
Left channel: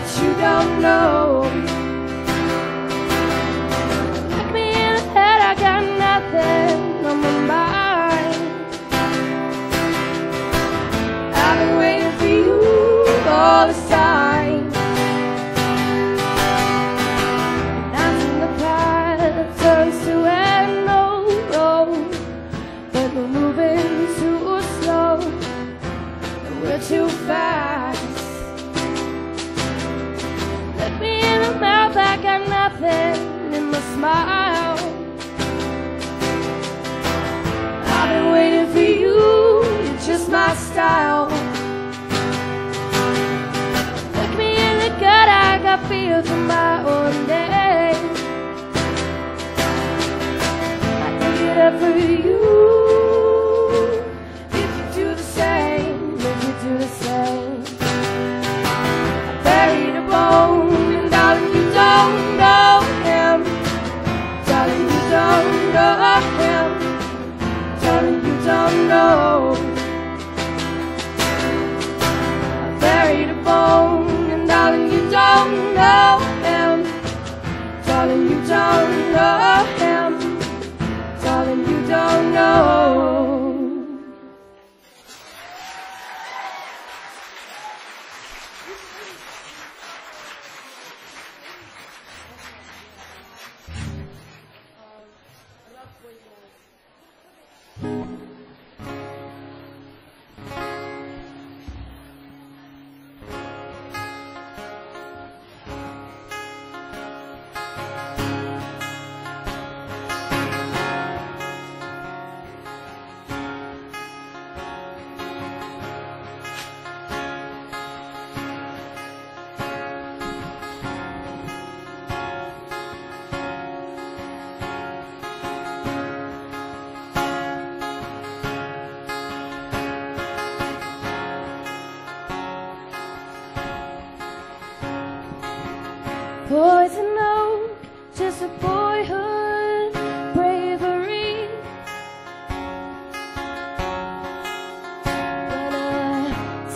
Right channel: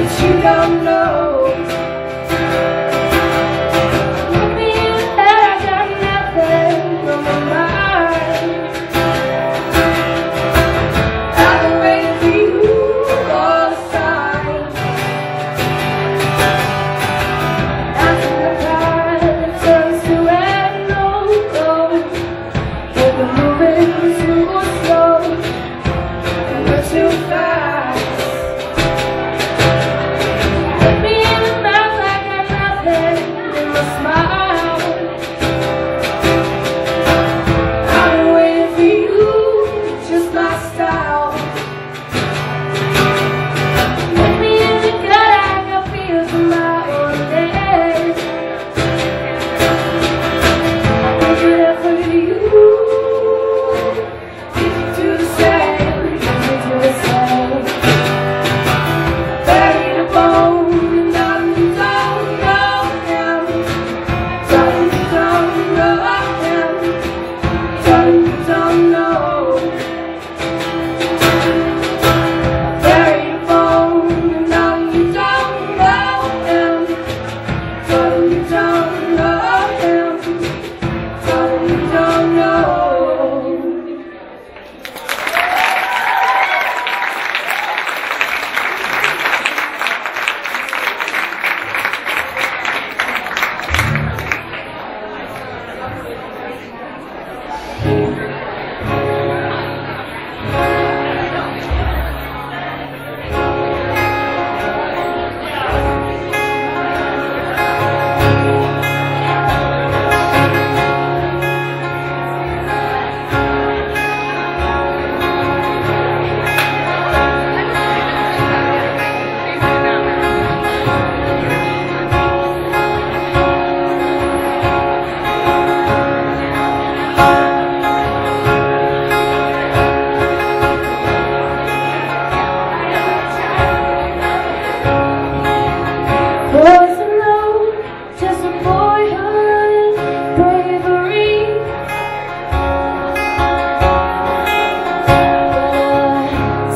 that you don't know. Look me in the head, I got nothing on my mind. I've been waiting for you all this time. After the night turns to red road, we're moving too slow, we're too fast. Look me in the mouth, I got nothing in my smile. I've been waiting for you, it's just my style. Look me in the gut, I got feels in my own head. I pick it up for you. Get you to the same, get you to the same. Buried a bone, and down you don't know him. Down you don't know him. Down you don't know. Buried a bone, and down you don't know him. Down you don't know him. Down you don't know. Boys alone, just a boyhood, bravery.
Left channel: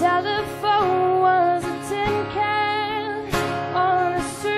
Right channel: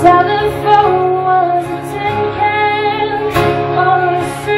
Telephone was a tin can on the street.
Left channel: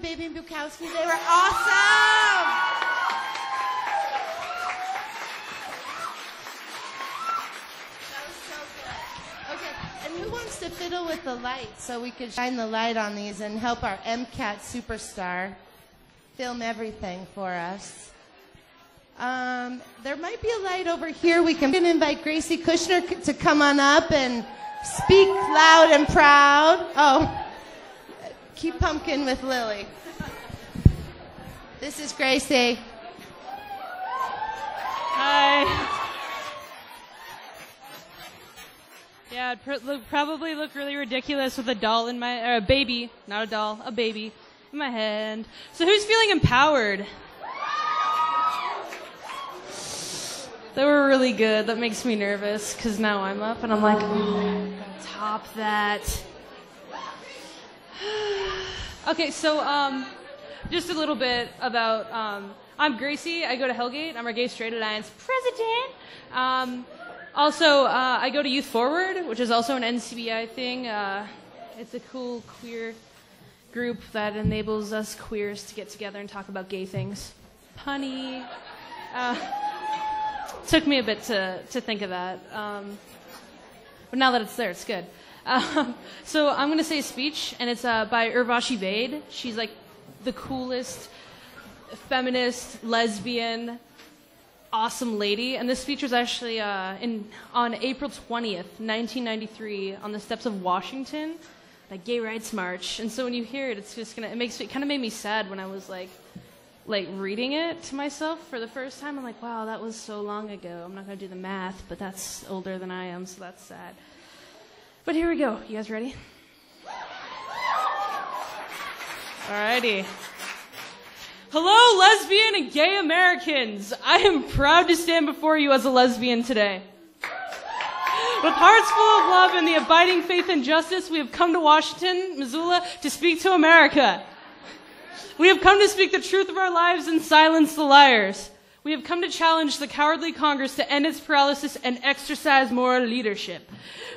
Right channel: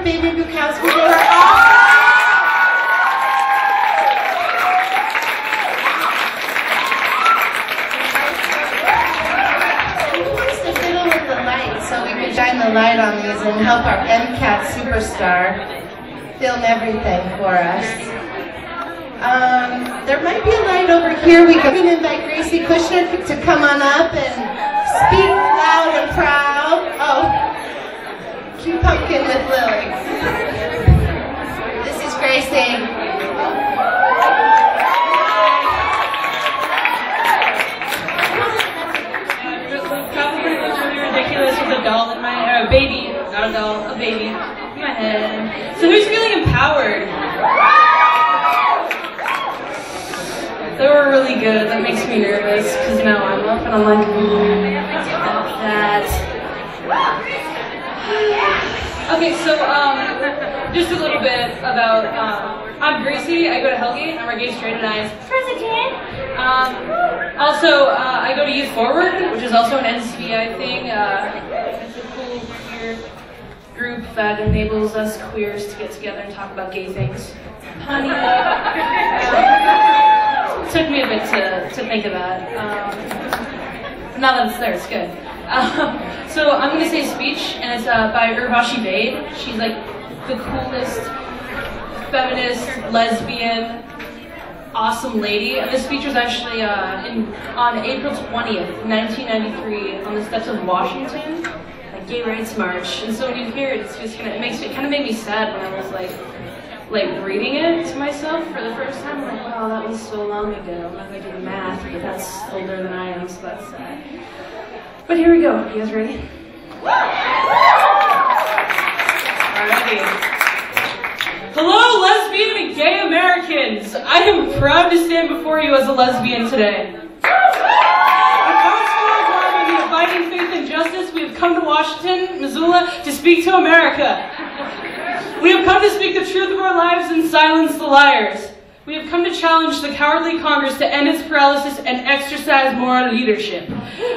for Baby Bukowski. They were awesome. Who wants to fiddle with the light so we can shine the light on these and help our MCAT superstar film everything for us? There might be a light over here. We can invite Gracie Kushner to come on up and speak loud and proud. Oh, cute pumpkin with Lily. This is Gracie. Hi. Yeah, it probably looks really ridiculous with a doll in my hair. A baby, not a doll, a baby in my head. So who's feeling empowered? They were really good. That makes me nervous because now I'm up and I'm like, that. Okay, so just a little bit about I'm Gracie. I go to Hellgate. I'm our gay straight and eyes president. Also, I go to Youth Forward, which is also an NCBI thing. It's a cool queer group that enables us queers to get together and talk about gay things. Honey. Took me a bit to think of that. Now that it's there, it's good. So I'm going to say speech, and it's by Urvashi Vade. She's like the coolest feminist, lesbian, awesome lady. And this speech was actually on April 20th, 1993, on the steps of Washington, a gay rights march. And so when you hear it, it's just it kind of made me sad when I was like reading it to myself for the first time. I'm like, wow, that was so long ago. I'm not going to do math, but that's older than I am, so that's sad. But here we go. You guys ready? Alrighty. Hello, lesbian and gay Americans. I am proud to stand before you as a lesbian today. With hearts full of love and the abiding faith and justice, we have come to Washington, Missoula, to speak to America. We have come to speak the truth of our lives and silence the liars. We have come to challenge the cowardly Congress to end its paralysis and exercise moral leadership.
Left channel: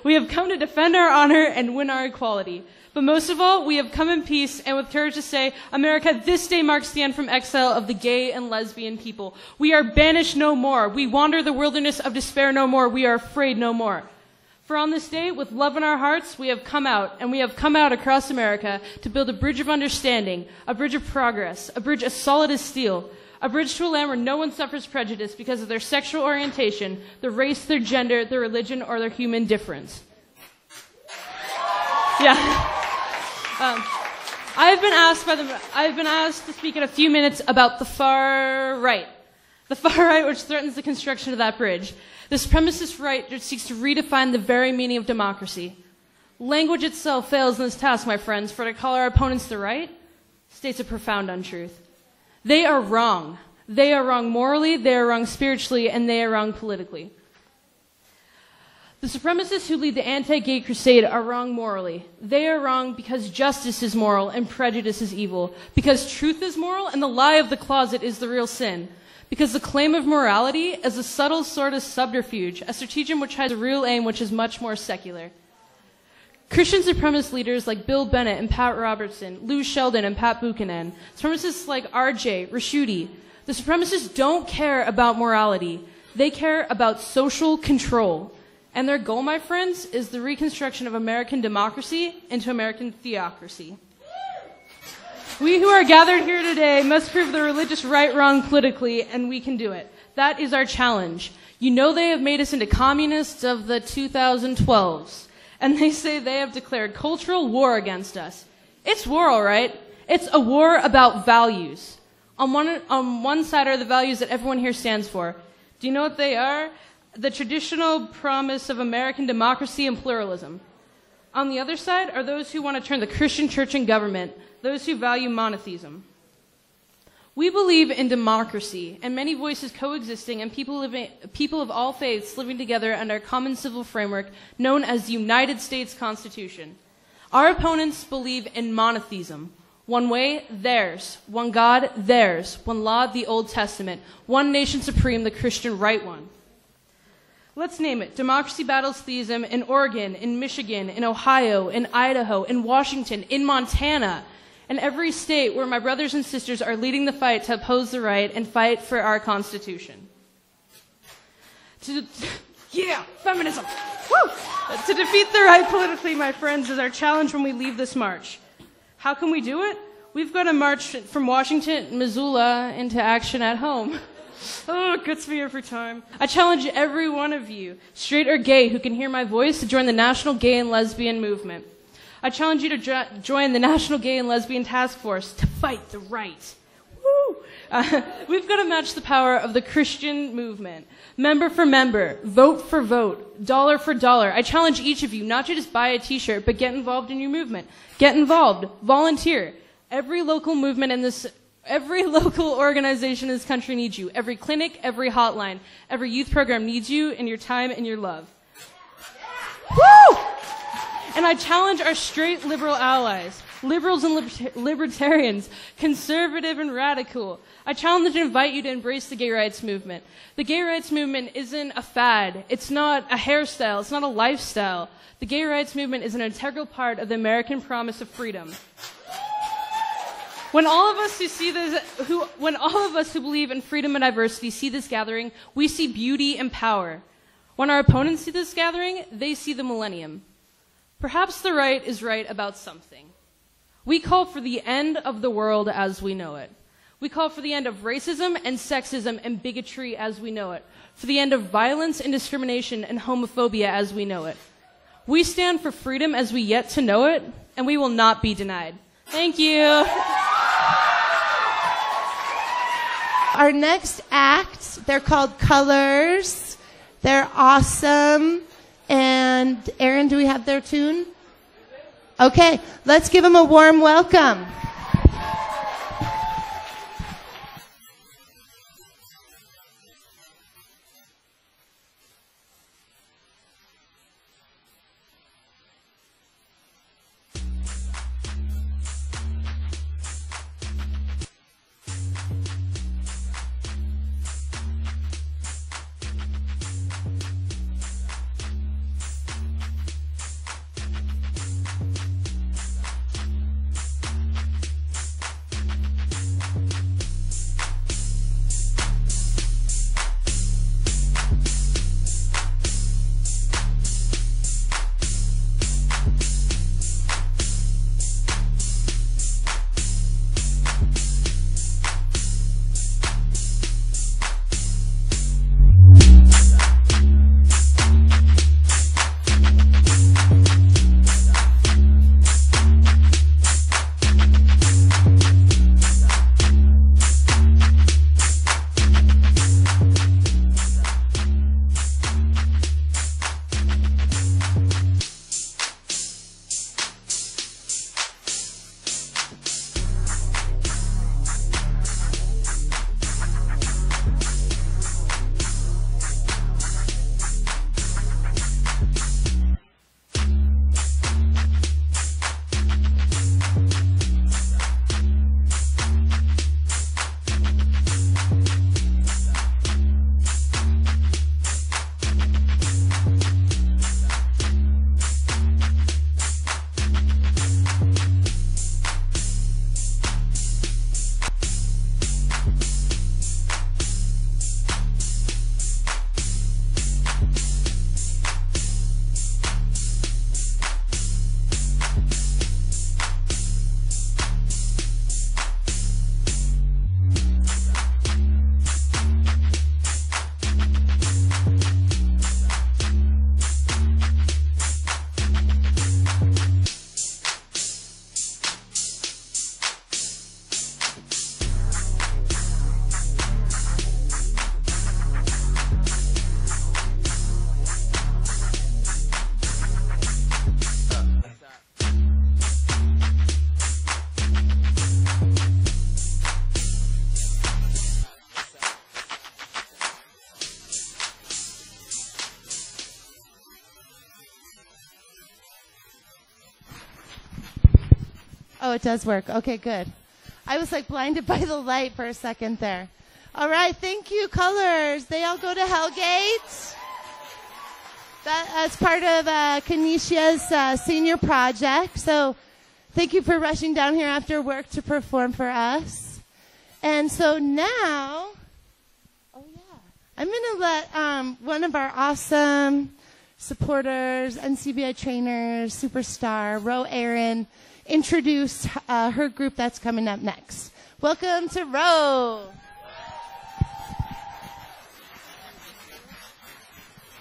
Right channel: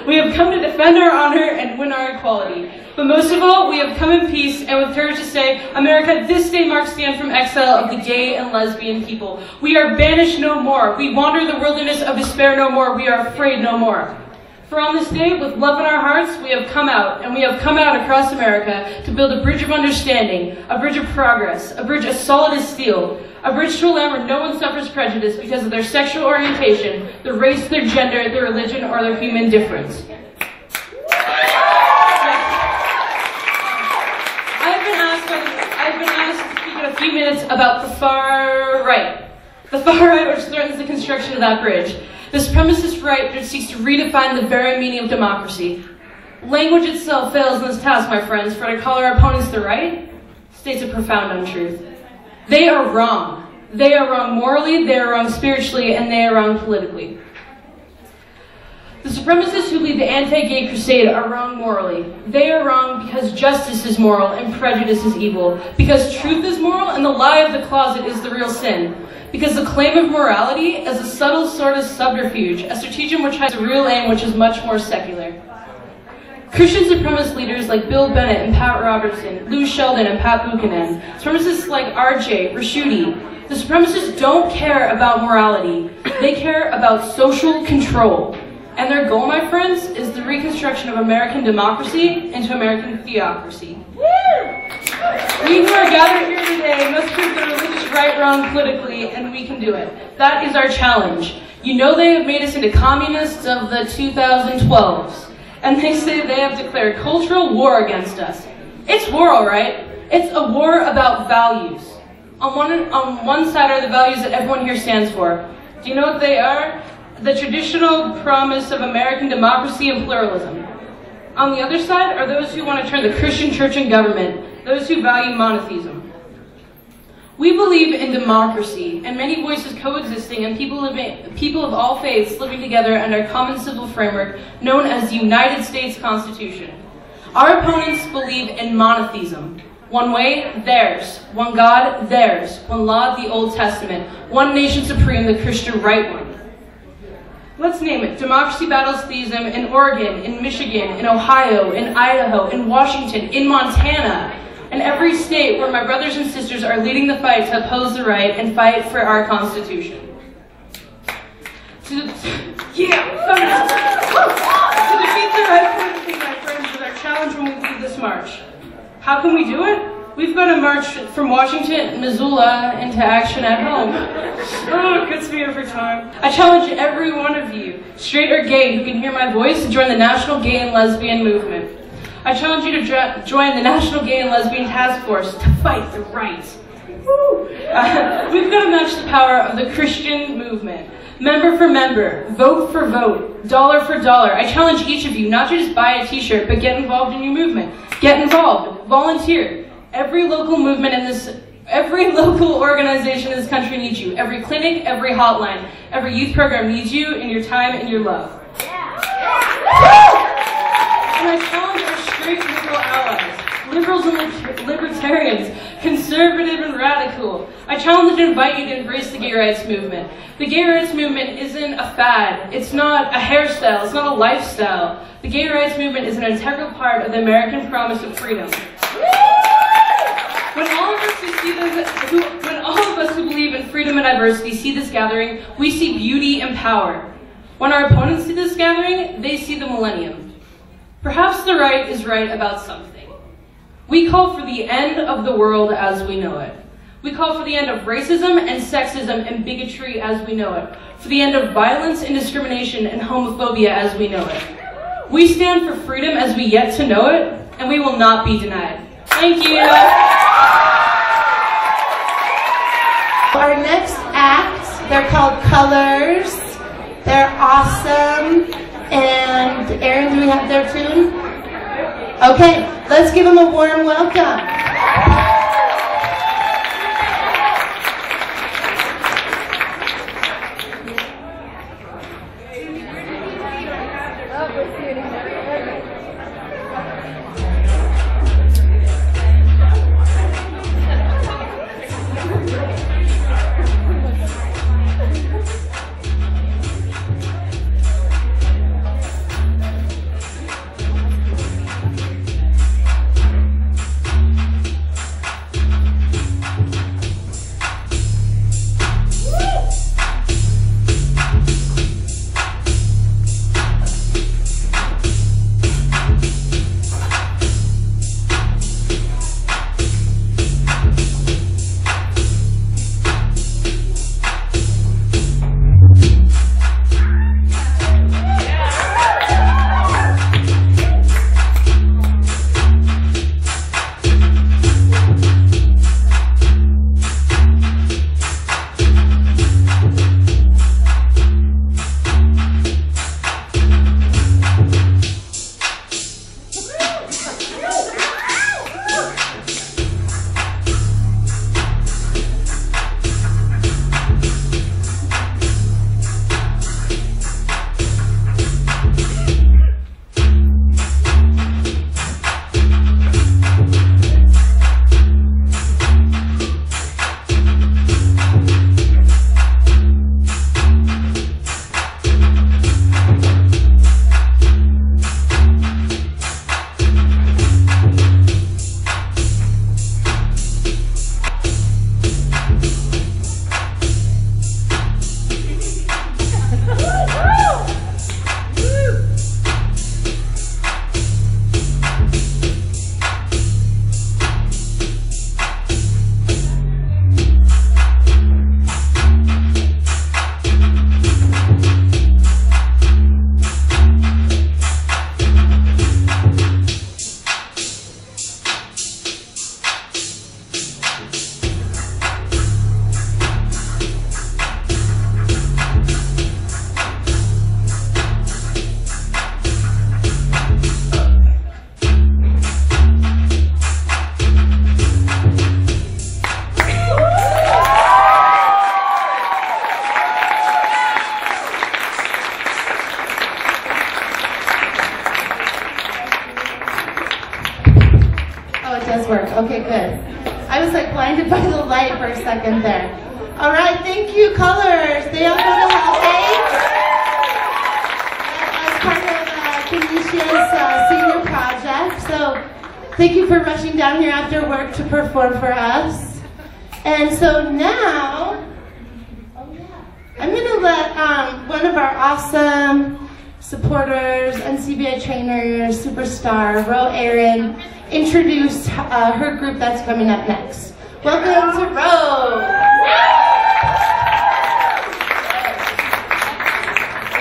We have come to defend our honor and win our equality. But most of all, we have come in peace and with courage to say, America, this day marks the end from exile of the gay and lesbian people. We are banished no more. We wander the wilderness of despair no more. We are afraid no more. For on this day, with love in our hearts, we have come out, and we have come out across America to build a bridge of understanding, a bridge of progress, a bridge as solid as steel, a bridge to a land where no one suffers prejudice because of their sexual orientation, their race, their gender, their religion, or their human difference. Yeah. I've been asked to speak in a few minutes about the far right. The far right which threatens the construction of that bridge. The supremacist right that seeks to redefine the very meaning of democracy. Language itself fails in this task, my friends, for to call our opponents the right states a profound untruth. They are wrong. They are wrong morally, they are wrong spiritually, and they are wrong politically. The supremacists who lead the anti-gay crusade are wrong morally. They are wrong because justice is moral and prejudice is evil. Because truth is moral and the lie of the closet is the real sin. Because the claim of morality is a subtle sort of subterfuge, a stratagem which has a real aim which is much more secular. Christian supremacist leaders like Bill Bennett and Pat Robertson, Lou Sheldon and Pat Buchanan, supremacists like R.J. Rashudi, the supremacists don't care about morality. They care about social control. And their goal, my friends, is the reconstruction of American democracy into American theocracy. We who are gathered here today must prove the religious right wrong politically, and we can do it. That is our challenge. You know they have made us into communists of the 2012s, and they say they have declared cultural war against us. It's war, all right. It's a war about values. On one side are the values that everyone here stands for. Do you know what they are? The traditional promise of American democracy and pluralism. On the other side are those who want to turn the Christian church and government, those who value monotheism. We believe in democracy and many voices coexisting and people of all faiths living together under a common civil framework known as the United States Constitution. Our opponents believe in monotheism. One way, theirs. One God, theirs. One law, the Old Testament. One nation supreme, the Christian right one. Let's name it. Democracy battles theism in Oregon, in Michigan, in Ohio, in Idaho, in Washington, in Montana, and every state where my brothers and sisters are leading the fight to oppose the right and fight for our Constitution. To defeat the right politically, my friends, is our challenge when we lead this march. How can we do it? We've got to march from Washington, Missoula, into action at home. Oh, it gets me every time. I challenge every one of you, straight or gay, who can hear my voice, to join the National Gay and Lesbian Movement. I challenge you to join the National Gay and Lesbian Task Force to fight the right. We've got to match the power of the Christian movement. Member for member, vote for vote, dollar for dollar. I challenge each of you not to just buy a t-shirt, but get involved in your movement. Get involved, volunteer. Every local organization in this country needs you. Every clinic, every hotline, every youth program needs you and your time and your love. And I challenge our straight liberal allies, liberals and libertarians, conservative and radical. I challenge and invite you to embrace the gay rights movement. The gay rights movement isn't a fad. It's not a hairstyle. It's not a lifestyle. The gay rights movement is an integral part of the American promise of freedom. When all of us who believe in freedom and diversity see this gathering, we see beauty and power. When our opponents see this gathering, they see the millennium. Perhaps the right is right about something. We call for the end of the world as we know it. We call for the end of racism and sexism and bigotry as we know it. For the end of violence and discrimination and homophobia as we know it. We stand for freedom as we yet to know it, and we will not be denied. Thank you. Our next act, they're called Colors. They're awesome. And Aaron, do we have their tune? Okay, let's give them a warm welcome. Okay, good. I was like blinded by the light for a second there. All right, thank you, Colors. They all go to level 8. As part of Kenicia's senior project. So Thank you for rushing down here after work to perform for us. And so now, I'm going to let one of our awesome supporters, NCBI trainers, superstar, Ro Aaron, introduce her group that's coming up next. Welcome to Ro.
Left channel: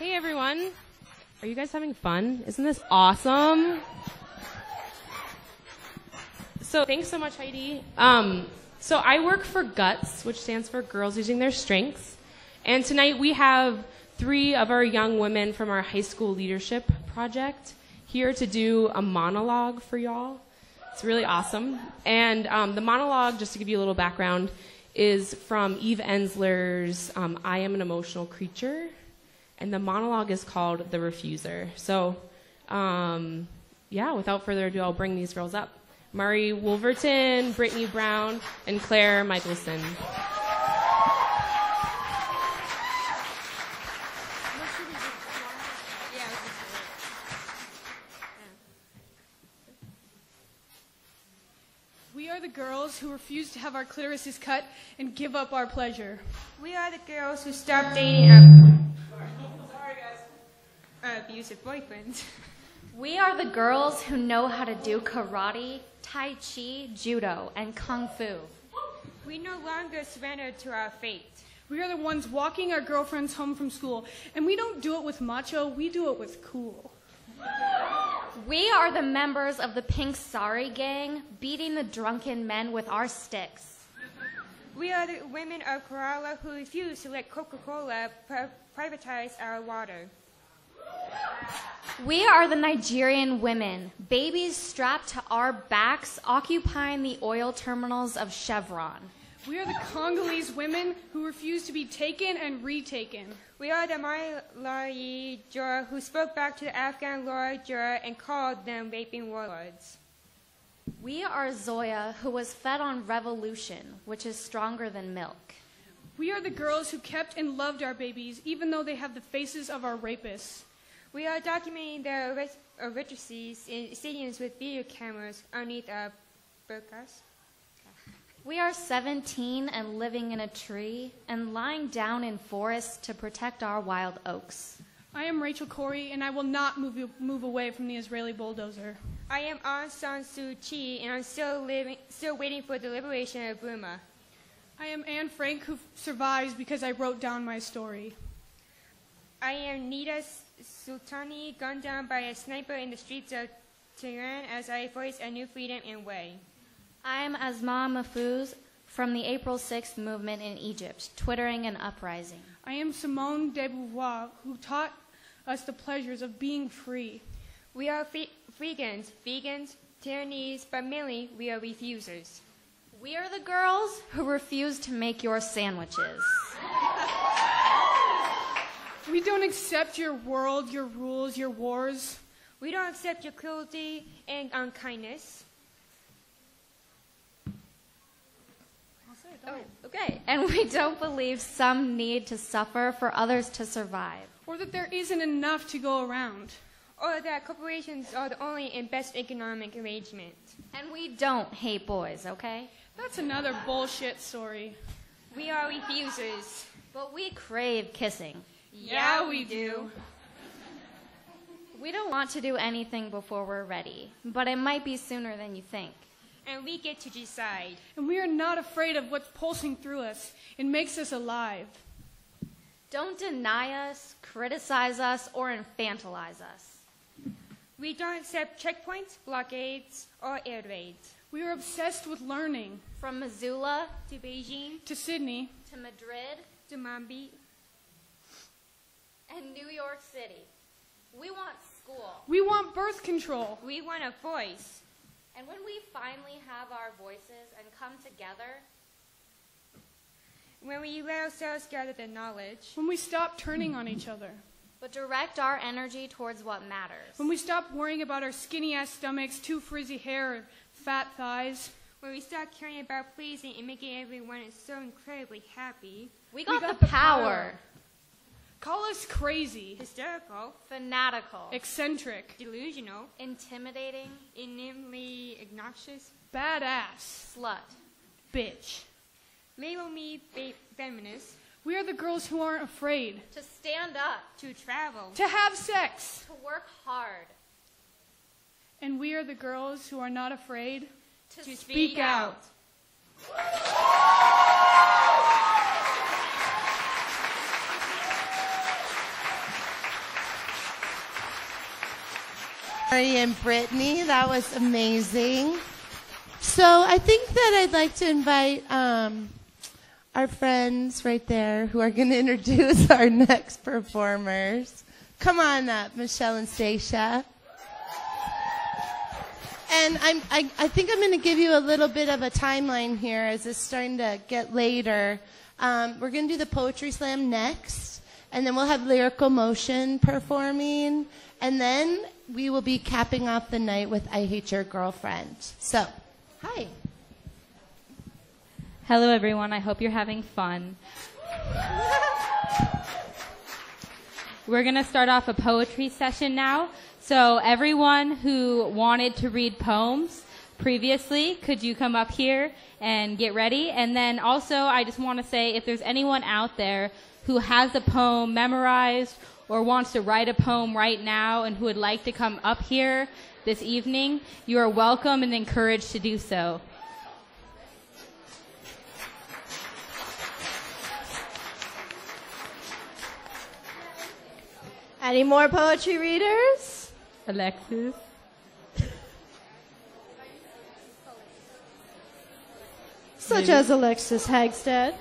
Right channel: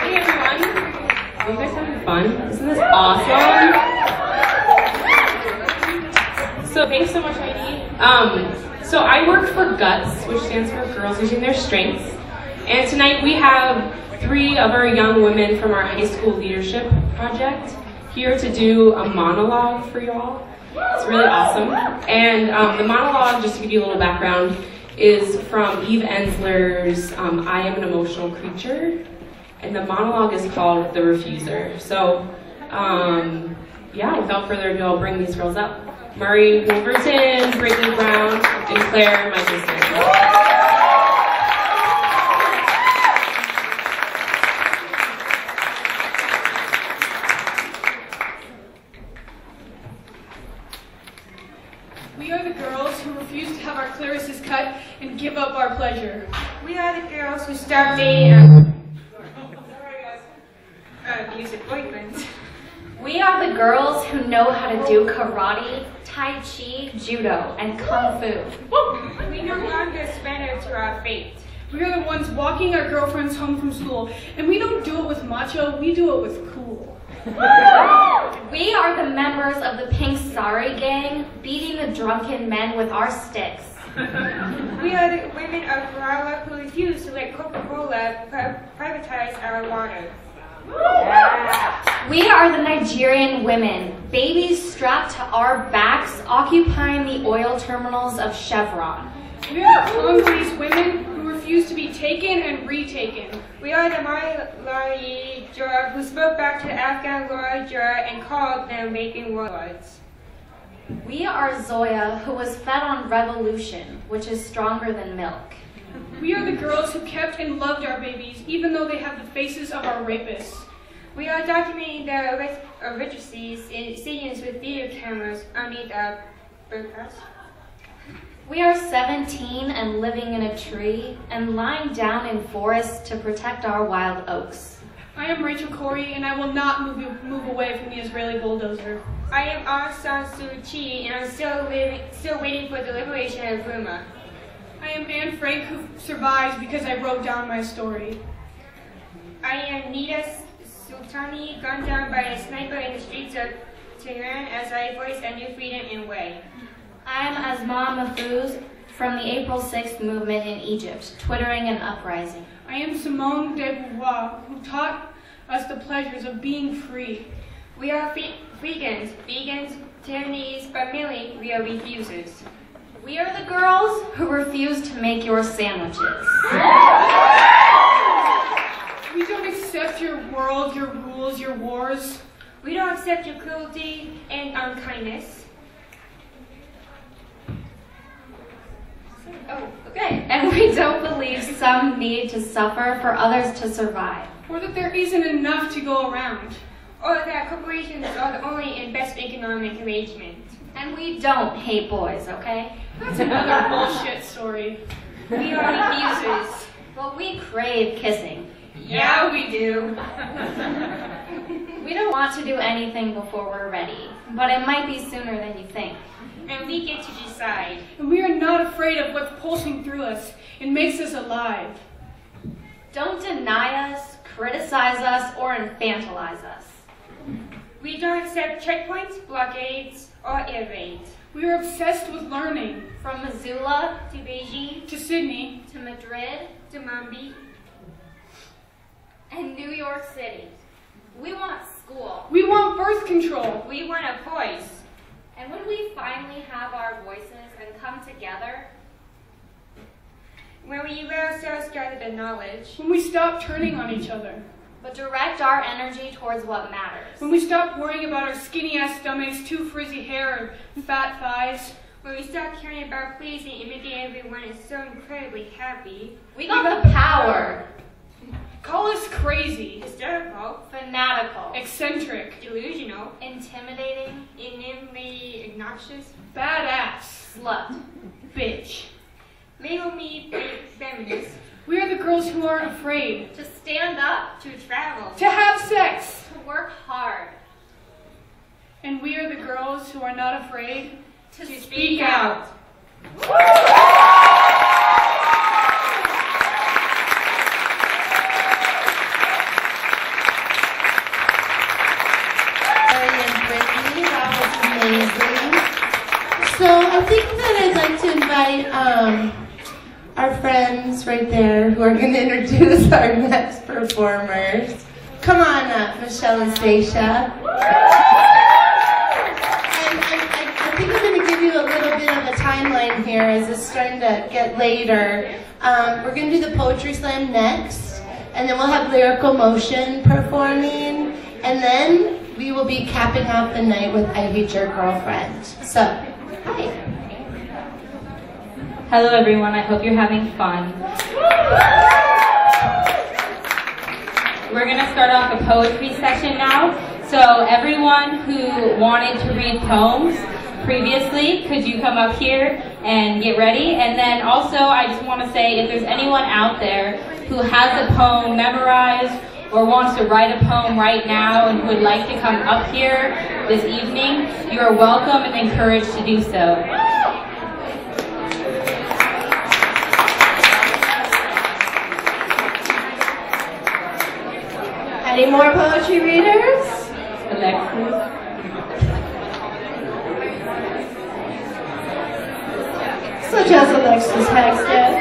Hey everyone. Are you guys having fun? Isn't this awesome? So thanks so much, Heidi. So I work for GUTS, which stands for Girls Using Their Strengths. And tonight we have 3 of our young women from our high school leadership project here to do a monologue for y'all. It's really awesome. And the monologue, just to give you a little background, is from Eve Ensler's I Am an Emotional Creature. And the monologue is called The Refuser. So, yeah, without further ado, I'll bring these girls up. Murray Wolverton, Brayton Brown, and Claire Michelson. We are the girls who refuse to have our clarices cut and give up our pleasure. We are the girls who stop dating abusive boyfriends. We are the girls who know how to do karate, tai chi, judo, and kung fu. We no longer surrender to our fate. We are the ones walking our girlfriends home from school, and we don't do it with macho, we do it with cool. We are the members of the Pink Sari Gang, beating the drunken men with our sticks. We are the women of Kerala who refuse to let Coca-Cola privatize our water. We are the Nigerian women, babies strapped to our backs, occupying the oil terminals of Chevron. We are the Congolese women who refuse to be taken and retaken. We are the Malayi juror who spoke back to the Afghan lawyer juror and called them vaping warlords. We are Zoya, who was fed on revolution, which is stronger than milk. We are the girls who kept and loved our babies, even though they have the faces of our rapists. We are documenting the registries in stadiums with video cameras underneath our broadcast. We are 17 and living in a tree and lying down in forests to protect our wild oaks. I am Rachel Corey, and I will not move away from the Israeli bulldozer. I am Aung San Suu Kyi, and I'm still waiting for the liberation of Burma. I am Anne Frank, who survives because I wrote down my story. I am Nita Sultani, gunned down by a sniper in the streets of Tehran as I voice a new freedom and way. I am Asma Mahfouz from the April 6th movement in Egypt, twittering an uprising. I am Simone de Beauvoir, who taught us the pleasures of being free. We are vegans, Taiwanese, but mainly we are refusers. We are the girls who refuse to make your sandwiches. We don't accept your world, your rules, your wars. We don't accept your cruelty and unkindness. Oh, okay. And we don't believe some need to suffer for others to survive. Or that there isn't enough to go around. Or that corporations are the only and best economic arrangement. And we don't hate boys, okay? That's another bullshit story. We are refusers. Well, we crave kissing. Yeah, we do. We don't want to do anything before we're ready, but it might be sooner than you think. And we get to decide. And we are not afraid of what's pulsing through us. It makes us alive. Don't deny us, criticize us, or infantilize us. We don't accept checkpoints, blockades, or air raids. We are obsessed with learning. From Missoula to Beijing to Sydney to Madrid to Mumbai and New York City. We want school. We want birth control. We want a voice. And when we finally have our voices and come together, when we let ourselves gather the knowledge, when we stop turning on each other, but direct our energy towards what matters, when we stop worrying about our skinny ass stomachs, too frizzy hair, and fat thighs, when we stop caring about pleasing and making everyone is so incredibly happy, we got the power Call us crazy. Hysterical. Fanatical. Eccentric. Delusional. Intimidating. Inanely obnoxious. Badass. Slut. Bitch. Label me feminist. We are the girls who aren't afraid. To stand up. To travel. To have sex. To work hard. And we are the girls who are not afraid to speak out. And Brittany, that was amazing. So I think that I'd like to invite our friends right there who are going to introduce our next performers. Come on up, Michelle and Stacia. And I think I'm going to give you a little bit of a timeline here as it's starting to get later. We're going to do the Poetry Slam next, and then we'll have Lyrical Motion performing, and then we will be capping off the night with I Hate Your Girlfriend. So, hi. Hello everyone, I hope you're having fun. We're going to start off the poetry section now. So everyone who wanted to read poems previously, could you come up here and get ready? And then also I just want to say if there's anyone out there who has a poem memorized or wants to write a poem right now and would like to come up here this evening, you are welcome and encouraged to do so. Any more poetry readers? Alexis. Such as Alexis Hexted.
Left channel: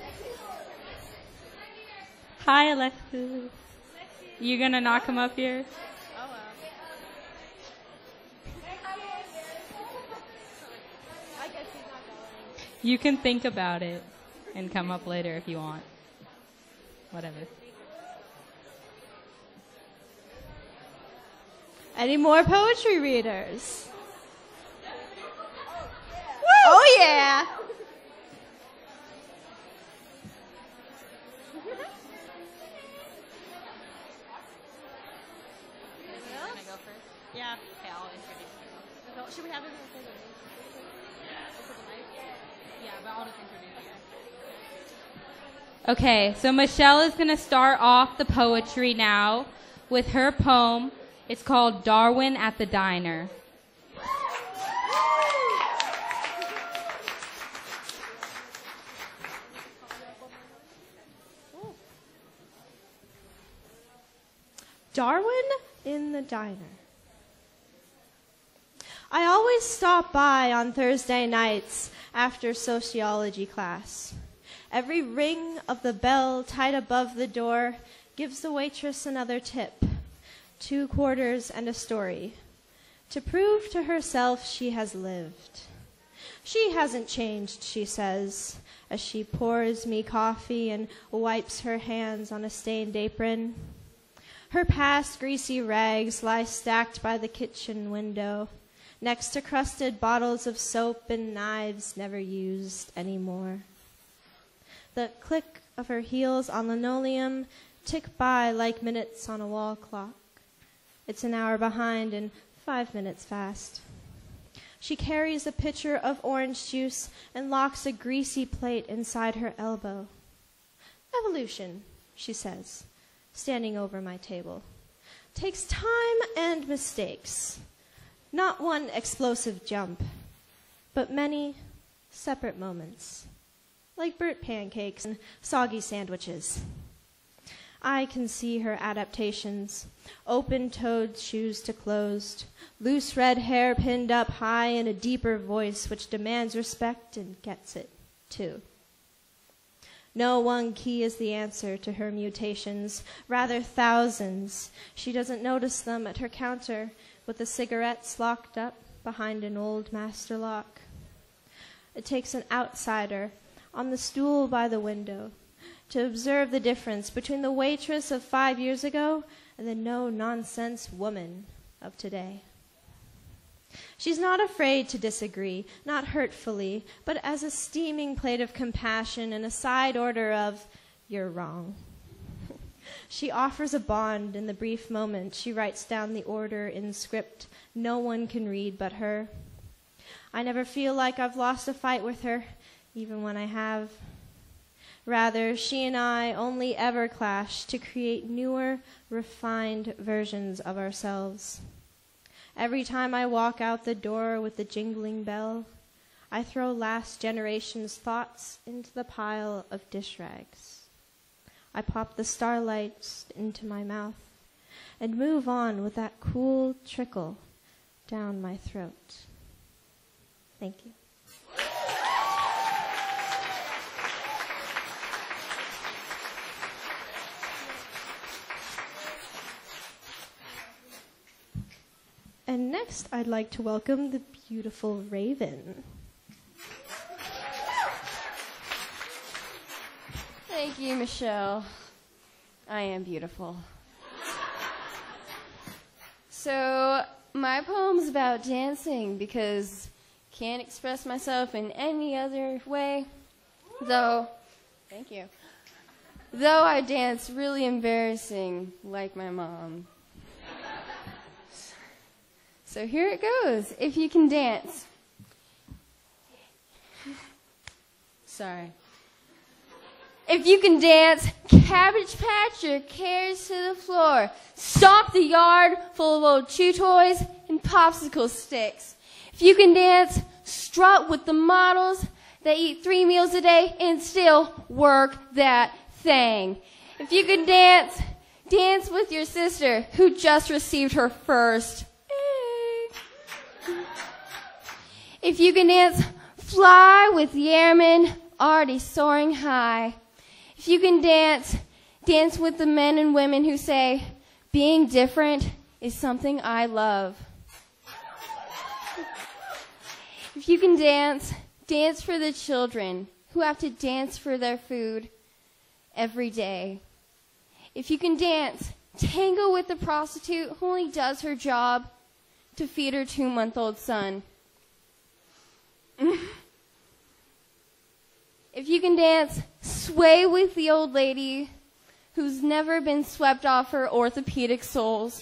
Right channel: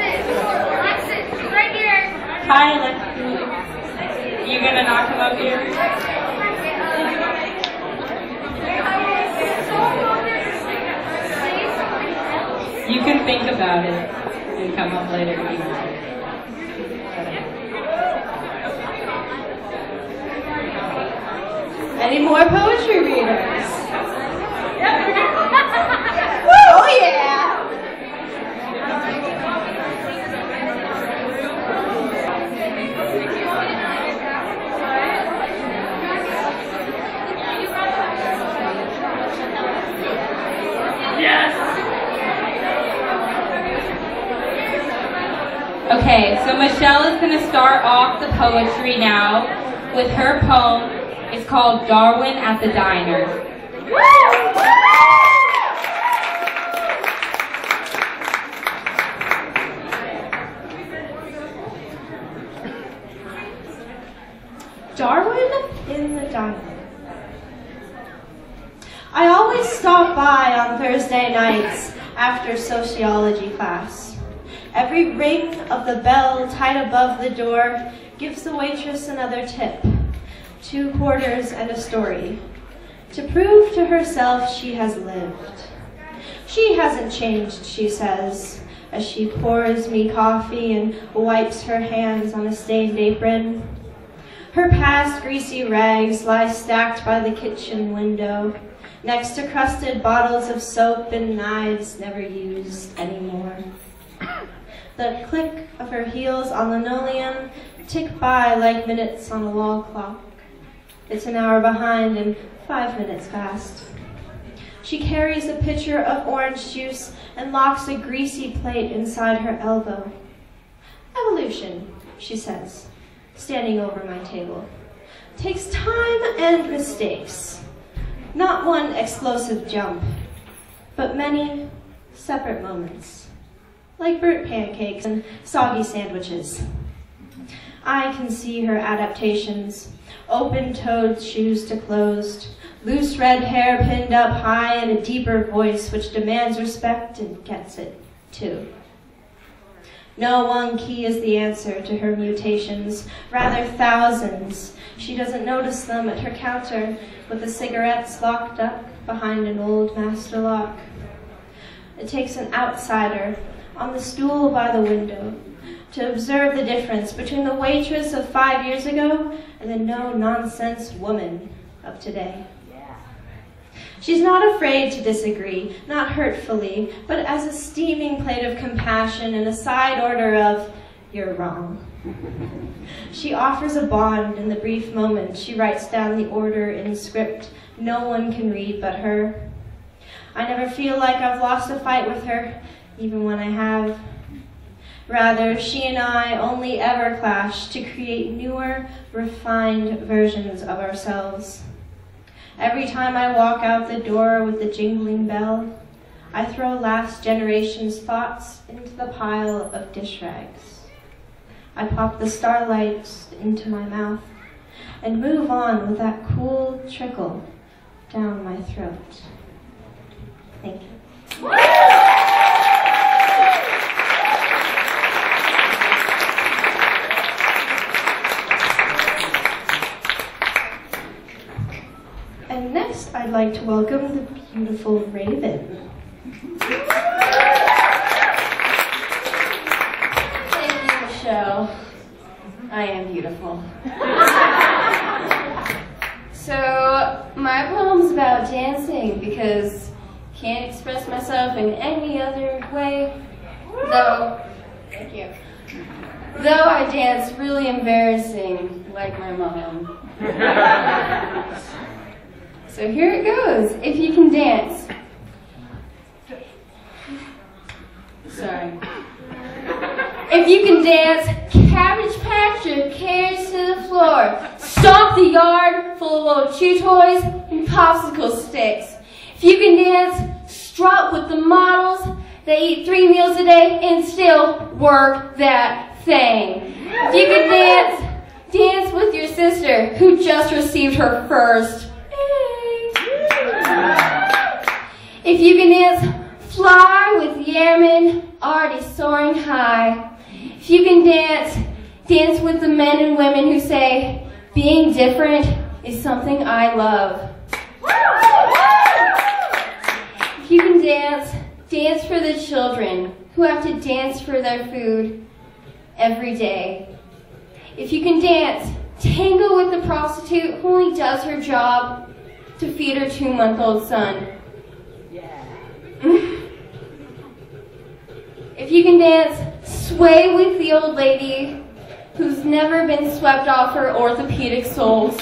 Alexis, right here. Hi, Alexis. You gonna not come up here? You can think about it and come up later. Any more poetry readers? Oh yeah! Okay, so Michelle is going to start off the poetry now with her poem. It's called Darwin at the Diner. Darwin in the diner. I always stop by on Thursday nights after sociology class. Every ring of the bell tied above the door gives the waitress another tip, 2 quarters and a story, to prove to herself she has lived. She hasn't changed, she says, as she pours me coffee and wipes her hands on a stained apron. Her past greasy rags lie stacked by the kitchen window, next to crusted bottles of soap and knives never used anymore. The click of her heels on linoleum tick by like minutes on a wall clock. It's an hour behind and 5 minutes past. She carries a pitcher of orange juice and locks a greasy plate inside her elbow. Evolution, she says, standing over my table, takes time and mistakes. Not one explosive jump, but many separate moments, like burnt pancakes and soggy sandwiches. I can see her adaptations, open-toed shoes to closed, loose red hair pinned up high and a deeper voice which demands respect and gets it, too. No one key is the answer to her mutations, rather thousands. She doesn't notice them at her counter with the cigarettes locked up behind an old master lock. It takes an outsider on the stool by the window to observe the difference between the waitress of 5 years ago and the no-nonsense woman of today. She's not afraid to disagree, not hurtfully, but as a steaming plate of compassion and a side order of, "You're wrong." She offers a bond in the brief moment. She writes down the order in script no one can read but her. I never feel like I've lost a fight with her, even when I have. Rather, she and I only ever clash to create newer, refined versions of ourselves. Every time I walk out the door with the jingling bell, I throw last generation's thoughts into the pile of dish rags. I pop the starlights into my mouth and move on with that cool trickle down my throat. Thank you. And next, I'd like to welcome the beautiful Raven. Thank you, Michelle. I am beautiful. So, my poem's about dancing because I can't express myself in any other way. Thank you. Though I dance really embarrassing, like my mom. So here it goes. If you can dance. Sorry. If you can dance, Cabbage Patch your cares to the floor. Stomp the yard full of old chew toys and popsicle sticks. If you can dance, strut with the models that eat 3 meals a day and still work that thing. If you can dance, dance with your sister who just received her first A. If you can dance, fly with the airmen already soaring high. If you can dance, dance with the men and women who say, being different is something I love. If you can dance, dance for the children who have to dance for their food every day. If you can dance, tango with the prostitute who only does her job to feed her 2-month-old son. If you can dance, sway with the old lady who's never been swept off her orthopedic soles.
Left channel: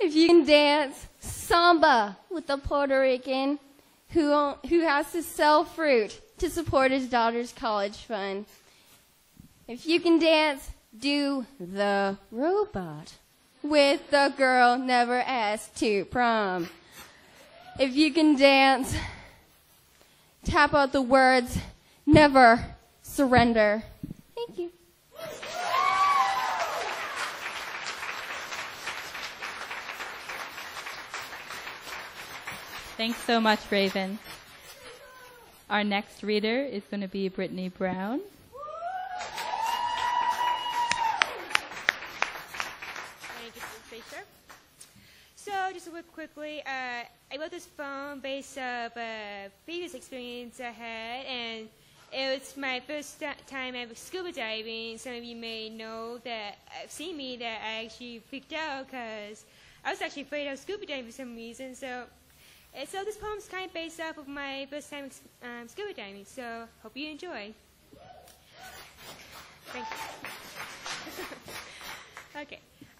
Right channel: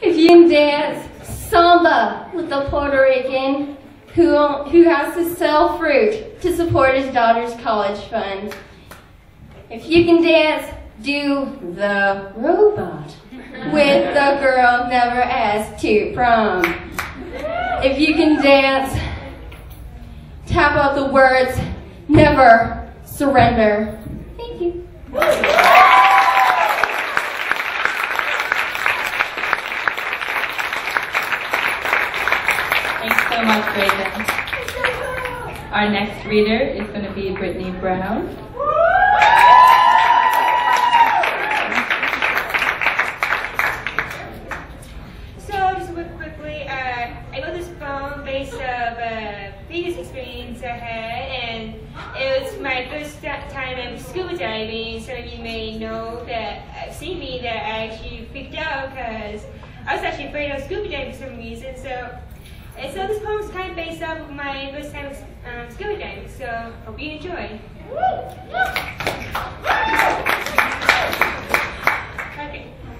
If you can dance, samba with the Puerto Rican who has to sell fruit to support his daughter's college fund. If you can dance, do the robot with the girl never asked to prom. If you can dance, tap out the words, never surrender. Thank you. Thanks so much, Raven. Our next reader is going to be Brittany Brown. So, just quickly, I got this poem based on a previous experience I had, and it was my first time scuba diving. Some of you may know that seen me that I actually freaked out because I was actually afraid of scuba diving for some reason. So this poem is kind of based off of my first time scuba diving. So hope you enjoy.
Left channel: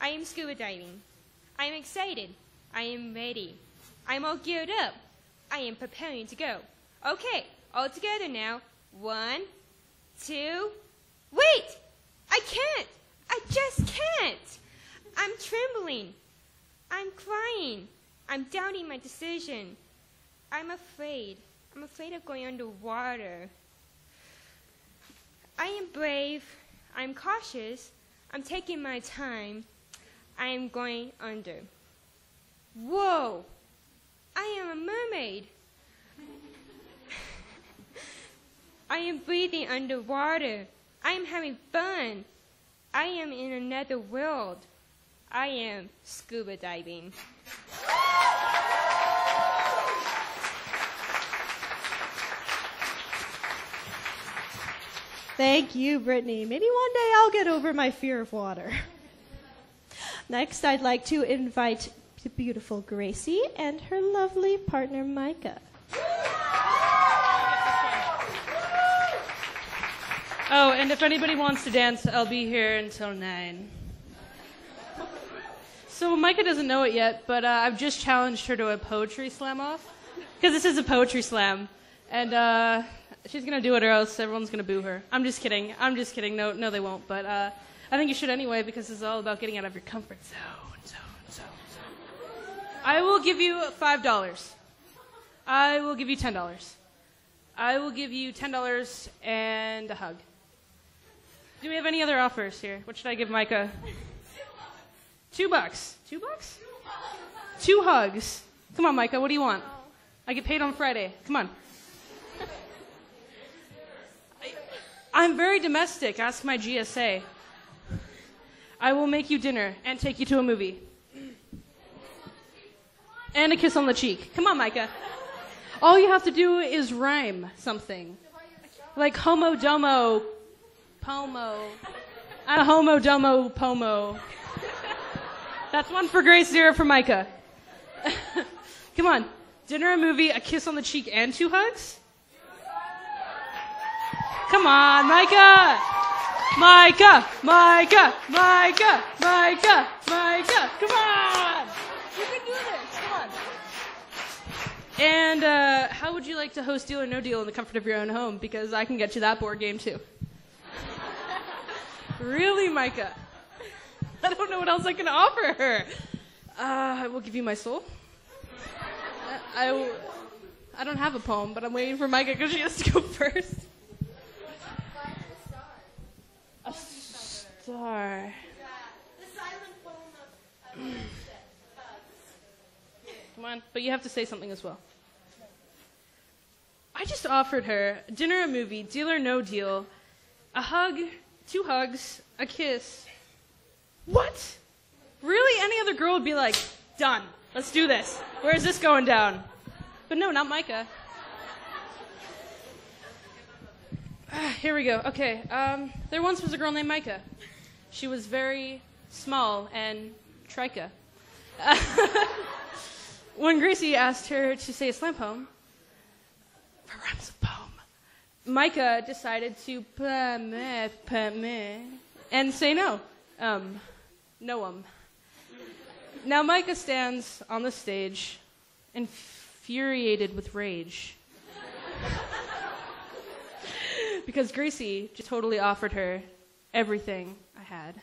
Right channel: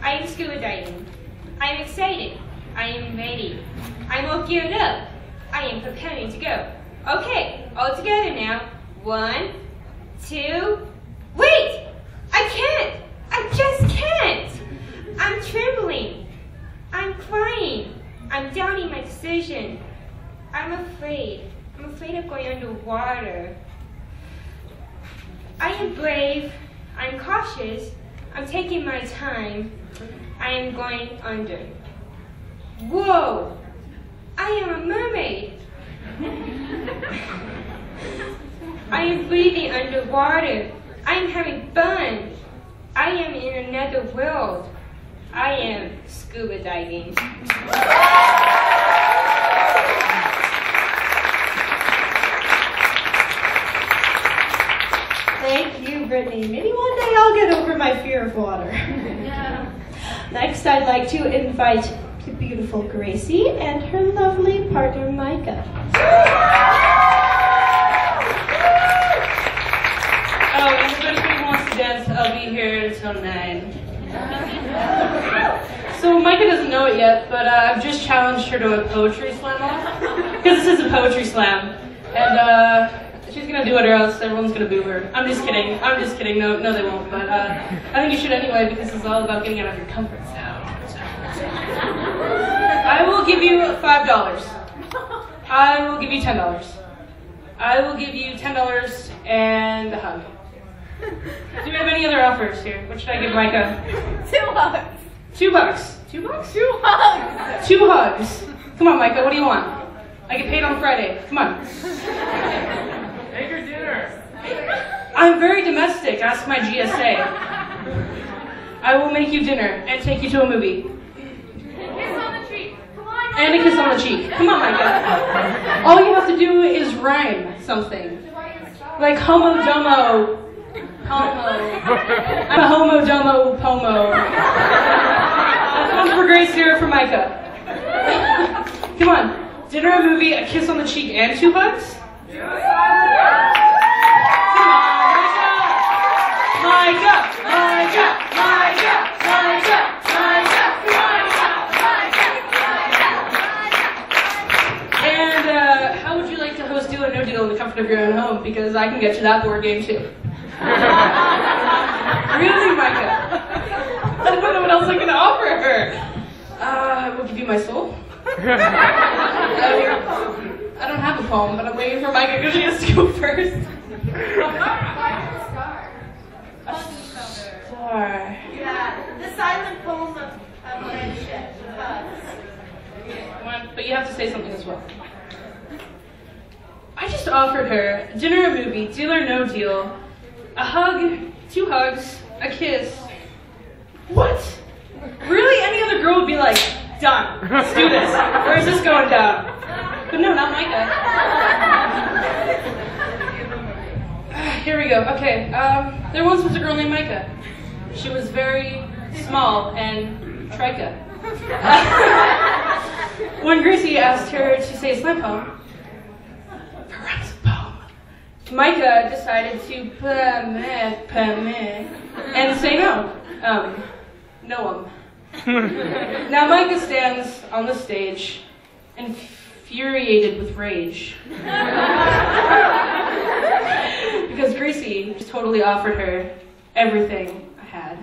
I am scuba diving. I am excited. I am ready. I'm all geared up. I am preparing to go. Okay, all together now. 1, 2, wait! I can't! I just can't! I'm trembling. I'm crying. I'm doubting my decision. I'm afraid. I'm afraid of going underwater. I am brave. I'm cautious. I'm taking my time. I am going under. Whoa! I am a mermaid. I am breathing underwater. I am having fun. I am in another world. I am scuba diving. Thank you, Brittany. Maybe one day I'll get over my fear of water. Next, I'd like to invite the beautiful Gracie and her lovely partner, Micah. it yet, but I've just challenged her to a poetry slam off. Because this is a poetry slam. And she's going to do it or else everyone's going to boo her. I'm just kidding. No, they won't. But I think you should anyway because it's all about getting out of your comfort zone. I will give you $5. I will give you $10. I will give you $10 and a hug. Do you have any other offers here? What should I give Micah? $2. $2. $2? 2 hugs. 2 hugs. Come on, Micah, what do you want? I get paid on Friday. Come on. Make her dinner. I'm very domestic. Ask my GSA. I will make you dinner and take you to a movie. And a kiss on the cheek. Come on, Micah. All you have to do is rhyme something. Like homo domo. Homo. I'm a homo domo pomo. That's one for Grace, 0 for Micah. Come on. Dinner, a movie, a kiss on the cheek, and 2 hugs? Come on, Micah! Micah! Micah! Micah! Micah! Micah! And how would you like to host Deal or No Deal in the comfort of your own home? Because I can get you that board game too. Really, Micah? I don't know what else I can offer her. I will give you my soul. I don't have a poem, but I'm waiting for Micah because she has to go first. A star. Yeah, the silent poem of friendship. But you have to say something as well. I just offered her dinner, a movie, deal or no deal, a hug, 2 hugs, a kiss. What? Really? Any other girl would be like, done. Let's do this. Where's this going down? But no, not Micah. Here we go. Okay. There once was a girl named Micah. She was very small and trica. When Gracie asked her to say a slam poem, Micah decided to and say no. No. Now Micah stands on the stage, infuriated with rage. Because Gracie just totally offered her everything I had.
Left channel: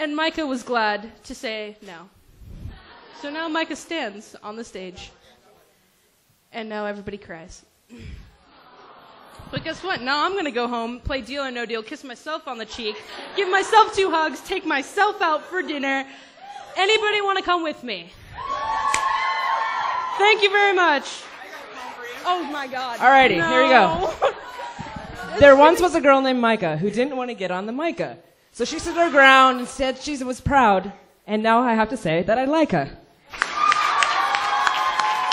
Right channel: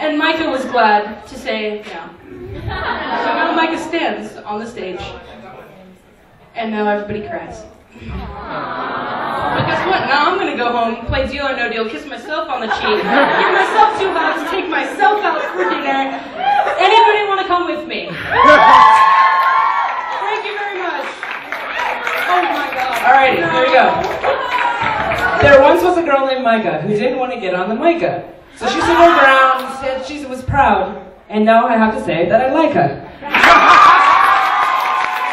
And Micah was glad to say no. So now Micah stands on the stage. And now everybody cries. But guess what? Now I'm gonna go home, play Deal or No Deal, kiss myself on the cheek, give myself 2 hugs, take myself out for dinner. Anybody want to come with me? Thank you very much. Oh my God. Alrighty, here we go. There once was a girl named Micah who didn't want to get on the Micah. So she stood her ground, said she was proud, and now I have to say that I like her.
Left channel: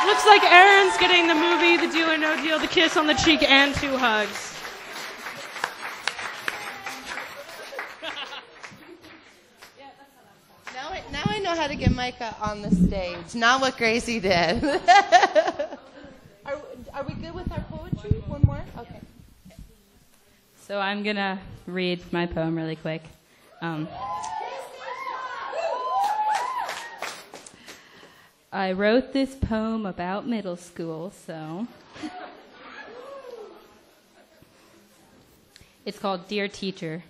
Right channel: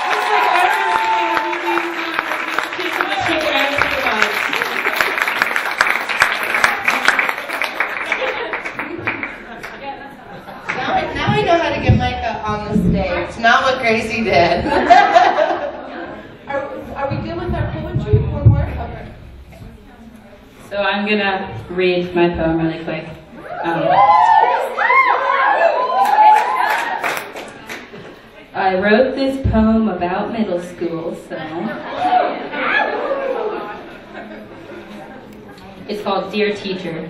Looks like Aaron's getting the movie, the Deal or No Deal, the kiss on the cheek, and 2 hugs. Now I know how to get Micah on the stage. Not what Gracie did. Are we done with our poetry? One more? Okay. So I'm gonna read my poem really quick. I wrote this poem about middle school, so it's called Dear Teacher.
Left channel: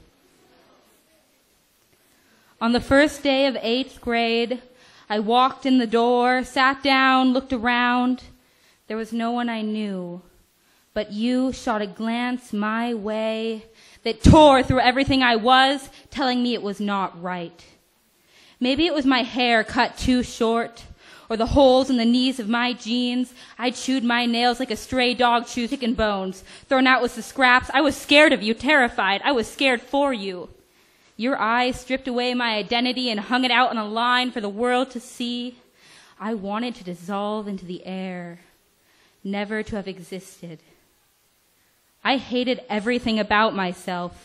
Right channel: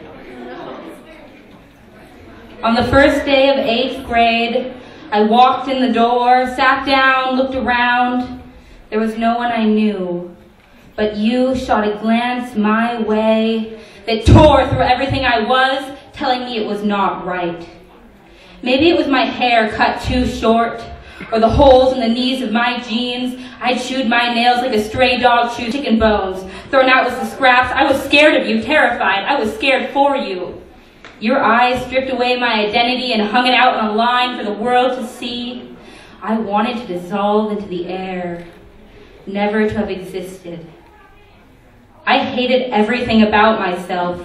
On the first day of 8th grade, I walked in the door, sat down, looked around. There was no one I knew, but you shot a glance my way that tore through everything I was, telling me it was not right. Maybe it was my hair cut too short, or the holes in the knees of my jeans. I chewed my nails like a stray dog chews chicken bones. Thrown out with the scraps. I was scared of you, terrified. I was scared for you. Your eyes stripped away my identity and hung it out on a line for the world to see. I wanted to dissolve into the air, never to have existed. I hated everything about myself.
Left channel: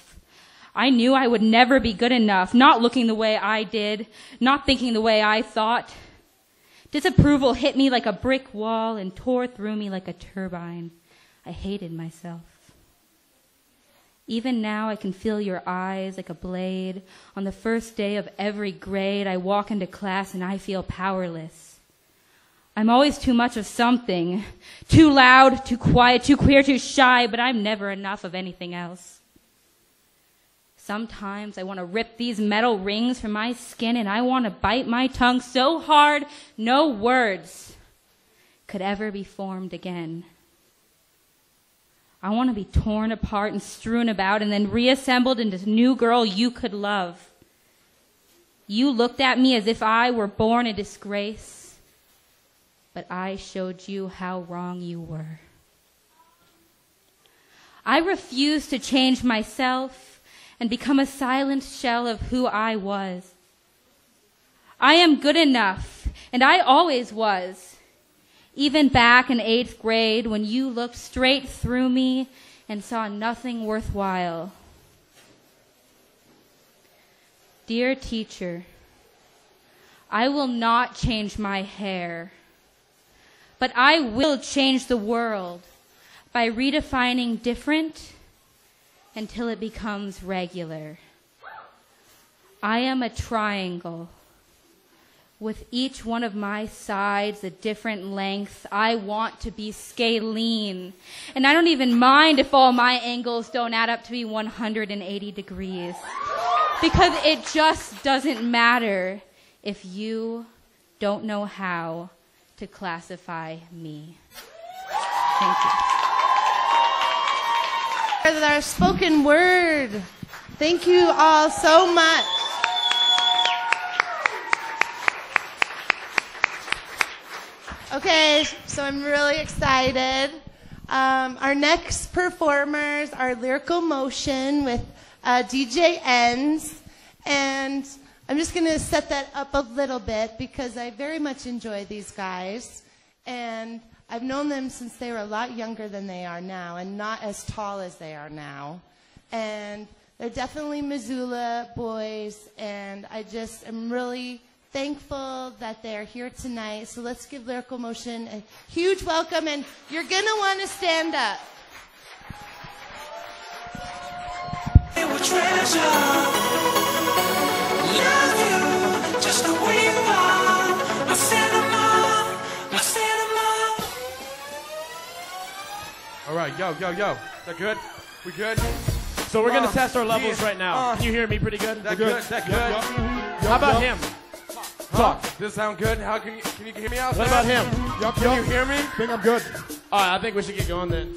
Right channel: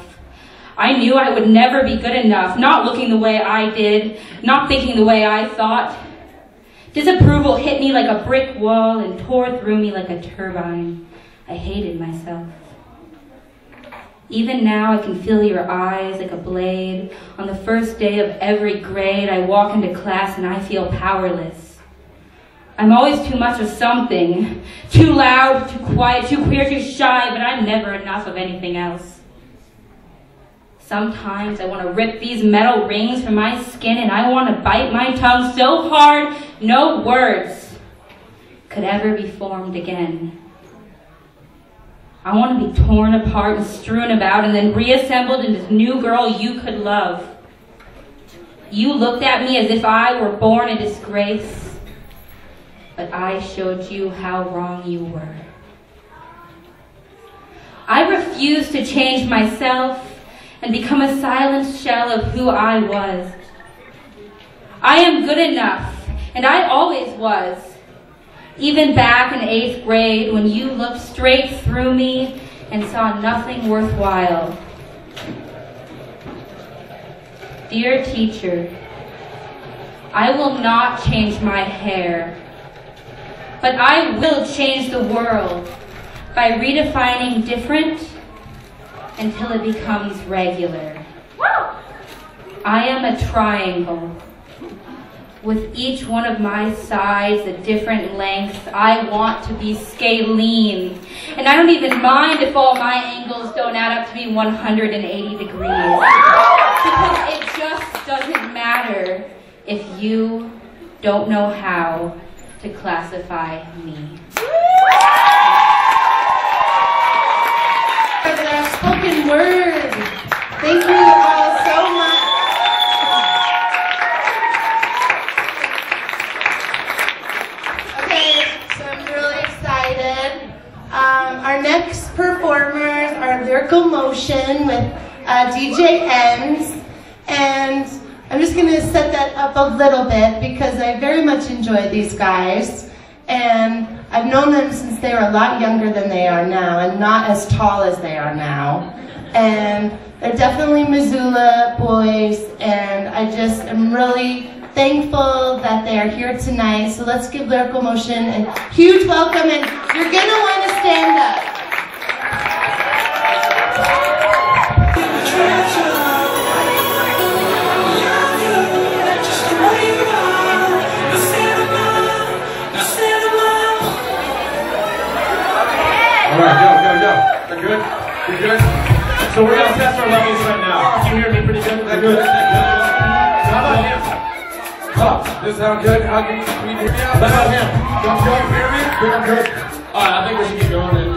I knew I would never be good enough, not looking the way I did, not thinking the way I thought. Disapproval hit me like a brick wall and tore through me like a turbine. I hated myself. Even now I can feel your eyes like a blade. On the first day of every grade, I walk into class and I feel powerless. I'm always too much of something. Too loud, too quiet, too queer, too shy, but I'm never enough of anything else. Sometimes I want to rip these metal rings from my skin and I want to bite my tongue so hard no words could ever be formed again. I want to be torn apart and strewn about and then reassembled into this new girl you could love. You looked at me as if I were born in disgrace, but I showed you how wrong you were. I refused to change myself and become a silent shell of who I was. I am good enough, and I always was. Even back in 8th grade when you looked straight through me and saw nothing worthwhile. Dear teacher, I will not change my hair, but I will change the world by redefining different until it becomes regular. I am a triangle. With each one of my sides at different lengths, I want to be scalene. And I don't even mind if all my angles don't add up to be 180 degrees. Because it just doesn't matter if you don't know how to classify me. Their spoken word. Thank you all so much. Okay, so I'm really excited. Our next performers are Lyrical Motion with DJ Ends, and I'm just going to set that up a little bit because I very much enjoy these guys, and I've known them since they were a lot younger than they are now and not as tall as they are now. And they're definitely Missoula boys, and I just am really thankful that they are here tonight. So let's give Lyrical Motion a huge welcome, and you're going to want to stand up. All right, go. They're good? You're good? So we're going to test our lungs right now. Can you hear me pretty good? They're good. How about him? Huh, this sound good? How can we hear me out? How about him? Can you hear me? Good, good. All right, I think we should keep going then.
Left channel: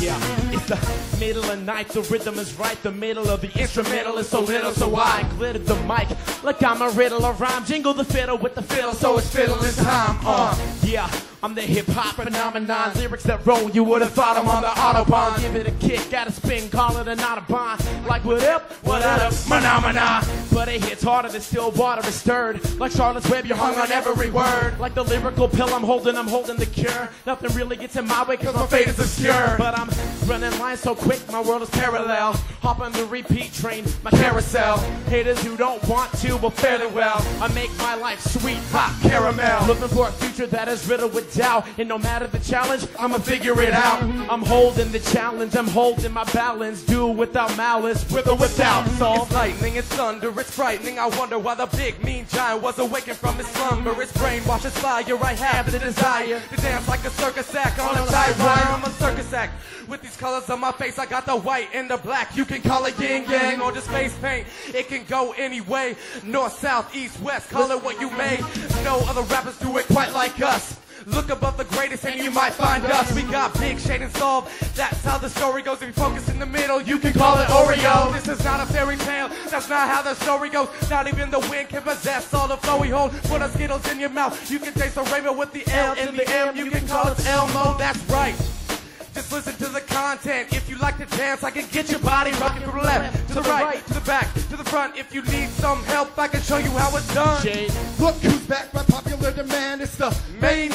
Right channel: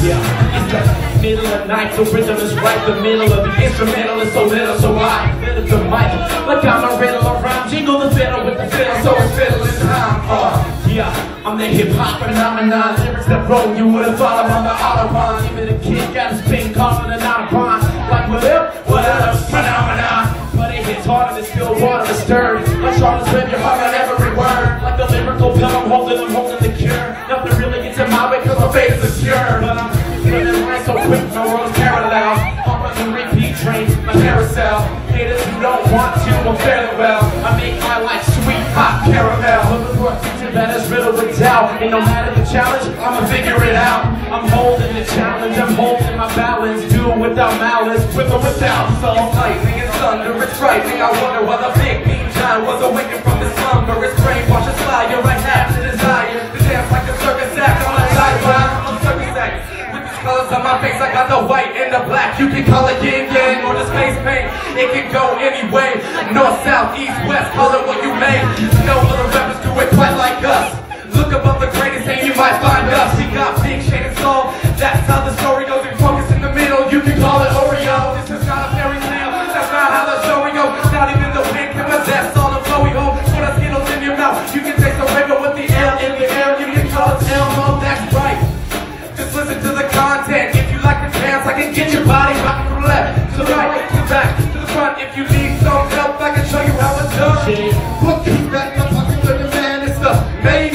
Yeah. It's the middle of the night, the rhythm is right, the middle of the instrumental is so little, so I fiddle the mic. Like I'm a riddle around, jingle the fiddle with the fiddle, so it's fiddling time. Yeah, I'm the hip-hop phenomenon, lyrics that roll, you would've thought I'm on the Autobahn. Give it a kick, got a spin, calling it not a pond. Like what up, phenomenon. But it gets harder than still water to stir. My Charlotte's rip, you're hard on every word. Like the lyrical pill, I'm holding the cure. Nothing really gets in my way, cause my face is pure. But I'm spinning lines so quick, my world's parallel. I'm on the repeat train, my carousel. Haters who don't want to, I'm fairly well. I make my life sweet, hot caramel. Looking for a future that is riddled with doubt. And no matter the challenge, I'ma figure it out. I'm holding the challenge, I'm holding my balance. Do it without malice, with or without. So it's lightning, it's thunder, it's frightening. I wonder why the big beam giant was awakened from this slumber. His brain washes fire, I have the desire to dance like a circus act on a guidewire. I'm a circus act. With these colors on my face, I got the white and the black. You can call it yin yang or the space paint. It can go anyway. North, south, east, west, call it what you may. No other rappers do it quite like us. Look above the greatest and you might find us. We got big shade and soul. That's how the story goes. We focus in the middle. You can call it Oreo. This is not a fairy tale. That's not how the story goes. Not even the wind can possess all the flow we hold. Put a Skittles in your mouth. You can taste the flavor with the L in the air. You can call it Elmo. That's right. Just listen to the content. If you like to dance, I can get your body rocking from left to right to back to the front. If you need some help, I can show you how it's done. Look back, I'm fucking living man. It's the main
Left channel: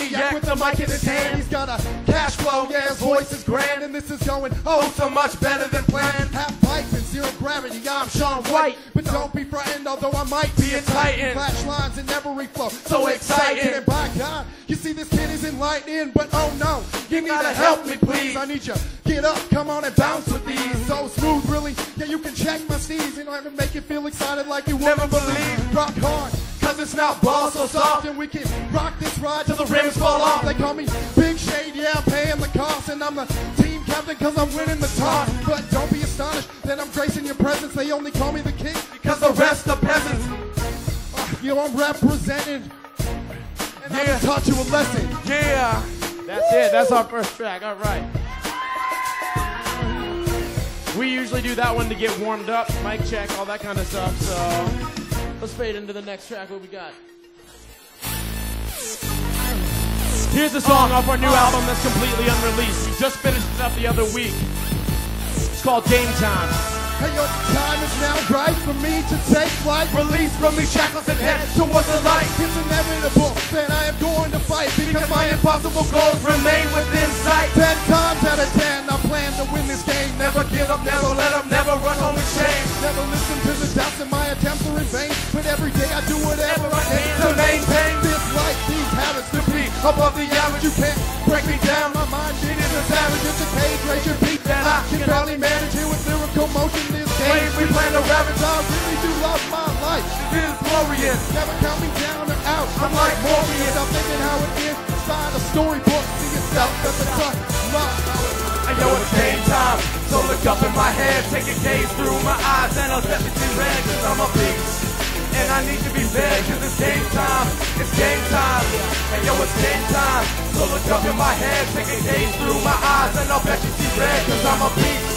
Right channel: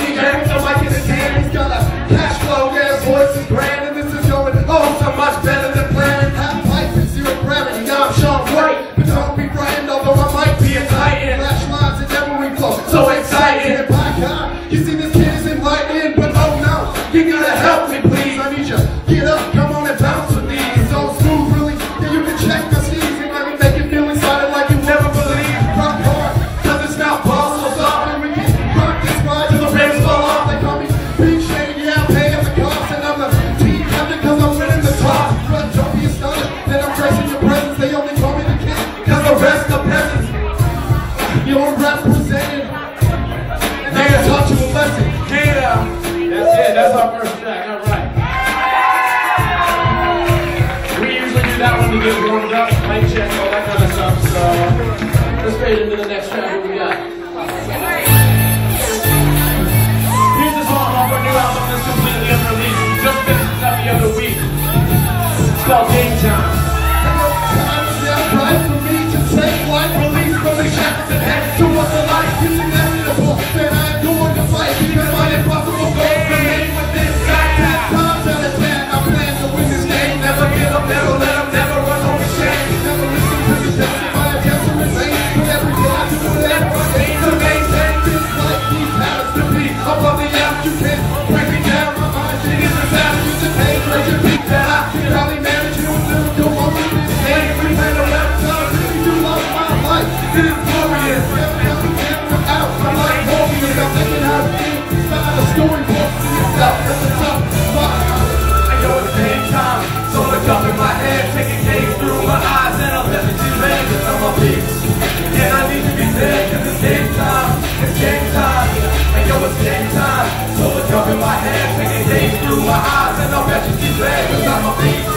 Let's fade into the next round. What we got? Here's the song off our new album that's completely unreleased. We just finished it up the other week. It's called Game Time. Right for me to take life, release from the shackles and head to what's alive. It's inevitable that I am going to fight because my impossible goals remain within sight. 10 times out of 10, I plan to win this game. Never give up, never let up, never run home with shame. Never listen to the steps of my against the remain. But every day I do whatever I need to maintain this life. These habits to be above the average. You can't break me down. My mind shit is a savage. It's a pain, break your beat that I can probably manage you with lyrical moments. We play the rap time, you love my life. It is glorious. Every up and down the house, I'm like warriors. I'm thinking how to think. It's not a storybook to yourself. That's the top. I know it's game time, so look up in my head, taking days through my eyes, and I'll let the two man, cause I'm a beast. And I need to be there, cause it's game time. It's game time. I know it's game time, so look up in my head, taking days through my eyes, and I'll bet you see red, cause I'm a beast.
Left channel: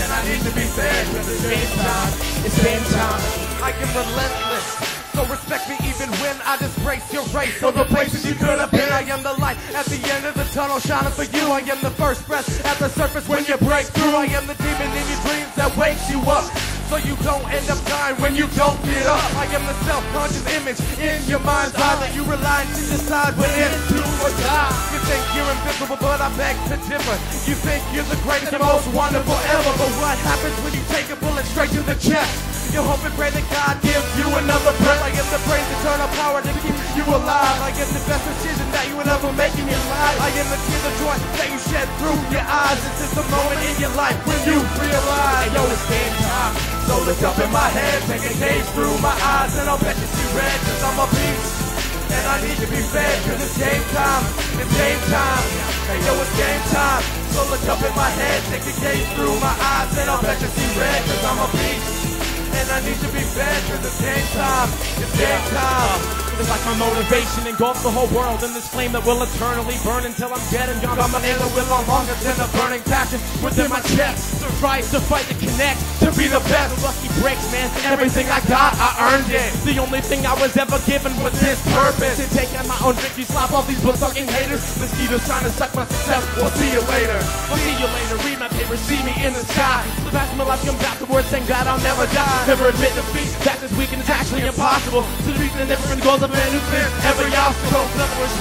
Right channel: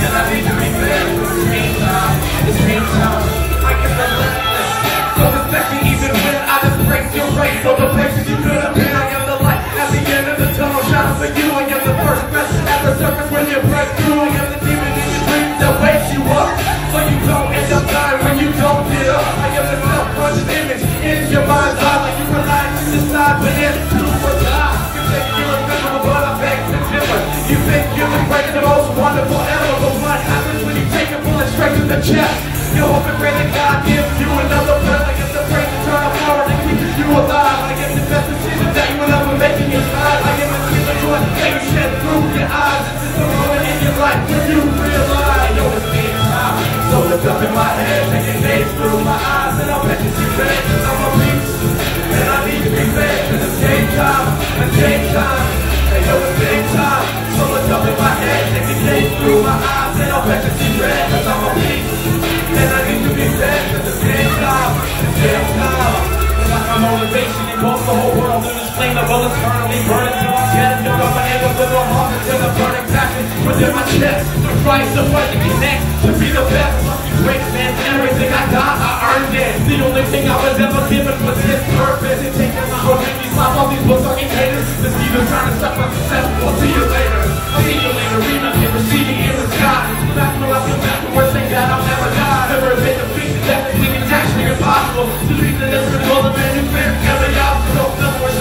And I need to be there, cause it's game time. It's game time. I get relentless. So respect me even when I just break your race. So the places you could have been, I am the light at the end of the tunnel. Shining for you, I am the first breath at the surface when you break through. I am the demon in your dreams that wakes you up, so you don't end up dying when you don't get up. I am the self-conscious image in your mind's eye, like you rely to decide when it's true or lie. You think you're invisible, but I beg to differ. You think you're the greatest, the most wonderful ever, but what happens when you take a bullet straight to the chest? You hope and pray that God gives you another breath. I guess the praise and turn of power that keeps you alive. I guess the best decision that you will ever make in your life. I guess the tears that you want to take shed through your eyes. It's just a moment in your life when you realize I know it's game time. So look up in my head, taking days through my eyes, and I'll bet you see red, cause I'm a beast. And I need to be red, cause it's game time. It's game time. I know it's game time. So look up in my head, taking days through my eyes, and I'll bet you see red, cause I'm a beast. And I need to be fed, cause it's game time. It's game time. It's like my motivation, it goes the whole world in this flame that will eternally burn until I'm dead. Feel up my hands up with no hunger to the burning passion within my chest. Trying to fight to connect, to be the best. Must be great, man. Everything I got, I earned it. The only thing I was ever given was this purpose. And taking my own victories, slap all these fucking haters. This keeper's trying to suck my success. I'll see you later. See you later. Read me and receive me in the sky. That's what I've been afterwards, think that I'll never die. Never take a piece of that is actually impossible. To leave the different all the men who fear every obstacle.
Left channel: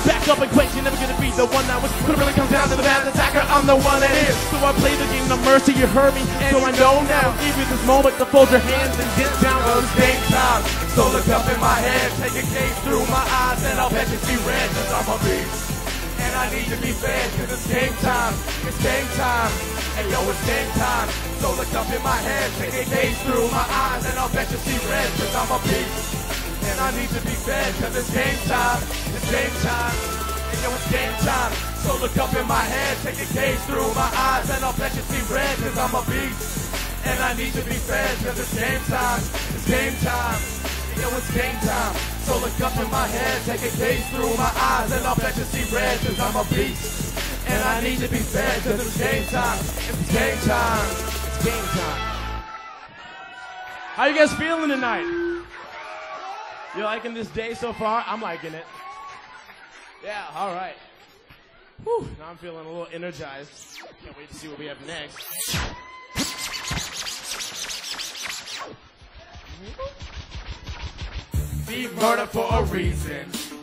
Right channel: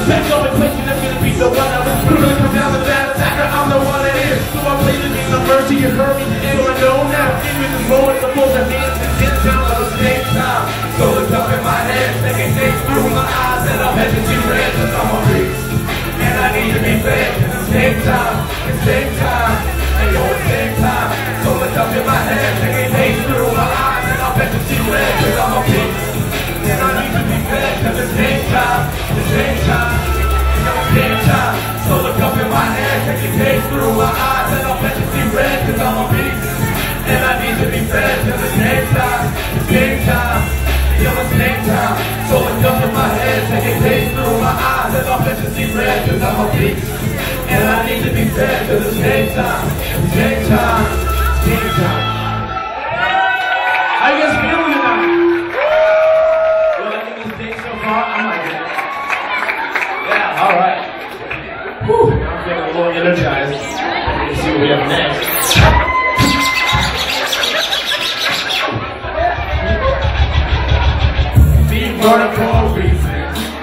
There's no equation that's gonna be the one I was really come down to that attacker. I'm the one that is. So I'm pleasing me the mercy you hurt me. And I know now, give you this moment to pull your hands and get down on the same time. So look up in my head, taking things through my eyes, and I'll bet you see red, cause I'm a beast. And I need to be fed, cause it's game time. It's game time. I know it's game time. So look up in my head, taking things through my eyes, and I'll bet you see red, cause I'm a beast. And I need to be fed, cause it's game time. It's game time. You know it's game time. So look up in my head, taking things through my eyes, and I'll bet you see red, cause I'm a beast. And I need to be fed, cause it's game time. It's game time. You know it's game time. So look up in my head, taking things through my eyes, and I'll bet you see red, cause I'm a beast. And I need to be fed, cause it's game time. It's game time. It's game time. How you guys feeling tonight? You liking this day so far? I'm liking it. Yeah, alright. Whew. I'm feeling a little energized. Let's see what we have next. Deep burning for a reason.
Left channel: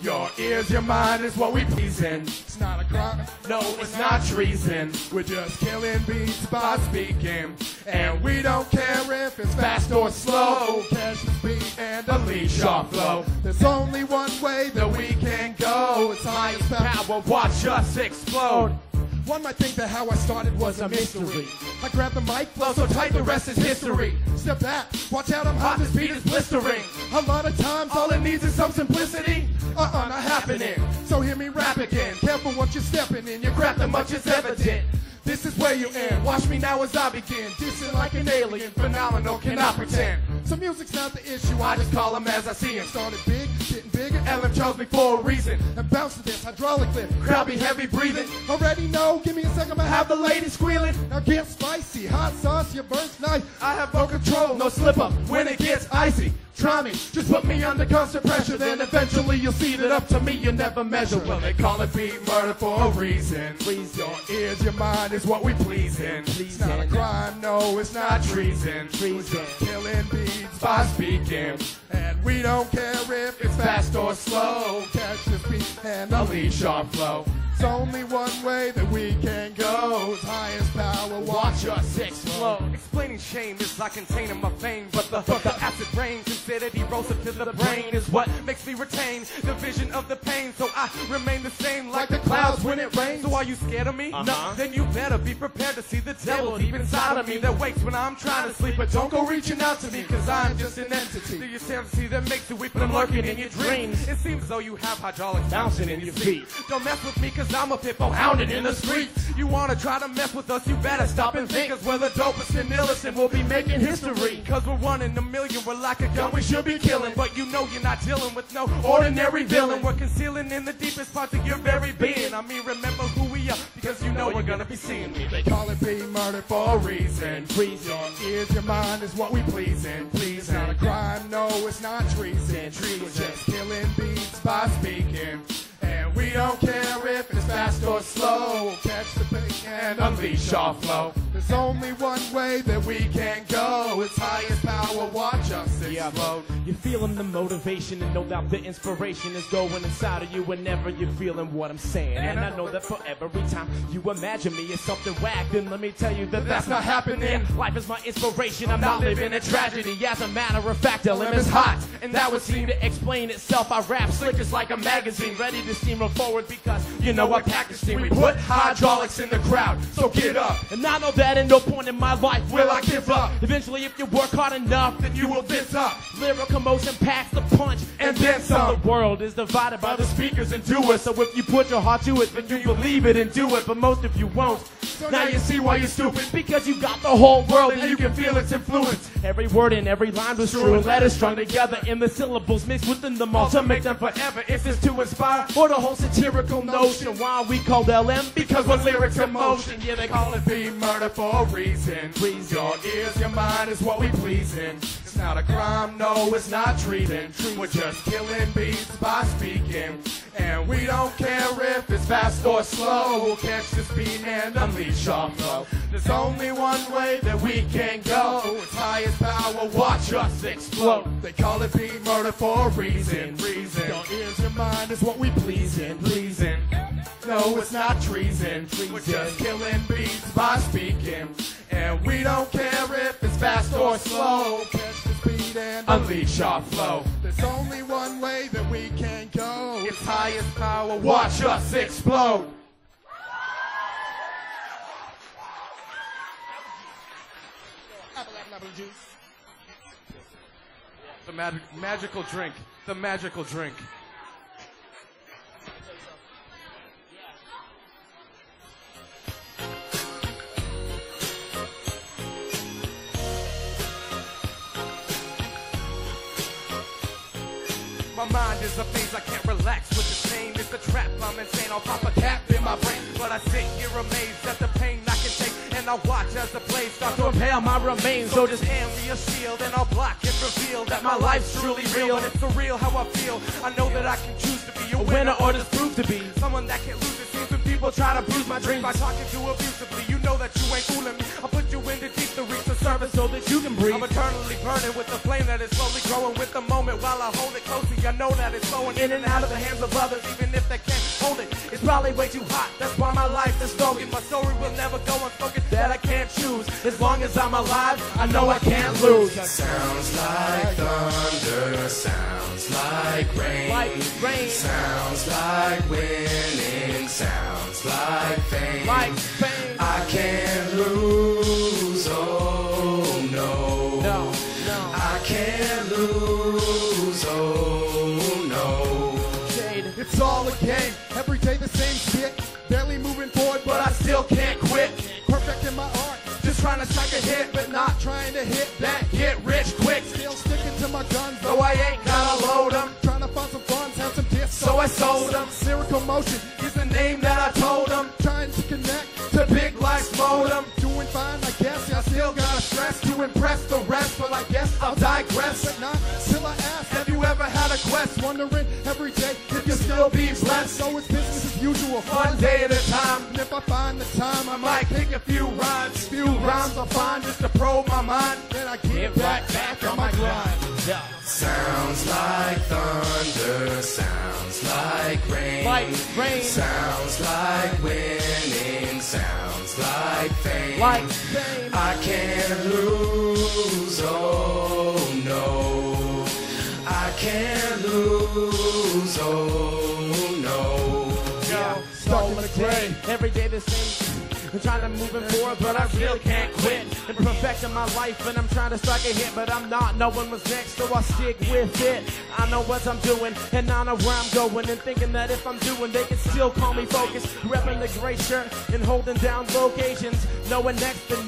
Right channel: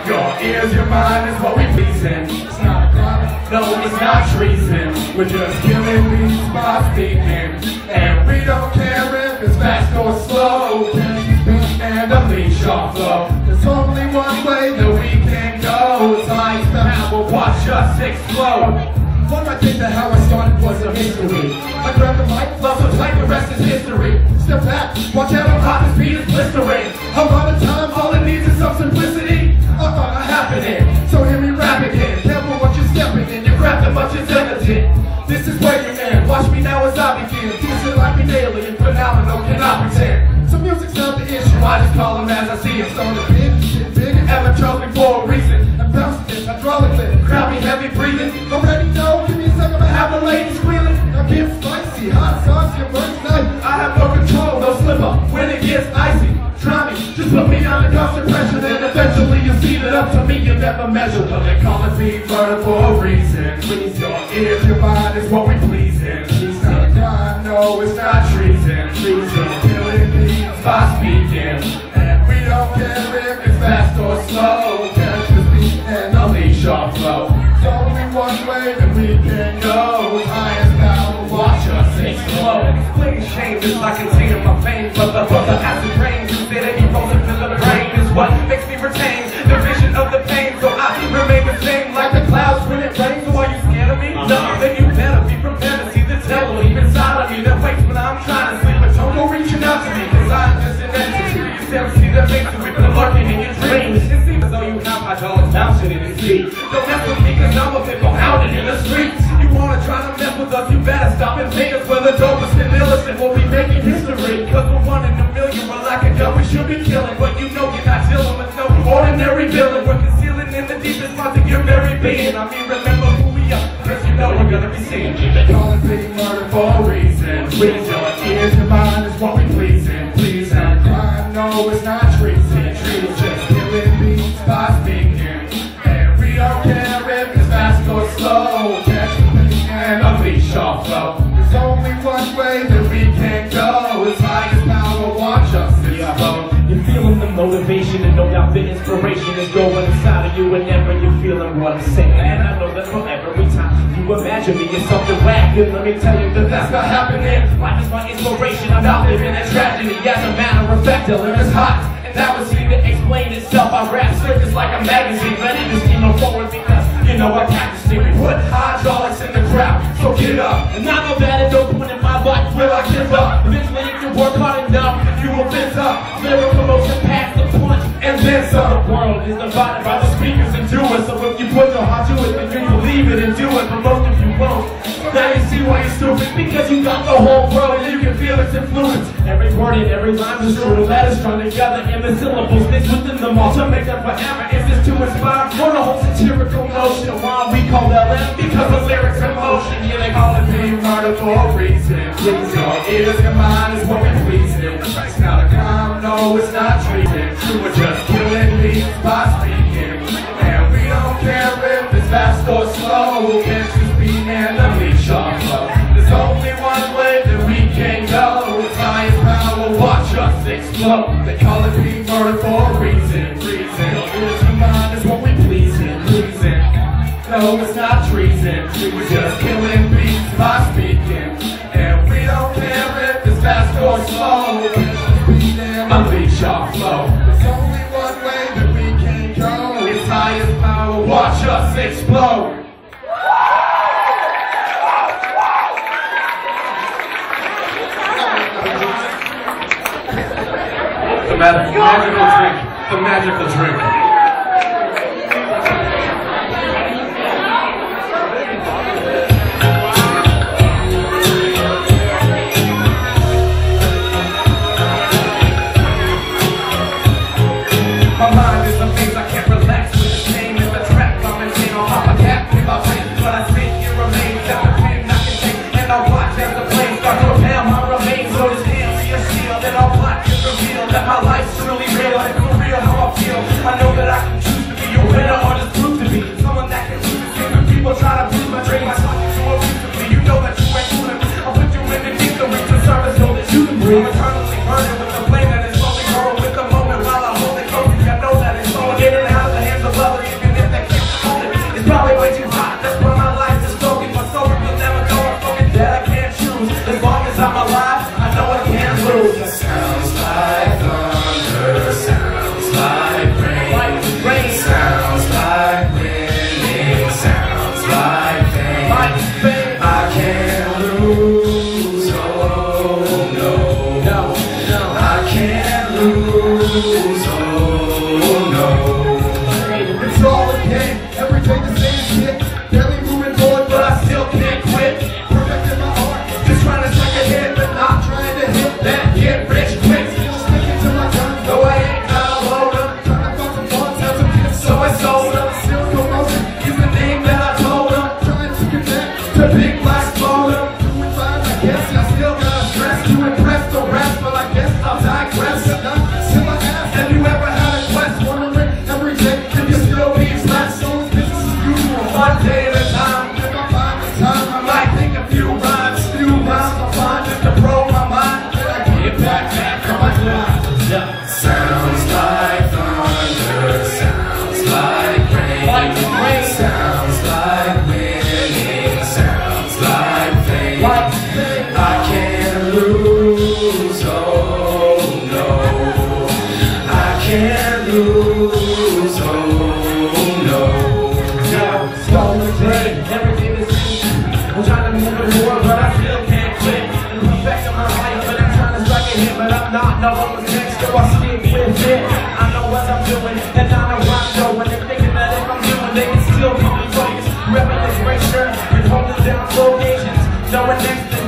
Your ears, your mind is what we pleasing. It's not crime, no, it's not treason. We're just killing these by speaking. And we don't care if it's fast or slow. Just speak and unleash our flow. There's only one way that we can go. It's like the map will watch us explode. One might think that how I started was a mystery. I grabbed the mic, felt so tight, the rest is history. Step back, watch out, I'm hot, the speed is blistering. I'm out of time, all it needs is some simplicity. Not happening, so hear me rap again. Careful what you're stepping in, your craft that much is evident. This is where you end, watch me now as I begin. Teach it like an alien, phenomenal, cannot pretend. So music's not the issue, I just call them as I see it. So the big shit, bigger, ever chose for a reason. And bounce this, hydraulically, crowd me heavy breathing. Already know, give me a second to have the ladies squealing. Now get spicy, hot sauce, your work night. I have no control, no slip up when it gets icy. Try me, just Just put me under constant pressure, then eventually you see that up to me you never measure. But they call it being murder for a reason. Please your ears, your mind is what we please in. It's not a crime, no, it's not treason. Treason, killing means by speaking. And we don't care if it's fast or slow. Catch the beat and unleash our flow. It's only one way that we can go. Highest power, watch us explode. Explain change is like containing my pain. But the acid rain, consider erosion in the brain is what makes me retain the vision of the pain. So I remain the same like the clouds when it rains. So are you scared of me? No, then you better be prepared to see the devil inside of me that waits when I'm trying to sleep. But don't go reaching out to me, cause I'm just an entity. You still see the faces we've been lurking in your dreams. It seems as though you have my jaws bouncing in your feet. Don't mess with me cause I'm a bit pounded in the streets. You wanna try to mess with us, you better stop and take us for the dopest and illest, and we'll be making history. Cause we're one in a million, we're like a gun we should be killing. But you know you're not dealing with no ordinary villain. We're concealing in the deepest parts of your very being. I mean, remember who we are, cause you know we're gonna be seen. Call it big murder for a reason. Please your ears, your mind is what we please in. Please not crime, no, it's not treason. Trees just killing beats by speaking. And we don't care if it's fast or slow. Catch the beat and unleash our flow. There's only one way that we can go. It's highest power, watch us explode. You're feeling the motivation and no doubt the inspiration is going inside of you whenever you're feeling what I'm saying. And I know that for every time you imagine me it's something whack, then let me tell you that that's not happening. Life is my inspiration, I'm not living a tragedy. As a matter of fact, the liver's hot, and that was here to explain itself. I rap surface like a magazine, ready to steam forward because you know I got to steam. We put hydraulics in the crowd, so get up. And I know that at no point in my life will I give up. Eventually if you work hard enough, you will fence up. Lyrical motion past the punch, and then some. The world is divided by the speakers and doers. So if you put your heart to it, then you believe it and do it. But most of you won't. Now you see why you're stupid, because you got the whole world and you can feel its influence. Every word and every line is true. Letters strung together in the syllables stitched within them all to make them forever. If it's to inspire, for the whole satirical notion. Why we call LM? Because the lyrics in motion. Yeah, they call it being murder for a reason. Please your ears, your mind is what we please in. It's not a crime, no, it's not treason. We're just killing beats by speaking. And we don't care if it's fast or slow. Catch the speed and unleash our flow. There's only one way that we can go. It's highest power, watch us explode. They call it being murder for a reason. Reason. Your ears and mind is what we please in. Pleasing. No, it's not treason. We're just killing beats by speaking. And we don't care if it's fast or slow. Speed and unleash our flow. There's only one way that we can go. It's highest power, watch us explode. The magical drink. The magical drink. My mind is a maze, I can't relax with the pain. It's a trap, I'm in pain, I'll hop a cap in my brain. But I think it remains that the pain I can take. And I'll watch as the flames start to propel my remains. So this hand be a shield, and I'll plot and reveal that my life's truly real. And for real how I feel. I know that I can choose to be a winner or just prove to be someone that can lose. When people try to prove my dream, I talk to a reason. You know that you ain't fooling. I'll put you in the deep, the reach of service so that you can breathe. I'm eternally burning with the flame that is slowly growing with the moment while I hold it close. I know that lose, oh no. Yeah, stolen day, everything is easy. I'm trying to move the world, but I still can't quit. And look back to my life, but I'm trying to strike a hit, but I'm not. No one was next, so I stick with it. I know what I'm doing, and I know where I'm going. And thinking that if I'm doing, they can still keep me focused. Repping this great shirt and holding down full occasions. Knowing next, the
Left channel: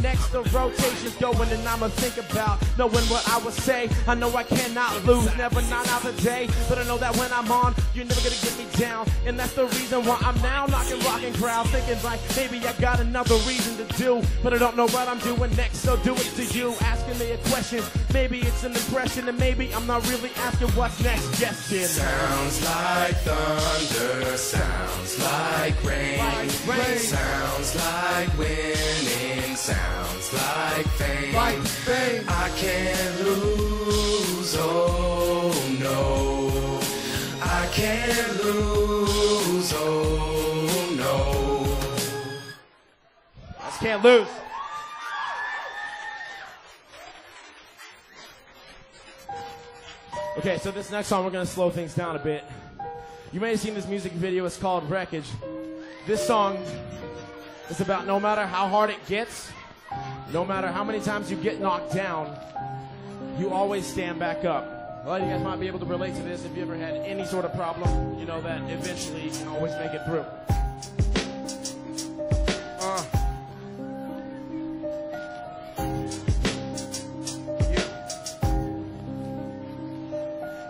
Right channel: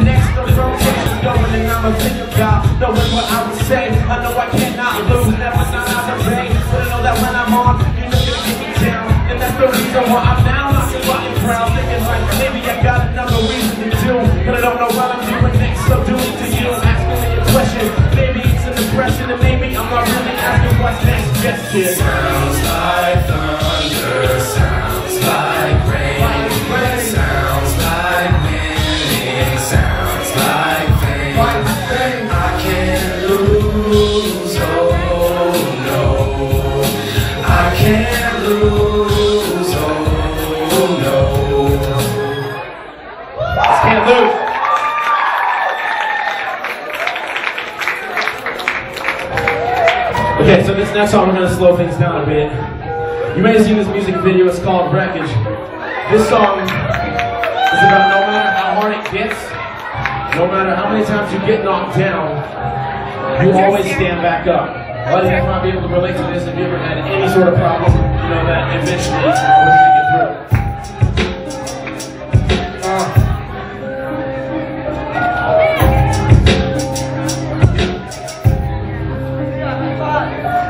rotation's going, and I'ma think about knowing what I would say. I know I cannot lose, never not out of range. But I know that when I'm on, you're not gonna get me down. And that's the reason why I'm now knocking running proud. Thinking like, maybe I got another reason to do, but I don't know what I'm doing next. So do it to you, don't ask me any questions. Maybe it's an impression, and maybe I'm not really asking what's next. Yes, kid. Sounds like thunder, sounds like rain. Sounds like winning, sounds like fame. I can't lose, oh no. I can't lose, oh no. Just can't lose. Okay, so this next song we're gonna slow things down a bit. You may have seen this music video, it's called Wreckage. This song is about no matter how hard it gets, no matter how many times you get knocked down, you always stand back up. A lot of you might be able to relate to this if you ever had any sort of problem, you know that eventually you're always gonna get through it.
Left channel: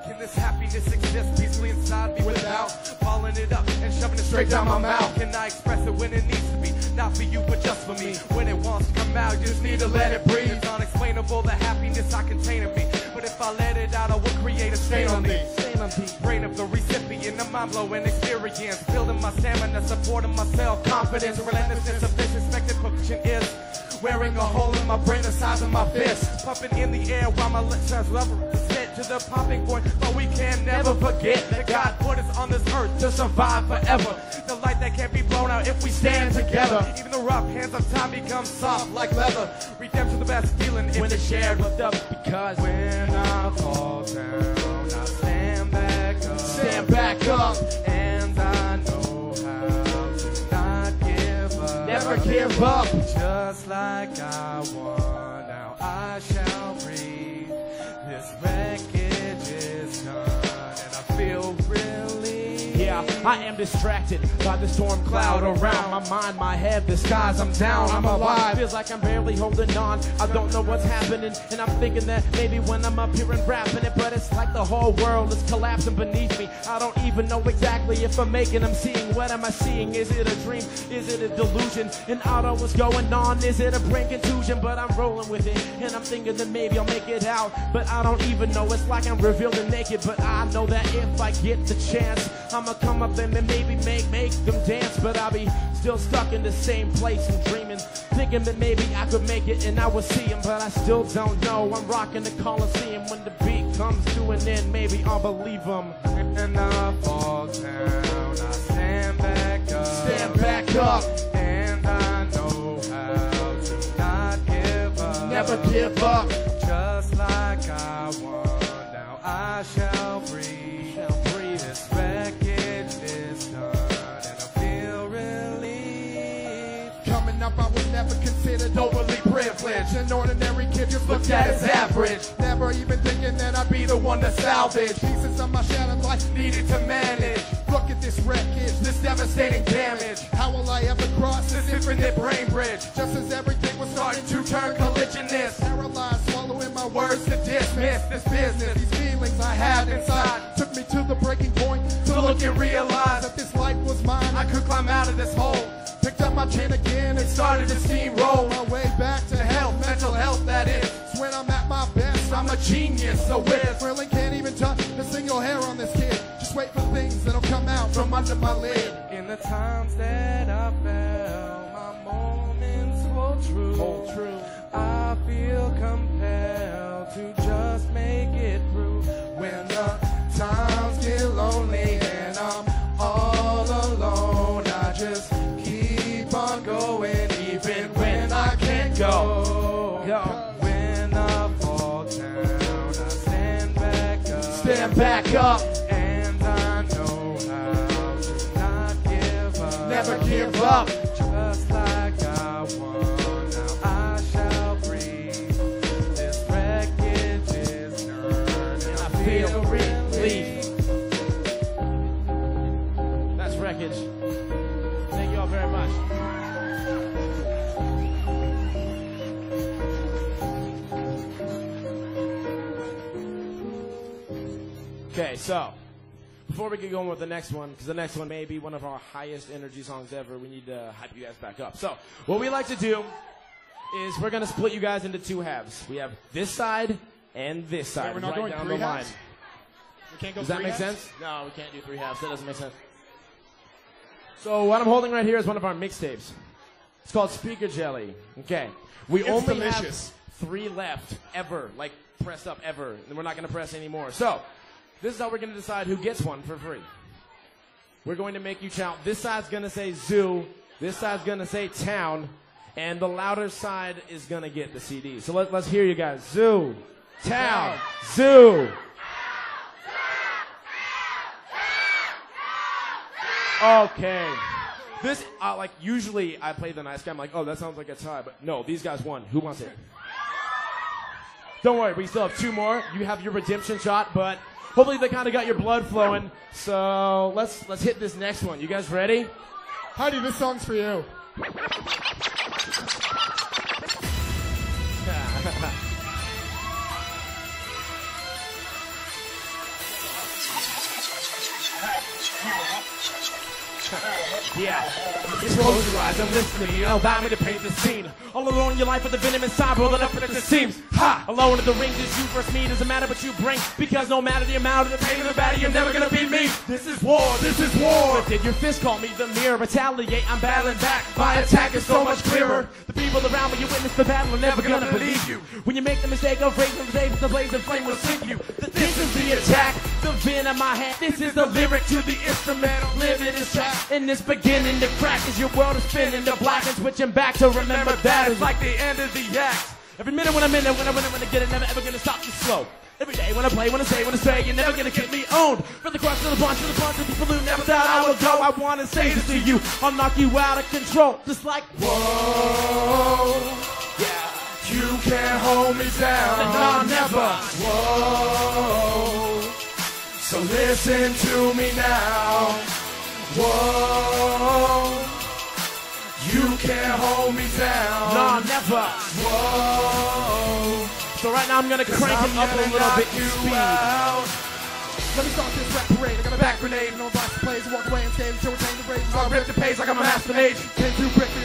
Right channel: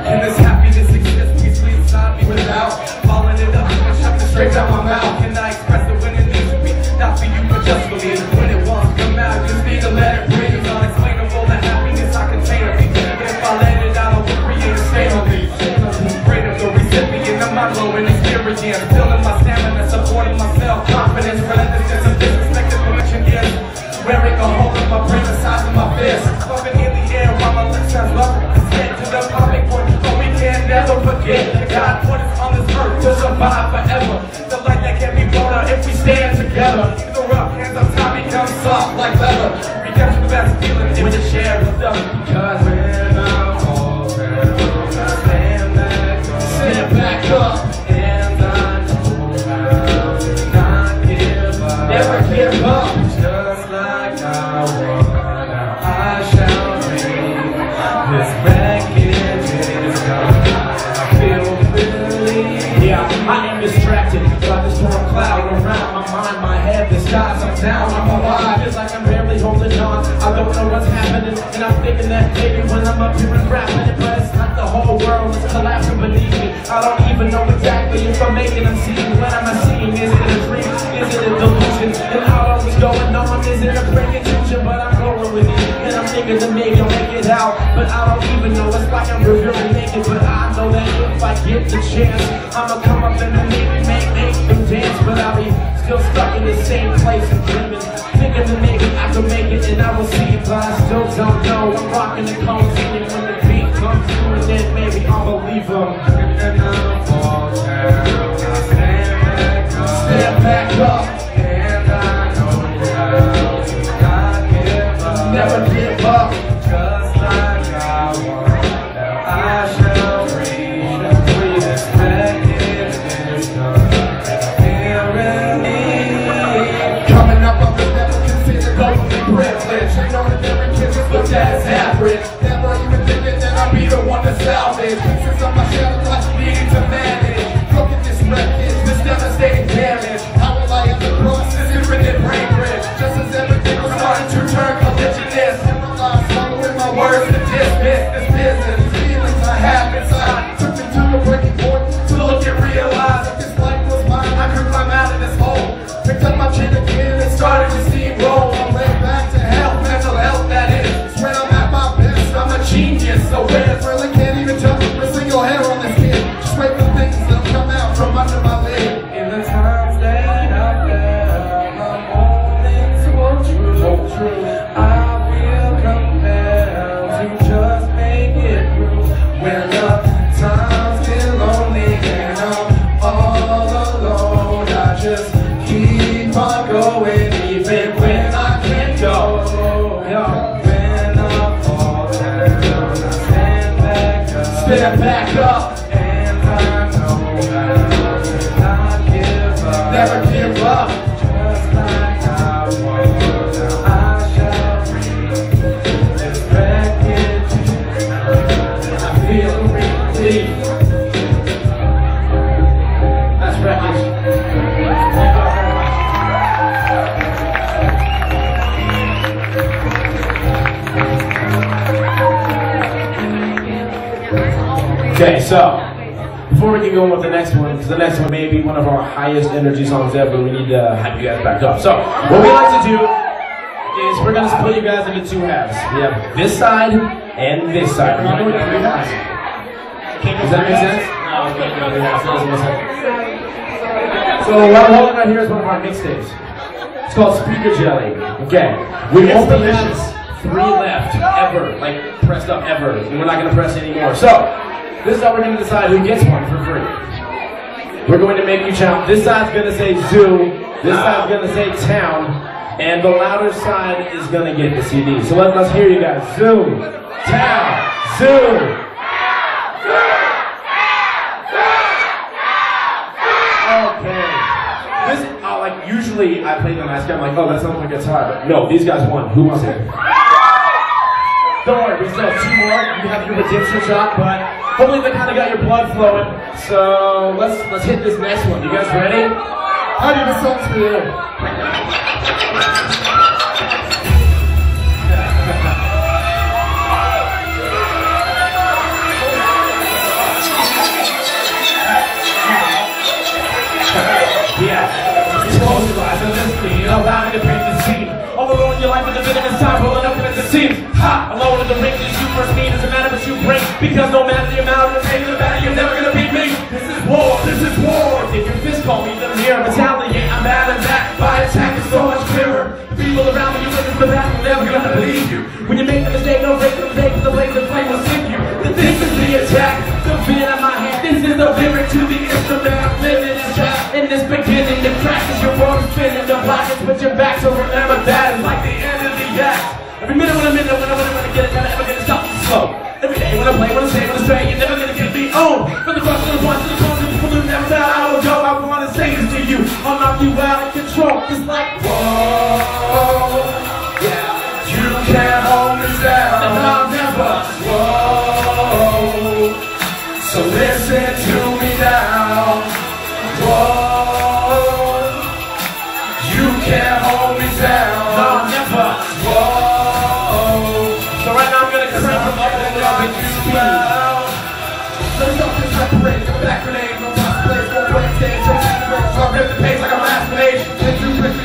Can this happiness exist peacefully inside me without following it up and shoving it straight out my mouth? Can I express it when it needs to be? Not for you, but just for me. When it wants to come out, just need to let it breathe. Unexplainable, the happiness I contain of me. If I let it out, I will create a state of me. Greater the recipient of my low inexperience. Filling my stamina, supporting myself. Confidence, relentlessness, and disrespected permission gifts. Wearing a hole in my brain the size of my fist. Floating in the air while my lips have love. The popping point, but we can never forget that God put us on this earth to survive forever. The light that can be blown out if we stand together. The rough hands on top become soft like leather. Redemption the best feeling if we share with them. Because when I'm all down, stand back up, and I know how to not give up. Never give up. Just like I was, now I shall read this wreckage. I am distracted by the storm cloud around my mind, my head, the skies, I'm down, I'm alive, it's like I'm barely holding on, I don't know what's happening, and I'm thinking that maybe when I'm up here and rapping, but it's like the whole world is collapsing beneath me, I don't even know exactly if I'm making them see, what am I seeing, is it a dream, is it a delusion, and how long is going on, is it a break intention, but I'm going with it, and I'm thinking that maybe I'll make it out, but I don't even know, it's like I'm really naked, but I know that if I get the chance, I'ma come up and maybe make them dance, but I'll be still stuck in the same place and dreaming, thinking that maybe I could make it and I will see it, but I still don't know. I'm rocking the cones, and when the beat comes through, and then maybe I'll believe them. And I'll fall down, stand back up, and I know how to not give up, never give up, just like I want. Now I shall breathe this wreckage is done. Coming up, I was never considered overly privileged. You know the different kids but that's average. Never even thinking that I'll be the one to salvage pieces of my shell, like needing to manage. Broken this wreckage, this devastating damage. How will I ever Diversity. That's wreckage. Okay, so before we get going with the next one, because the next one may be one of our highest energy songs ever, we need to hype you guys back up. So what we like to do is we're going to split you guys into two halves. We have this side and this side. We're going to do three halves. Does that make sense? No, we can't do three halves. That doesn't make sense. So what I'm holding right here is one of our mixtapes. It's called Speaker Jelly. Okay. We only have 3 left ever, like pressed up ever. And we're not going to press anymore. So this is how we're going to decide who gets one for free. We're going to make you count. This side's going to say zoo. This side's going to say town. And the louder side is going to get the CD. So let's hear you guys. Zoo, town, zoo. Okay. This, like usually I play the nice guy. I'm like, oh, that sounds like a tie. No, these guys won. Who wants it? Don't worry, we still have 2 more. You have your redemption shot, but hopefully they kind of got your blood flowing. So let's hit this next one. You guys ready? How did this song for you? Yeah, close your eyes and listen to me. Allow me to paint the scene. Overall in your life with a bit of time, rolling up in the seams. Ha! Alone with the ring, this you first mean doesn't matter what you bring. Because no matter the amount of pain in the battle, you're never gonna beat me. This is war, this is war. Take your fist, call me the mirror. Retaliate, I'm mad and back. My attack is so much clearer. The people around me, you witness for that, I'm never gonna believe you. When you make the mistake, no break the mistake, the laser flame will sink you. This is the attack, the pen in my hand. This is the lyric to the instrument. I'm living this rap. In this beginning, the crack is your world spinning. The black is with your back, so remember that. It's like the end of the act. Every minute when I'm in, when I get it, never gonna stop and slow. Every day when I play, when I say, when I straight, you're never gonna get me owned. From the cross to the one to the front, to the people who never die, I will go. I wanna say this to you. I'll knock you out of control. It's like, whoa, yeah. You can't hold me down, and I'll never, whoa. So listen to me now, whoa. You can't hold me down, I'll never, whoa. So right now I'm gonna crank them up a little bit too loud. Let's up and separate, come back grenade, no last place, no break stage, don't take the break, so I rip the pace like I'm last page. Take you, take me,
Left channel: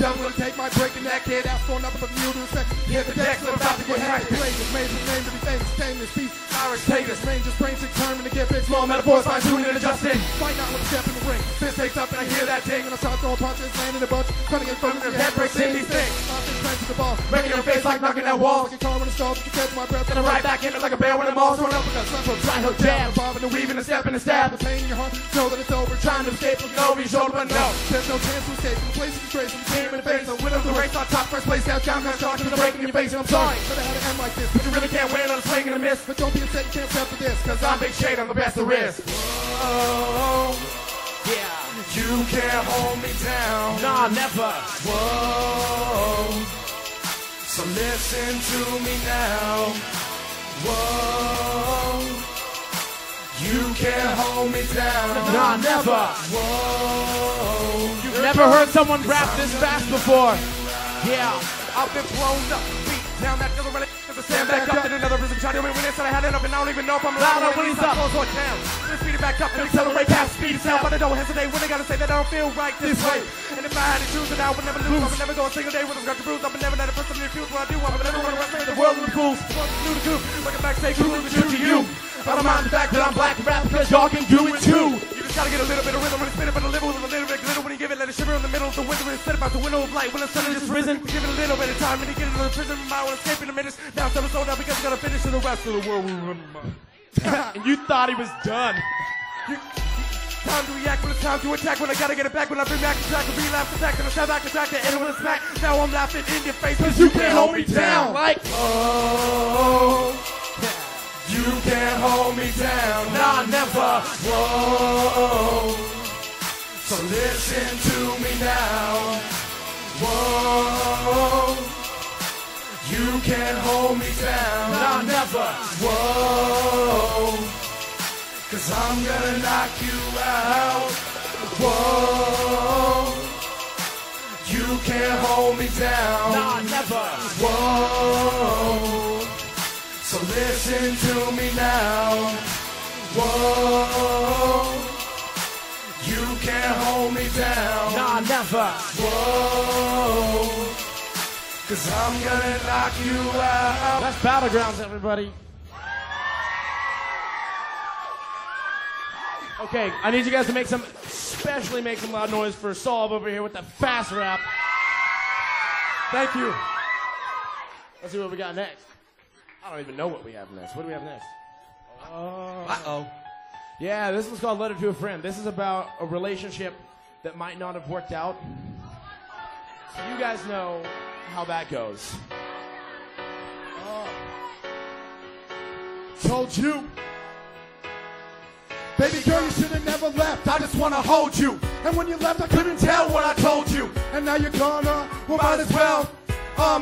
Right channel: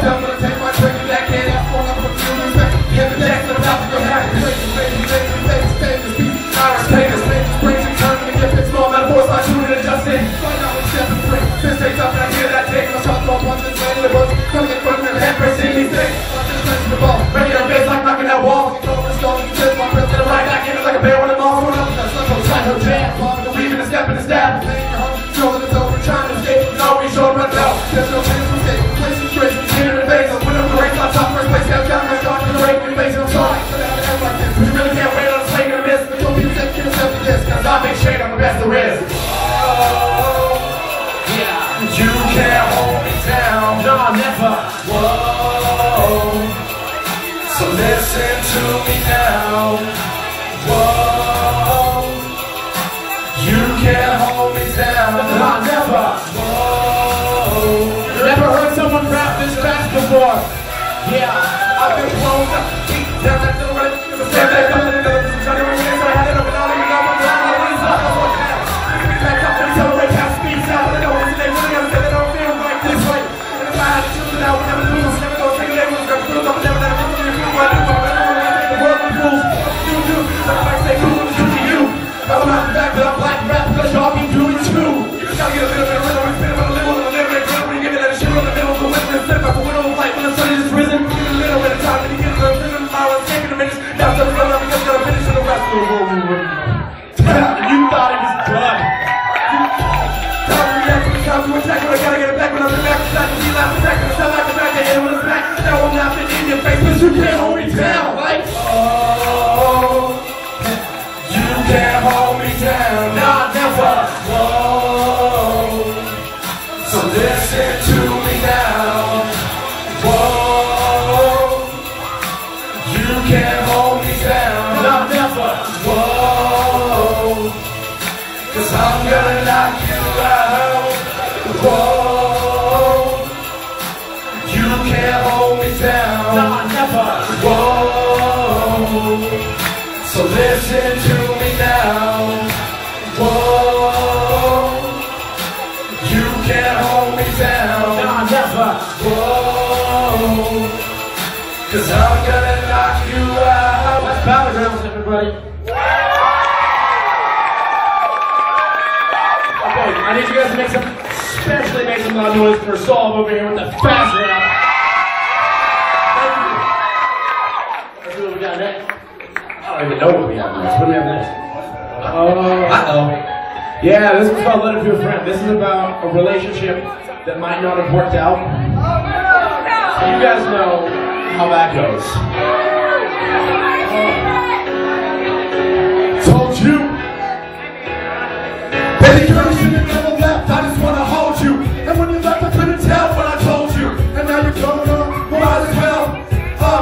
tell me to take my trick, and that can't have fun, I'm confused, get the next, I'm about to go back, take this, take this, take this, take this, take this, beat, Irish, take this, take this, bring it, turn it, get this, all that voice, my tune, and adjust it. Right now it's just a break, this takes up, and I hear that take, I'm chopped off, punch this, and the bush, come in front of the head, pressing these things, I'm just pressing the ball, breaking your face like knocking that wall. Like a bear when I'm all thrown up. That's like a time to jam. Leaving a step and a stab. Showing the dope, trying to escape. No, we showing my doubt. There's no chance to escape. Place the trace, cheer in the face. I'm winning the race. My top first place. Got down my shot to the break. Your face, I'm sorry. You really can't wait on swing and miss. But don't be that kid yourself to this. Cause I'll make shade. I'm the best there is. Oh, yeah. You can't hold me down. No, never. Whoa. So listen to me now. Whoa, you can't hold me down, I'll never, whoa. You ever heard someone rap this fast before? Yeah, I've been blown up, deep down at the right, stand back up in the middle, trying to remain, so I had it up and on, even though I'm down, all these others work now. Speak back up and accelerate, half speed, now, but I know what's today, we're gonna say that I don't feel like this way. If I had to choose it out, we'll never lose, never go think they was gonna lose, I'm never gonna lose, the world would lose. I say cool to you. I'm not back, but I'm black rap because y'all be doing too. You gotta get a little bit of rhythm, spin on the middle, on the lyric, we give it that shit on the middle, the whisper, slip out the window, like when the sun is risen. Give it a little bit of time, then you get a little rhythm, I'll escape in a minute. Now the run up because I'm finishing the rest of the road. You thought it was done. Time to react when it's time to attack, but I gotta get it back when I'm back. Time to be loud, attack, and step back, and back, and when it's back. Now I'm laughing in your face, but you can't hold me down, like, oh. Can't hold me down, nah, never, whoa. So listen to me now, whoa. You can't hold me down, nah, never, whoa. 'cause I'm gonna knock you out. Whoa, you can't hold me down. Nah, never. Whoa, so listen to me now. Whoa, you can't hold me down. Nah, never. Whoa, 'cause I'm gonna knock you out. Let's battlegrounds, everybody. Okay, I need you guys to especially make some loud noise for Saul over here with the fast rap. Thank you. Let's see what we got next. I don't even know what we have next. What do we have next? Uh-oh. Yeah, this is called Let It Be a Friend. This is about a relationship that might not have worked out. So you guys know how that goes. Told you. Baby girl, you should have never left. I just want to hold you. And when you left, I couldn't tell what I told you. And now you're going on. Might as well.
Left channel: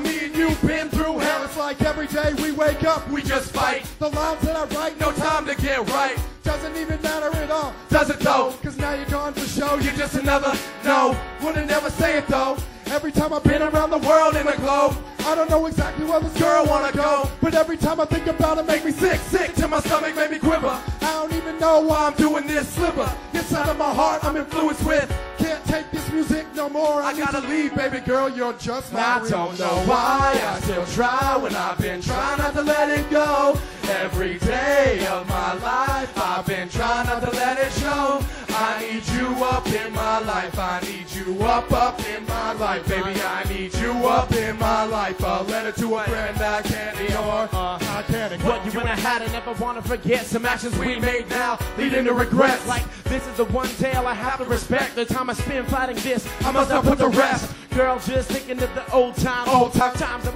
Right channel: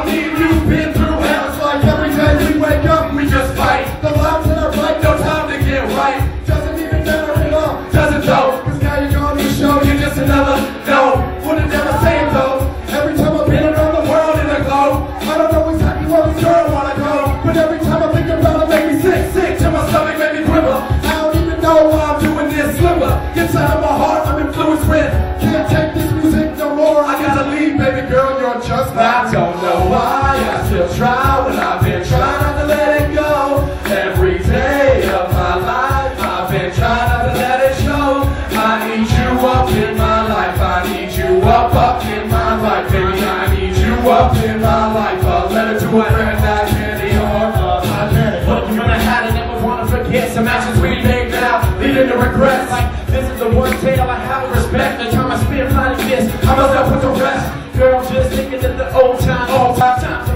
Me and you've been through hell. It's like every day we wake up, we just fight. The lives that are right, no time to get right. Doesn't even matter at all. Doesn't though. 'Cause now you're on the show. You're just another no. Wouldn't never say it though. Every time I've been around the world in a globe, I don't know exactly where this girl wanna go. But every time I think about it, make me sick to my stomach, make me quiver. I don't even know why I'm doing this slimmer. Inside of my heart, I'm influenced with. Can't take this music no more. I gotta leave, baby girl, you're just I don't know why I still try when I've been trying not to let it go. Every day of my life, I've been trying not to let it show. I need you up in my life. I need you up in my life, baby. I need you up in my life. I'll let it to a friend that candy on my daddy. But you're gonna have to never wanna forget some actions we made now, leading to regrets. Like this is the one tale I have to respect. The time I spend like this, I must have put the rest. Girl, just thinking of the old times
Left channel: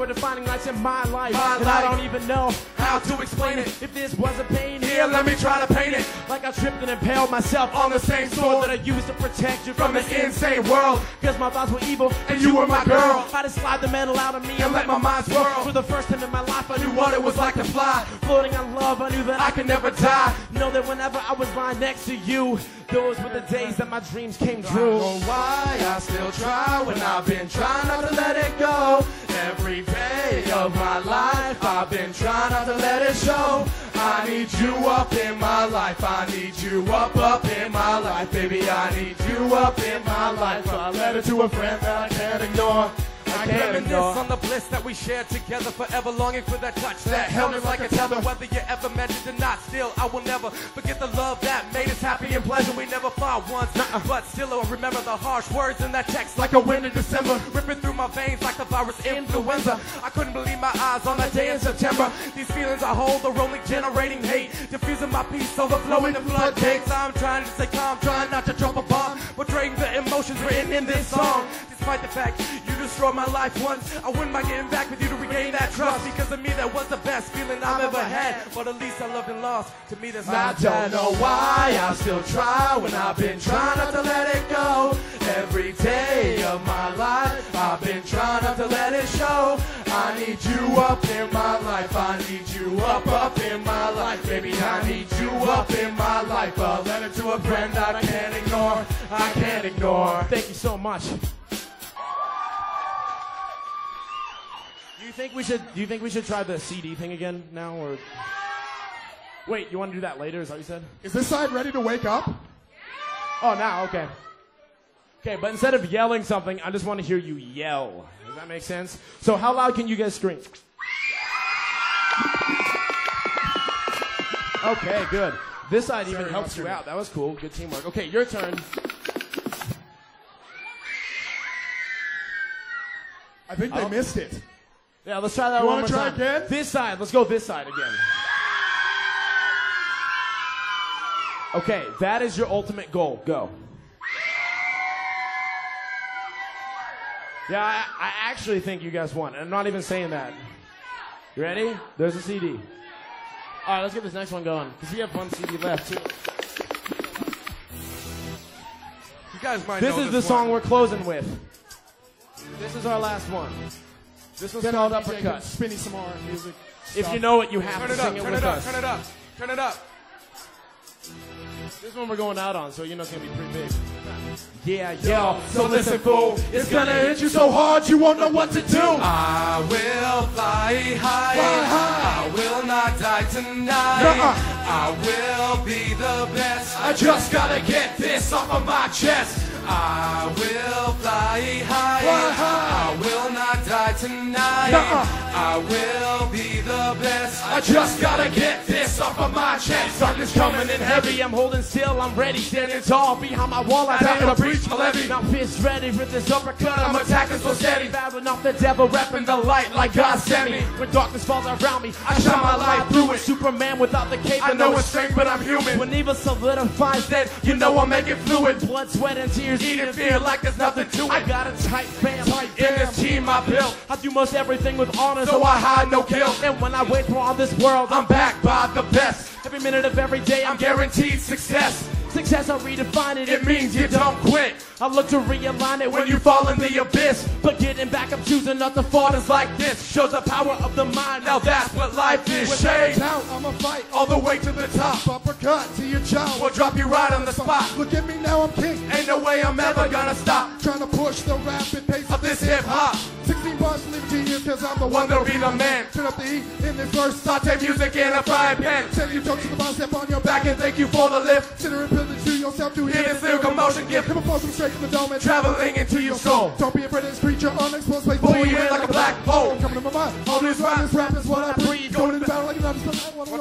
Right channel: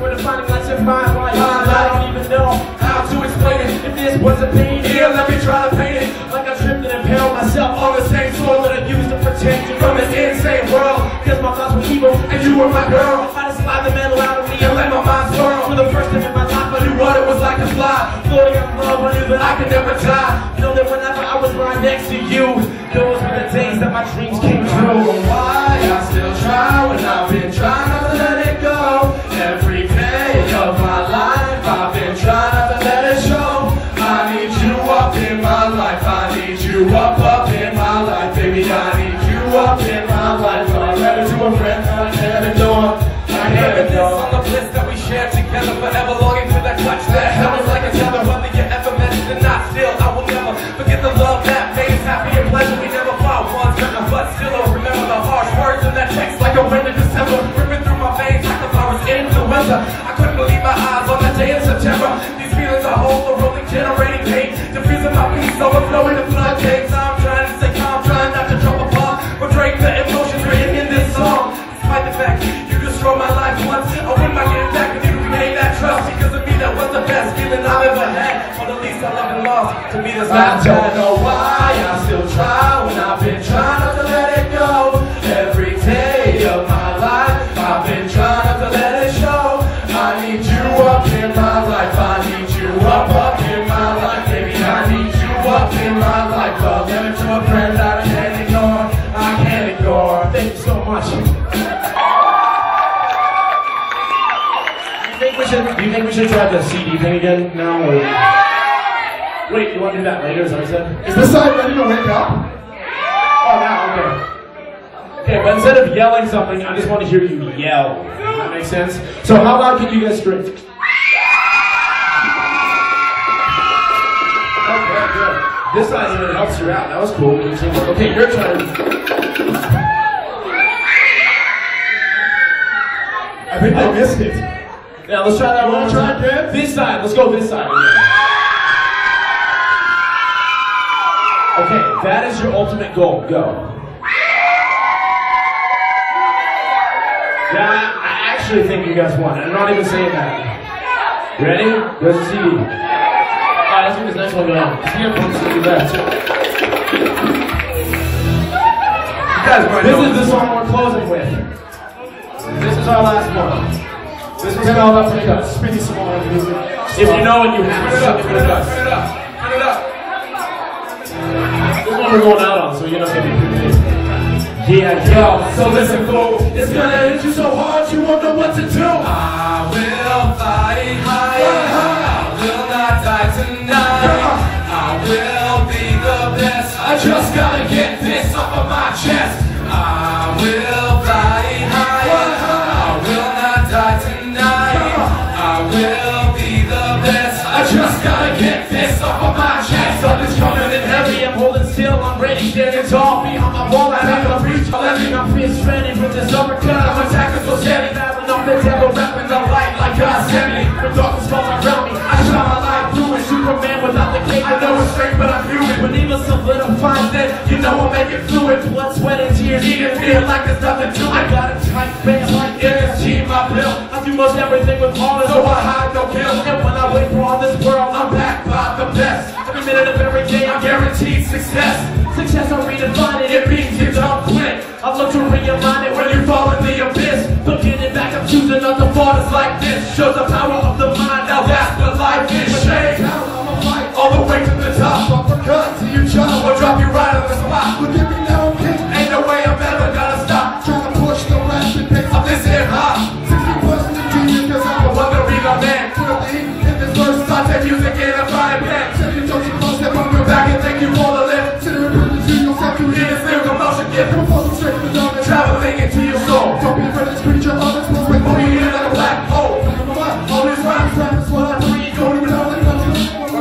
where the finding nights in my life. I don't even know how to explain it. If this wasn't pain, here, let me try to paint it. Like I tripped and impaled myself on the same sword that I used to protect you from this insane world. Cause my thoughts were evil and you were my girl. I just slide the metal out of me and let my mind swirl. For the first time in my life, I knew what it was like to fly. Floating in love, I knew that I could never die. Know that whenever I was right next to you, those were the days that my dreams came true. Why I still try when I've been trying not to let it go. Every day of my life, I've been trying not to let it show. I need you up in my life. I need you up in my life, baby. I need you up in my life. I'll let it to a friend that I can't ignore. I can't ignore. On the bliss that we share together, forever longing for that touch that held us like a tether. Whether you ever mentioned it, not still, I will never forget the love that made us happy and pleasure. We never fought once, but still I'll remember the harsh words in that text like a wind in December. Ripping through my veins like if I was influenza. I couldn't believe my eyes on that day in September. These feelings I hold, the rolling generating pain. Diffusing my peace, overflowing the floodgates. I'm trying to stay calm, trying not to drop a bomb. But break the emotions written in this song. Despite the fact you destroyed my life once, I wouldn't mind getting back with you to regain that trust. Because of me, that was the best feeling I've ever had. But at least I love and lost. To me, that's not I don't know why I still try when I've been trying not to let it go. Every day of my life, I've been trying not to let it show. I need you up in my life. I need you up in my life, baby. I need you up in my life. I'll give it to a friend that I can't ignore. I can't ignore. Thank you so much. Do you think we should try the CD thing again now? Or? Wait, you want to do that later? Is that what you said? Is this side ready to wake up? Oh, now, okay. Okay, but instead of yelling something, I just want to hear you yell. Does that make sense? So how loud can you guys scream? Okay, good. This side even helps you out. That was cool. Okay, your turn. I think I missed it. Yeah, let's try that one more time. This side. Let's go this side. Okay, that is your ultimate goal. Go. Yeah, I actually think you guys won. I'm not even saying that. You ready? There's a CD. Alright, let's get this next one going. Let's get one CD left. This is the song we're closing with. This is our last one. This is called Up to Us. Pretty small music. If you know it, you have to sing it with us. Turn it up. one we're going out on, so you're not going to be confused. Yeah, yo, so listen, fool. It's gonna hit you so hard you won't know what to do. I will fly high. I will not die tonight. I will be the best. I just gotta get this off of my chest. I will fly high. I will not die tonight. I will be the best. I just gotta get this off of my chest. Something's coming in heavy. I'm holding still. I'm ready. It's all behind my wall. I never reach. I'm fist ready for this uppercut. I'm attacking so steady. Battling off the devil, rapping the light like God sent me. The darkness falls around me. I shine my light through it. Superman without the cape. I know it's straight, but I'm human. When evil solidifies, then you know I'll make it fluid. Blood, sweat, and tears. Eating fear like there's nothing to it. I got a tight face like energy in my pill. I do most everything with honor, so I hide no guilt. And when I wait for all this world, I'm backed by the best. Every minute of every day, I'm guaranteed success. Success, I'm redefining. It means you don't quit. I love to realign it when you fall in the abyss. But getting back, I'm choosing other thoughts like this. Shows the power of the mind, now that's what life is. Shade all the way to the top. Uppercut to your jaw, I'll drop you right on the spot. But give me now, kick. Ain't no way I'm ever gonna stop. Trying to push the last and pick up this hip hop. 60 wasn't a genius, cause I'm the one to be my man. To the lead in this verse, start that music in a fire man. Till you don't cross that from your back and thank you for the lift. To the traveling into your soul. Don't be afraid to speak your love. It's what's with me in a black hole. All these rhymes, rappers, what I breathe. Going to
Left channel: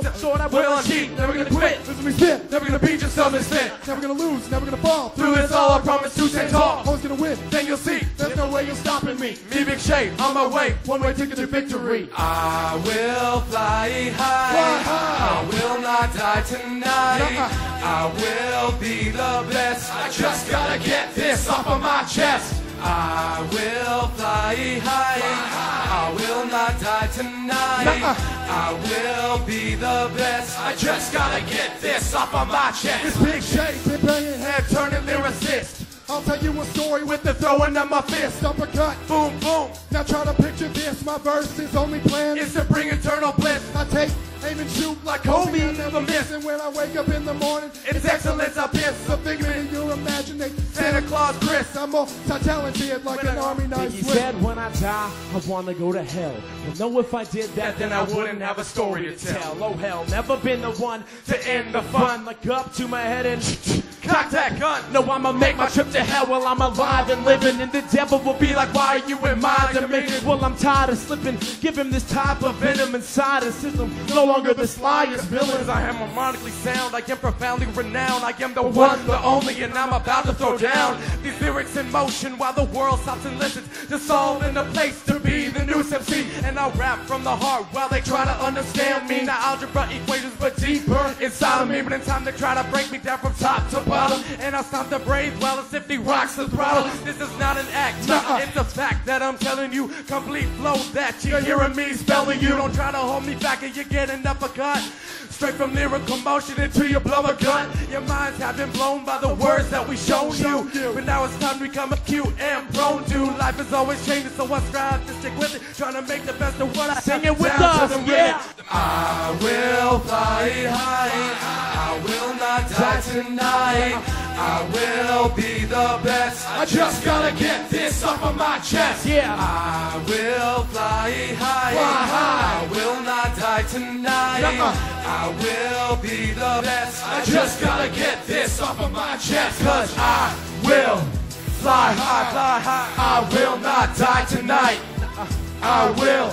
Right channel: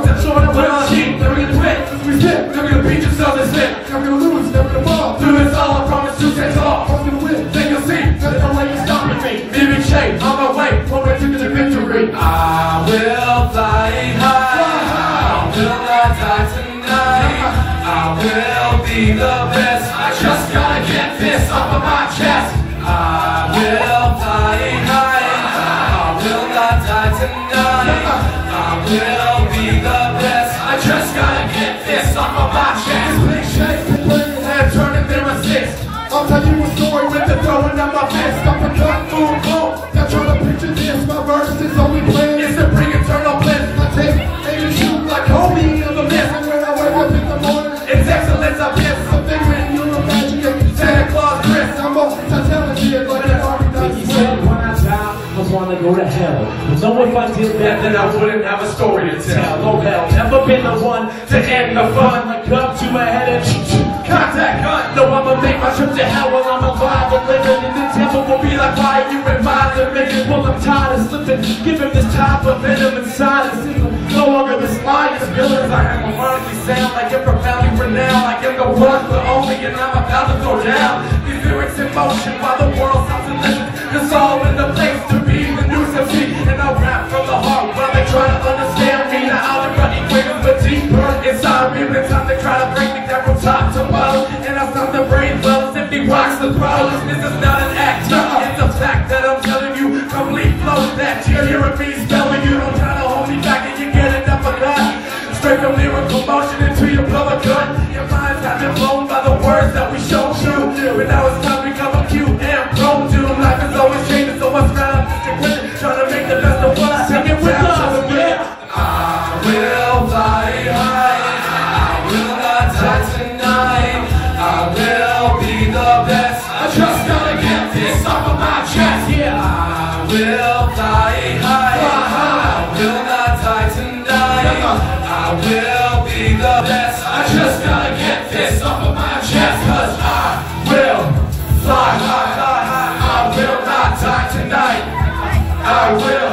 that's short of what I need. Never gonna quit. We sit. Never gonna beat yourself and sit. Never gonna lose. Never gonna fall. Through this all, I promise you stand tall. Once you win, then you'll see. There's no way you're stopping me. Leaving shade on my way. One way to the victory. I will fly high. I will not die tonight. I will be the best. I just gotta get this off of my chest. I will fly high. I will not die tonight. I will be the best. I just gotta get this off of my chest. Big shake, big head turning there a six. I'll tell you a story with the throwing of my fist. Up and down, boom, boom. Now try to picture this. My verse is only bliss. It's to bring eternal bliss. I take and shoot like Kobe in the mist. And when I wake up in the morning, it's excellence. I miss something when you imagine it. Santa Claus, Chris, I'm most talented, but it already does. He said when I die, I want to go to hell. But no if I did that, then I wouldn't have a story to tell. Oh hell, never been the one to end the fun. Like up to a head and contact gun. No, I'ma make my trip to hell while I'm alive and living. And the devil will be like, why are you in mine? And make it well, I'm tired of slipping. Give him this type of venom inside and see him. No longer the spy is villains. I have ironically sound like you're profoundly renowned. Like I'm the one, but only, and I'm about to go down. These lyrics in motion while the world stops and listens. It's all in the place to be the new MC. And I rap from the heart while they try to understand me. The algebra equations, but deeper inside me. The time they try to break me down from top to bottom. And I stop the brain levels if he rocks the problem. This is not an act, it's a fact that I'm telling you. Complete flow that you're hearing me spelling you. Don't try to hold me back and you get enough of that. Straight from lyrical motion into your blow a gun. Your minds have been blown by the words that we showed you. But now it's time to become a cute and prone to. Life is always changing, so what's round? Trying to make the best of what I sing it with us, yeah. I will fly high. I will not die tonight. I will be the best. I just gotta get this off of my chest, yeah. I will fly high. I will not die tonight. I will be the best. I just gotta get this off of my chest. Cause I will fly high, high, high. I will not die tonight. I will.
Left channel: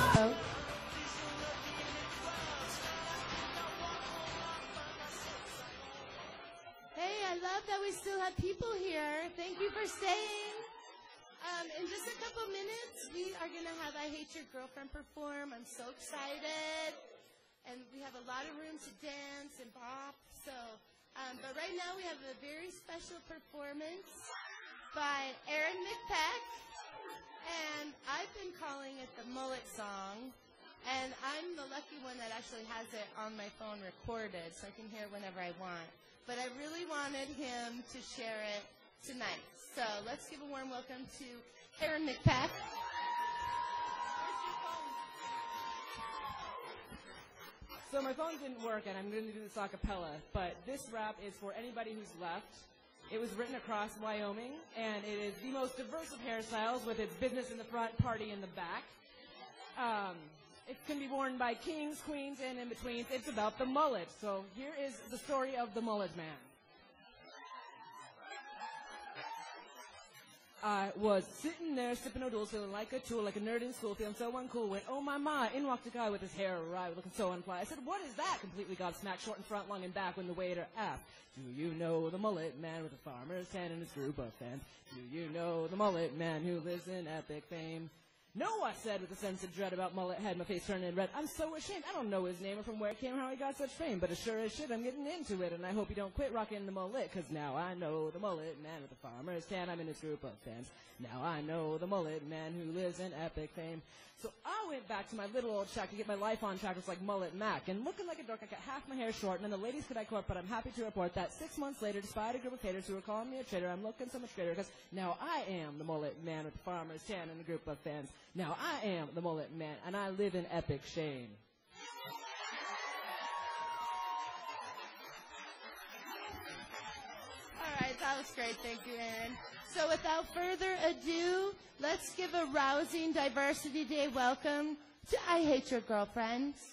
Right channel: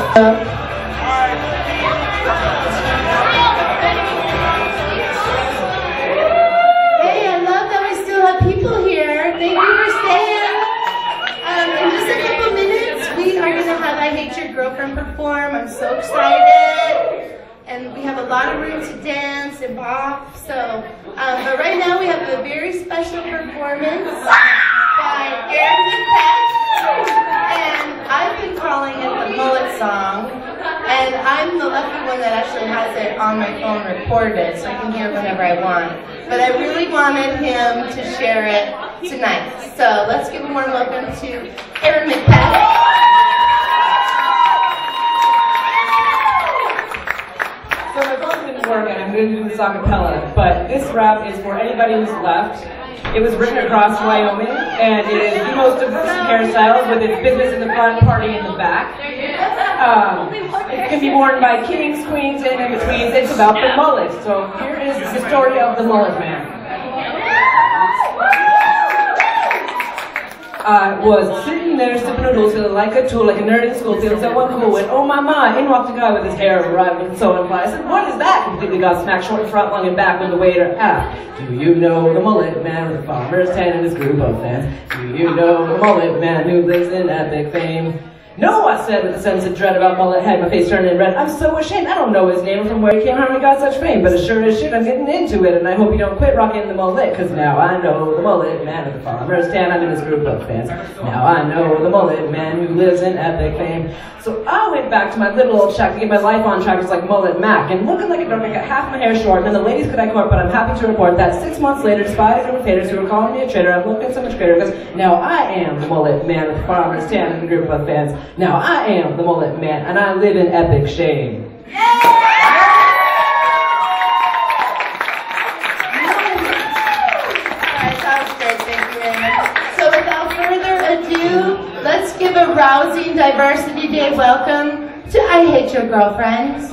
Hey, I love that we still have people here. Thank you for staying. In just a couple minutes, we are going to have I Hate Your Girlfriend perform. I'm so excited. And we have a lot of room to dance and bop. So, but right now we have a very special performance by Eric Peck. And I've been calling it the Mullet Song. And I'm the lucky one that actually has it on my phone recorded, so I can hear it whenever I want. But I really wanted him to share it tonight. So let's give a warm welcome to Aaron McPatrick. So my phone work and I'm going to do this a cappella, but this rap is for anybody who's left. It was written across Wyoming, and it is the most diverse hairstyles with its business in the front, party in the back. It can be worn by kings, queens, and in-betweens. It's about the mullet. So here is the story of the mullet man. I was sitting there sipping noodles, feeling like a tool, like a nerd in school, feeling so uncool. And oh my ma, in walked a guy with his hair arrived and so unfly. I said, what is that? Completely got smacked short in front, long and back when the waiter asked, do you know the mullet man with the farmer's tan and his group of fans? Do you know the mullet man who lives in epic fame? No, I said with a sense of dread about mullet head, my face turning red. I'm so ashamed, I don't know his name or from where he came, how he got such fame. But as sure as shit, I'm getting into it, and I hope you don't quit rocking the mullet, cause now I know the mullet man with the farmer's tan, I'm in his group of fans. Now I know the mullet man who lives in epic fame. So I went back to my little old shack to get my life on track, just like Mullet Mac, and looking like a dork, I got half my hair short, and then the ladies could I court, but I'm happy to report that 6 months later, despite a group of haters who were calling me a traitor, I'm looking so much greater, because now I am the mullet man with the farmer's tan and the group of fans. Now I am the mullet man, and I live in epic shame. Alright, sounds great, thank you very much. So without further ado, let's give a rousing Diversity Day welcome to I Hate Your Girlfriends.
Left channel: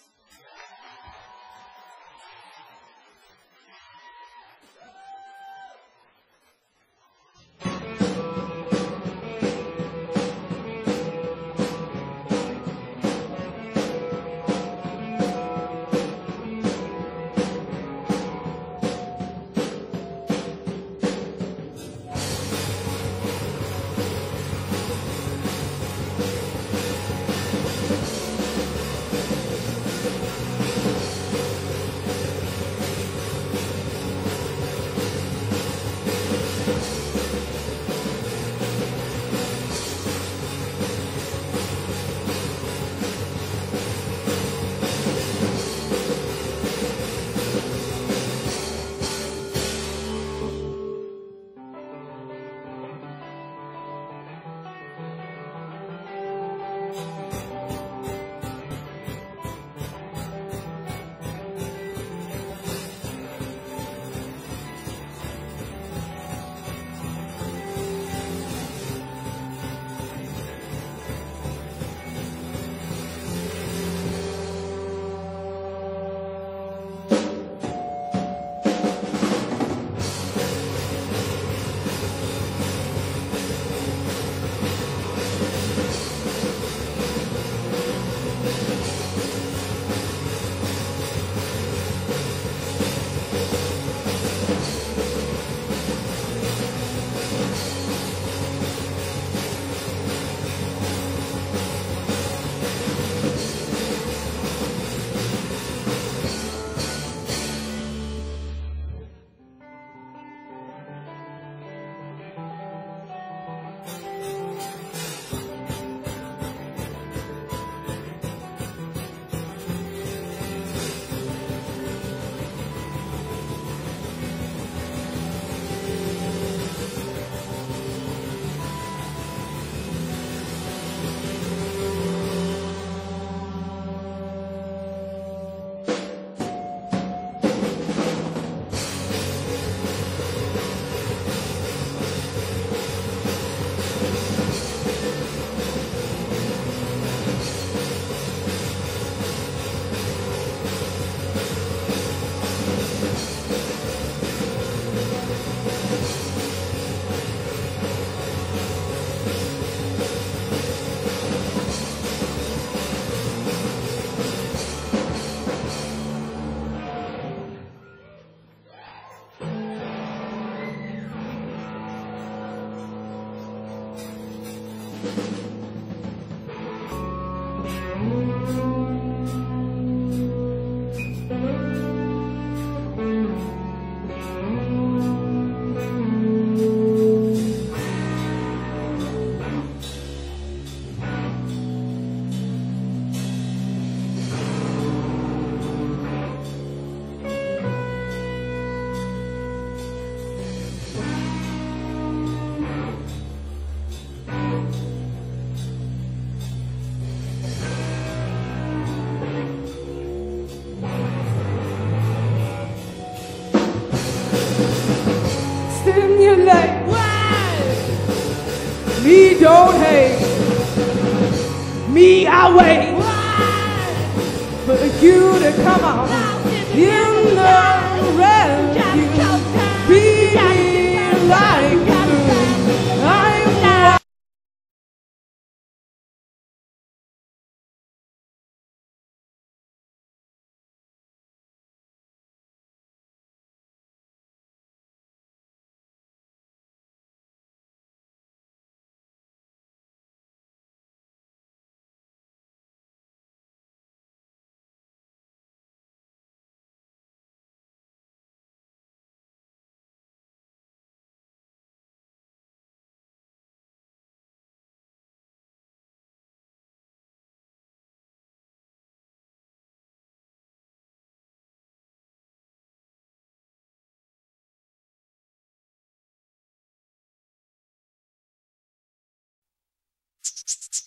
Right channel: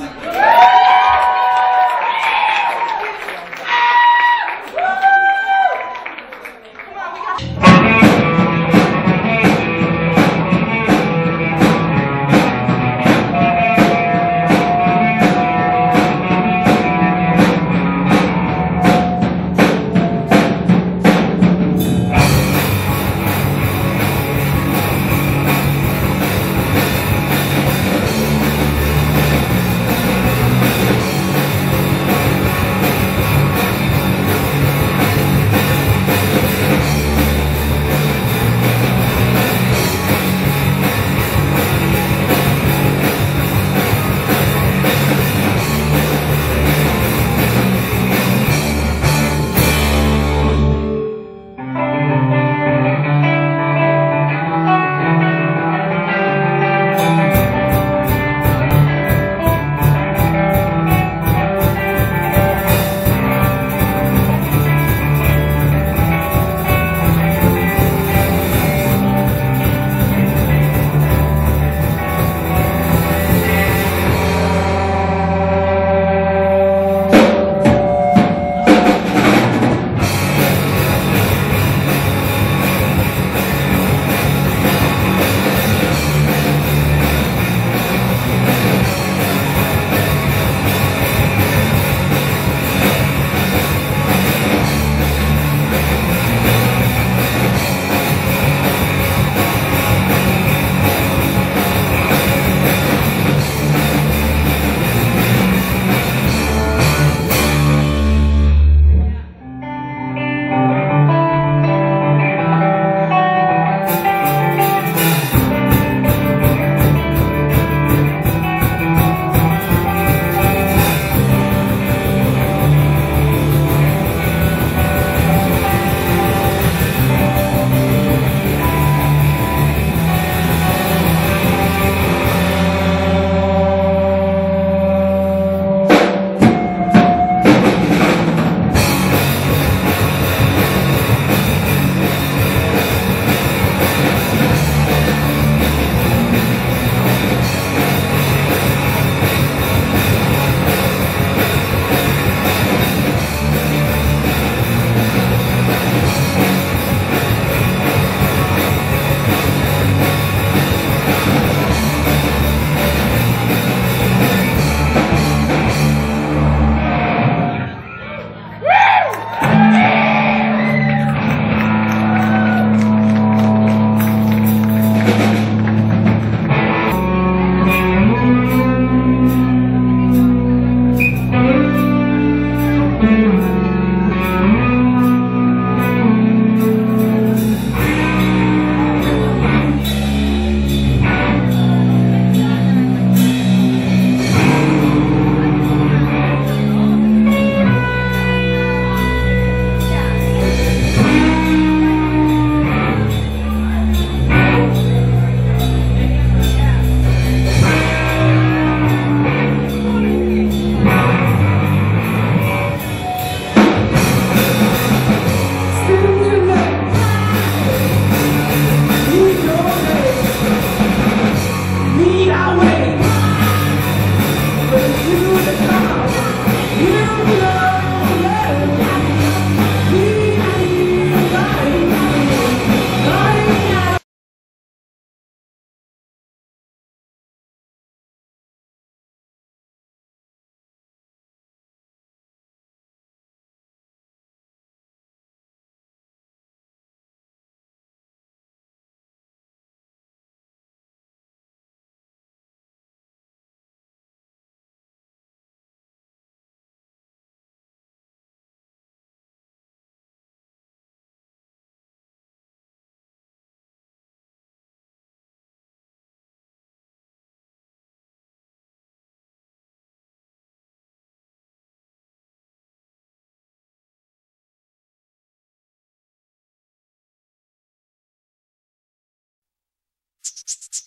Thank you.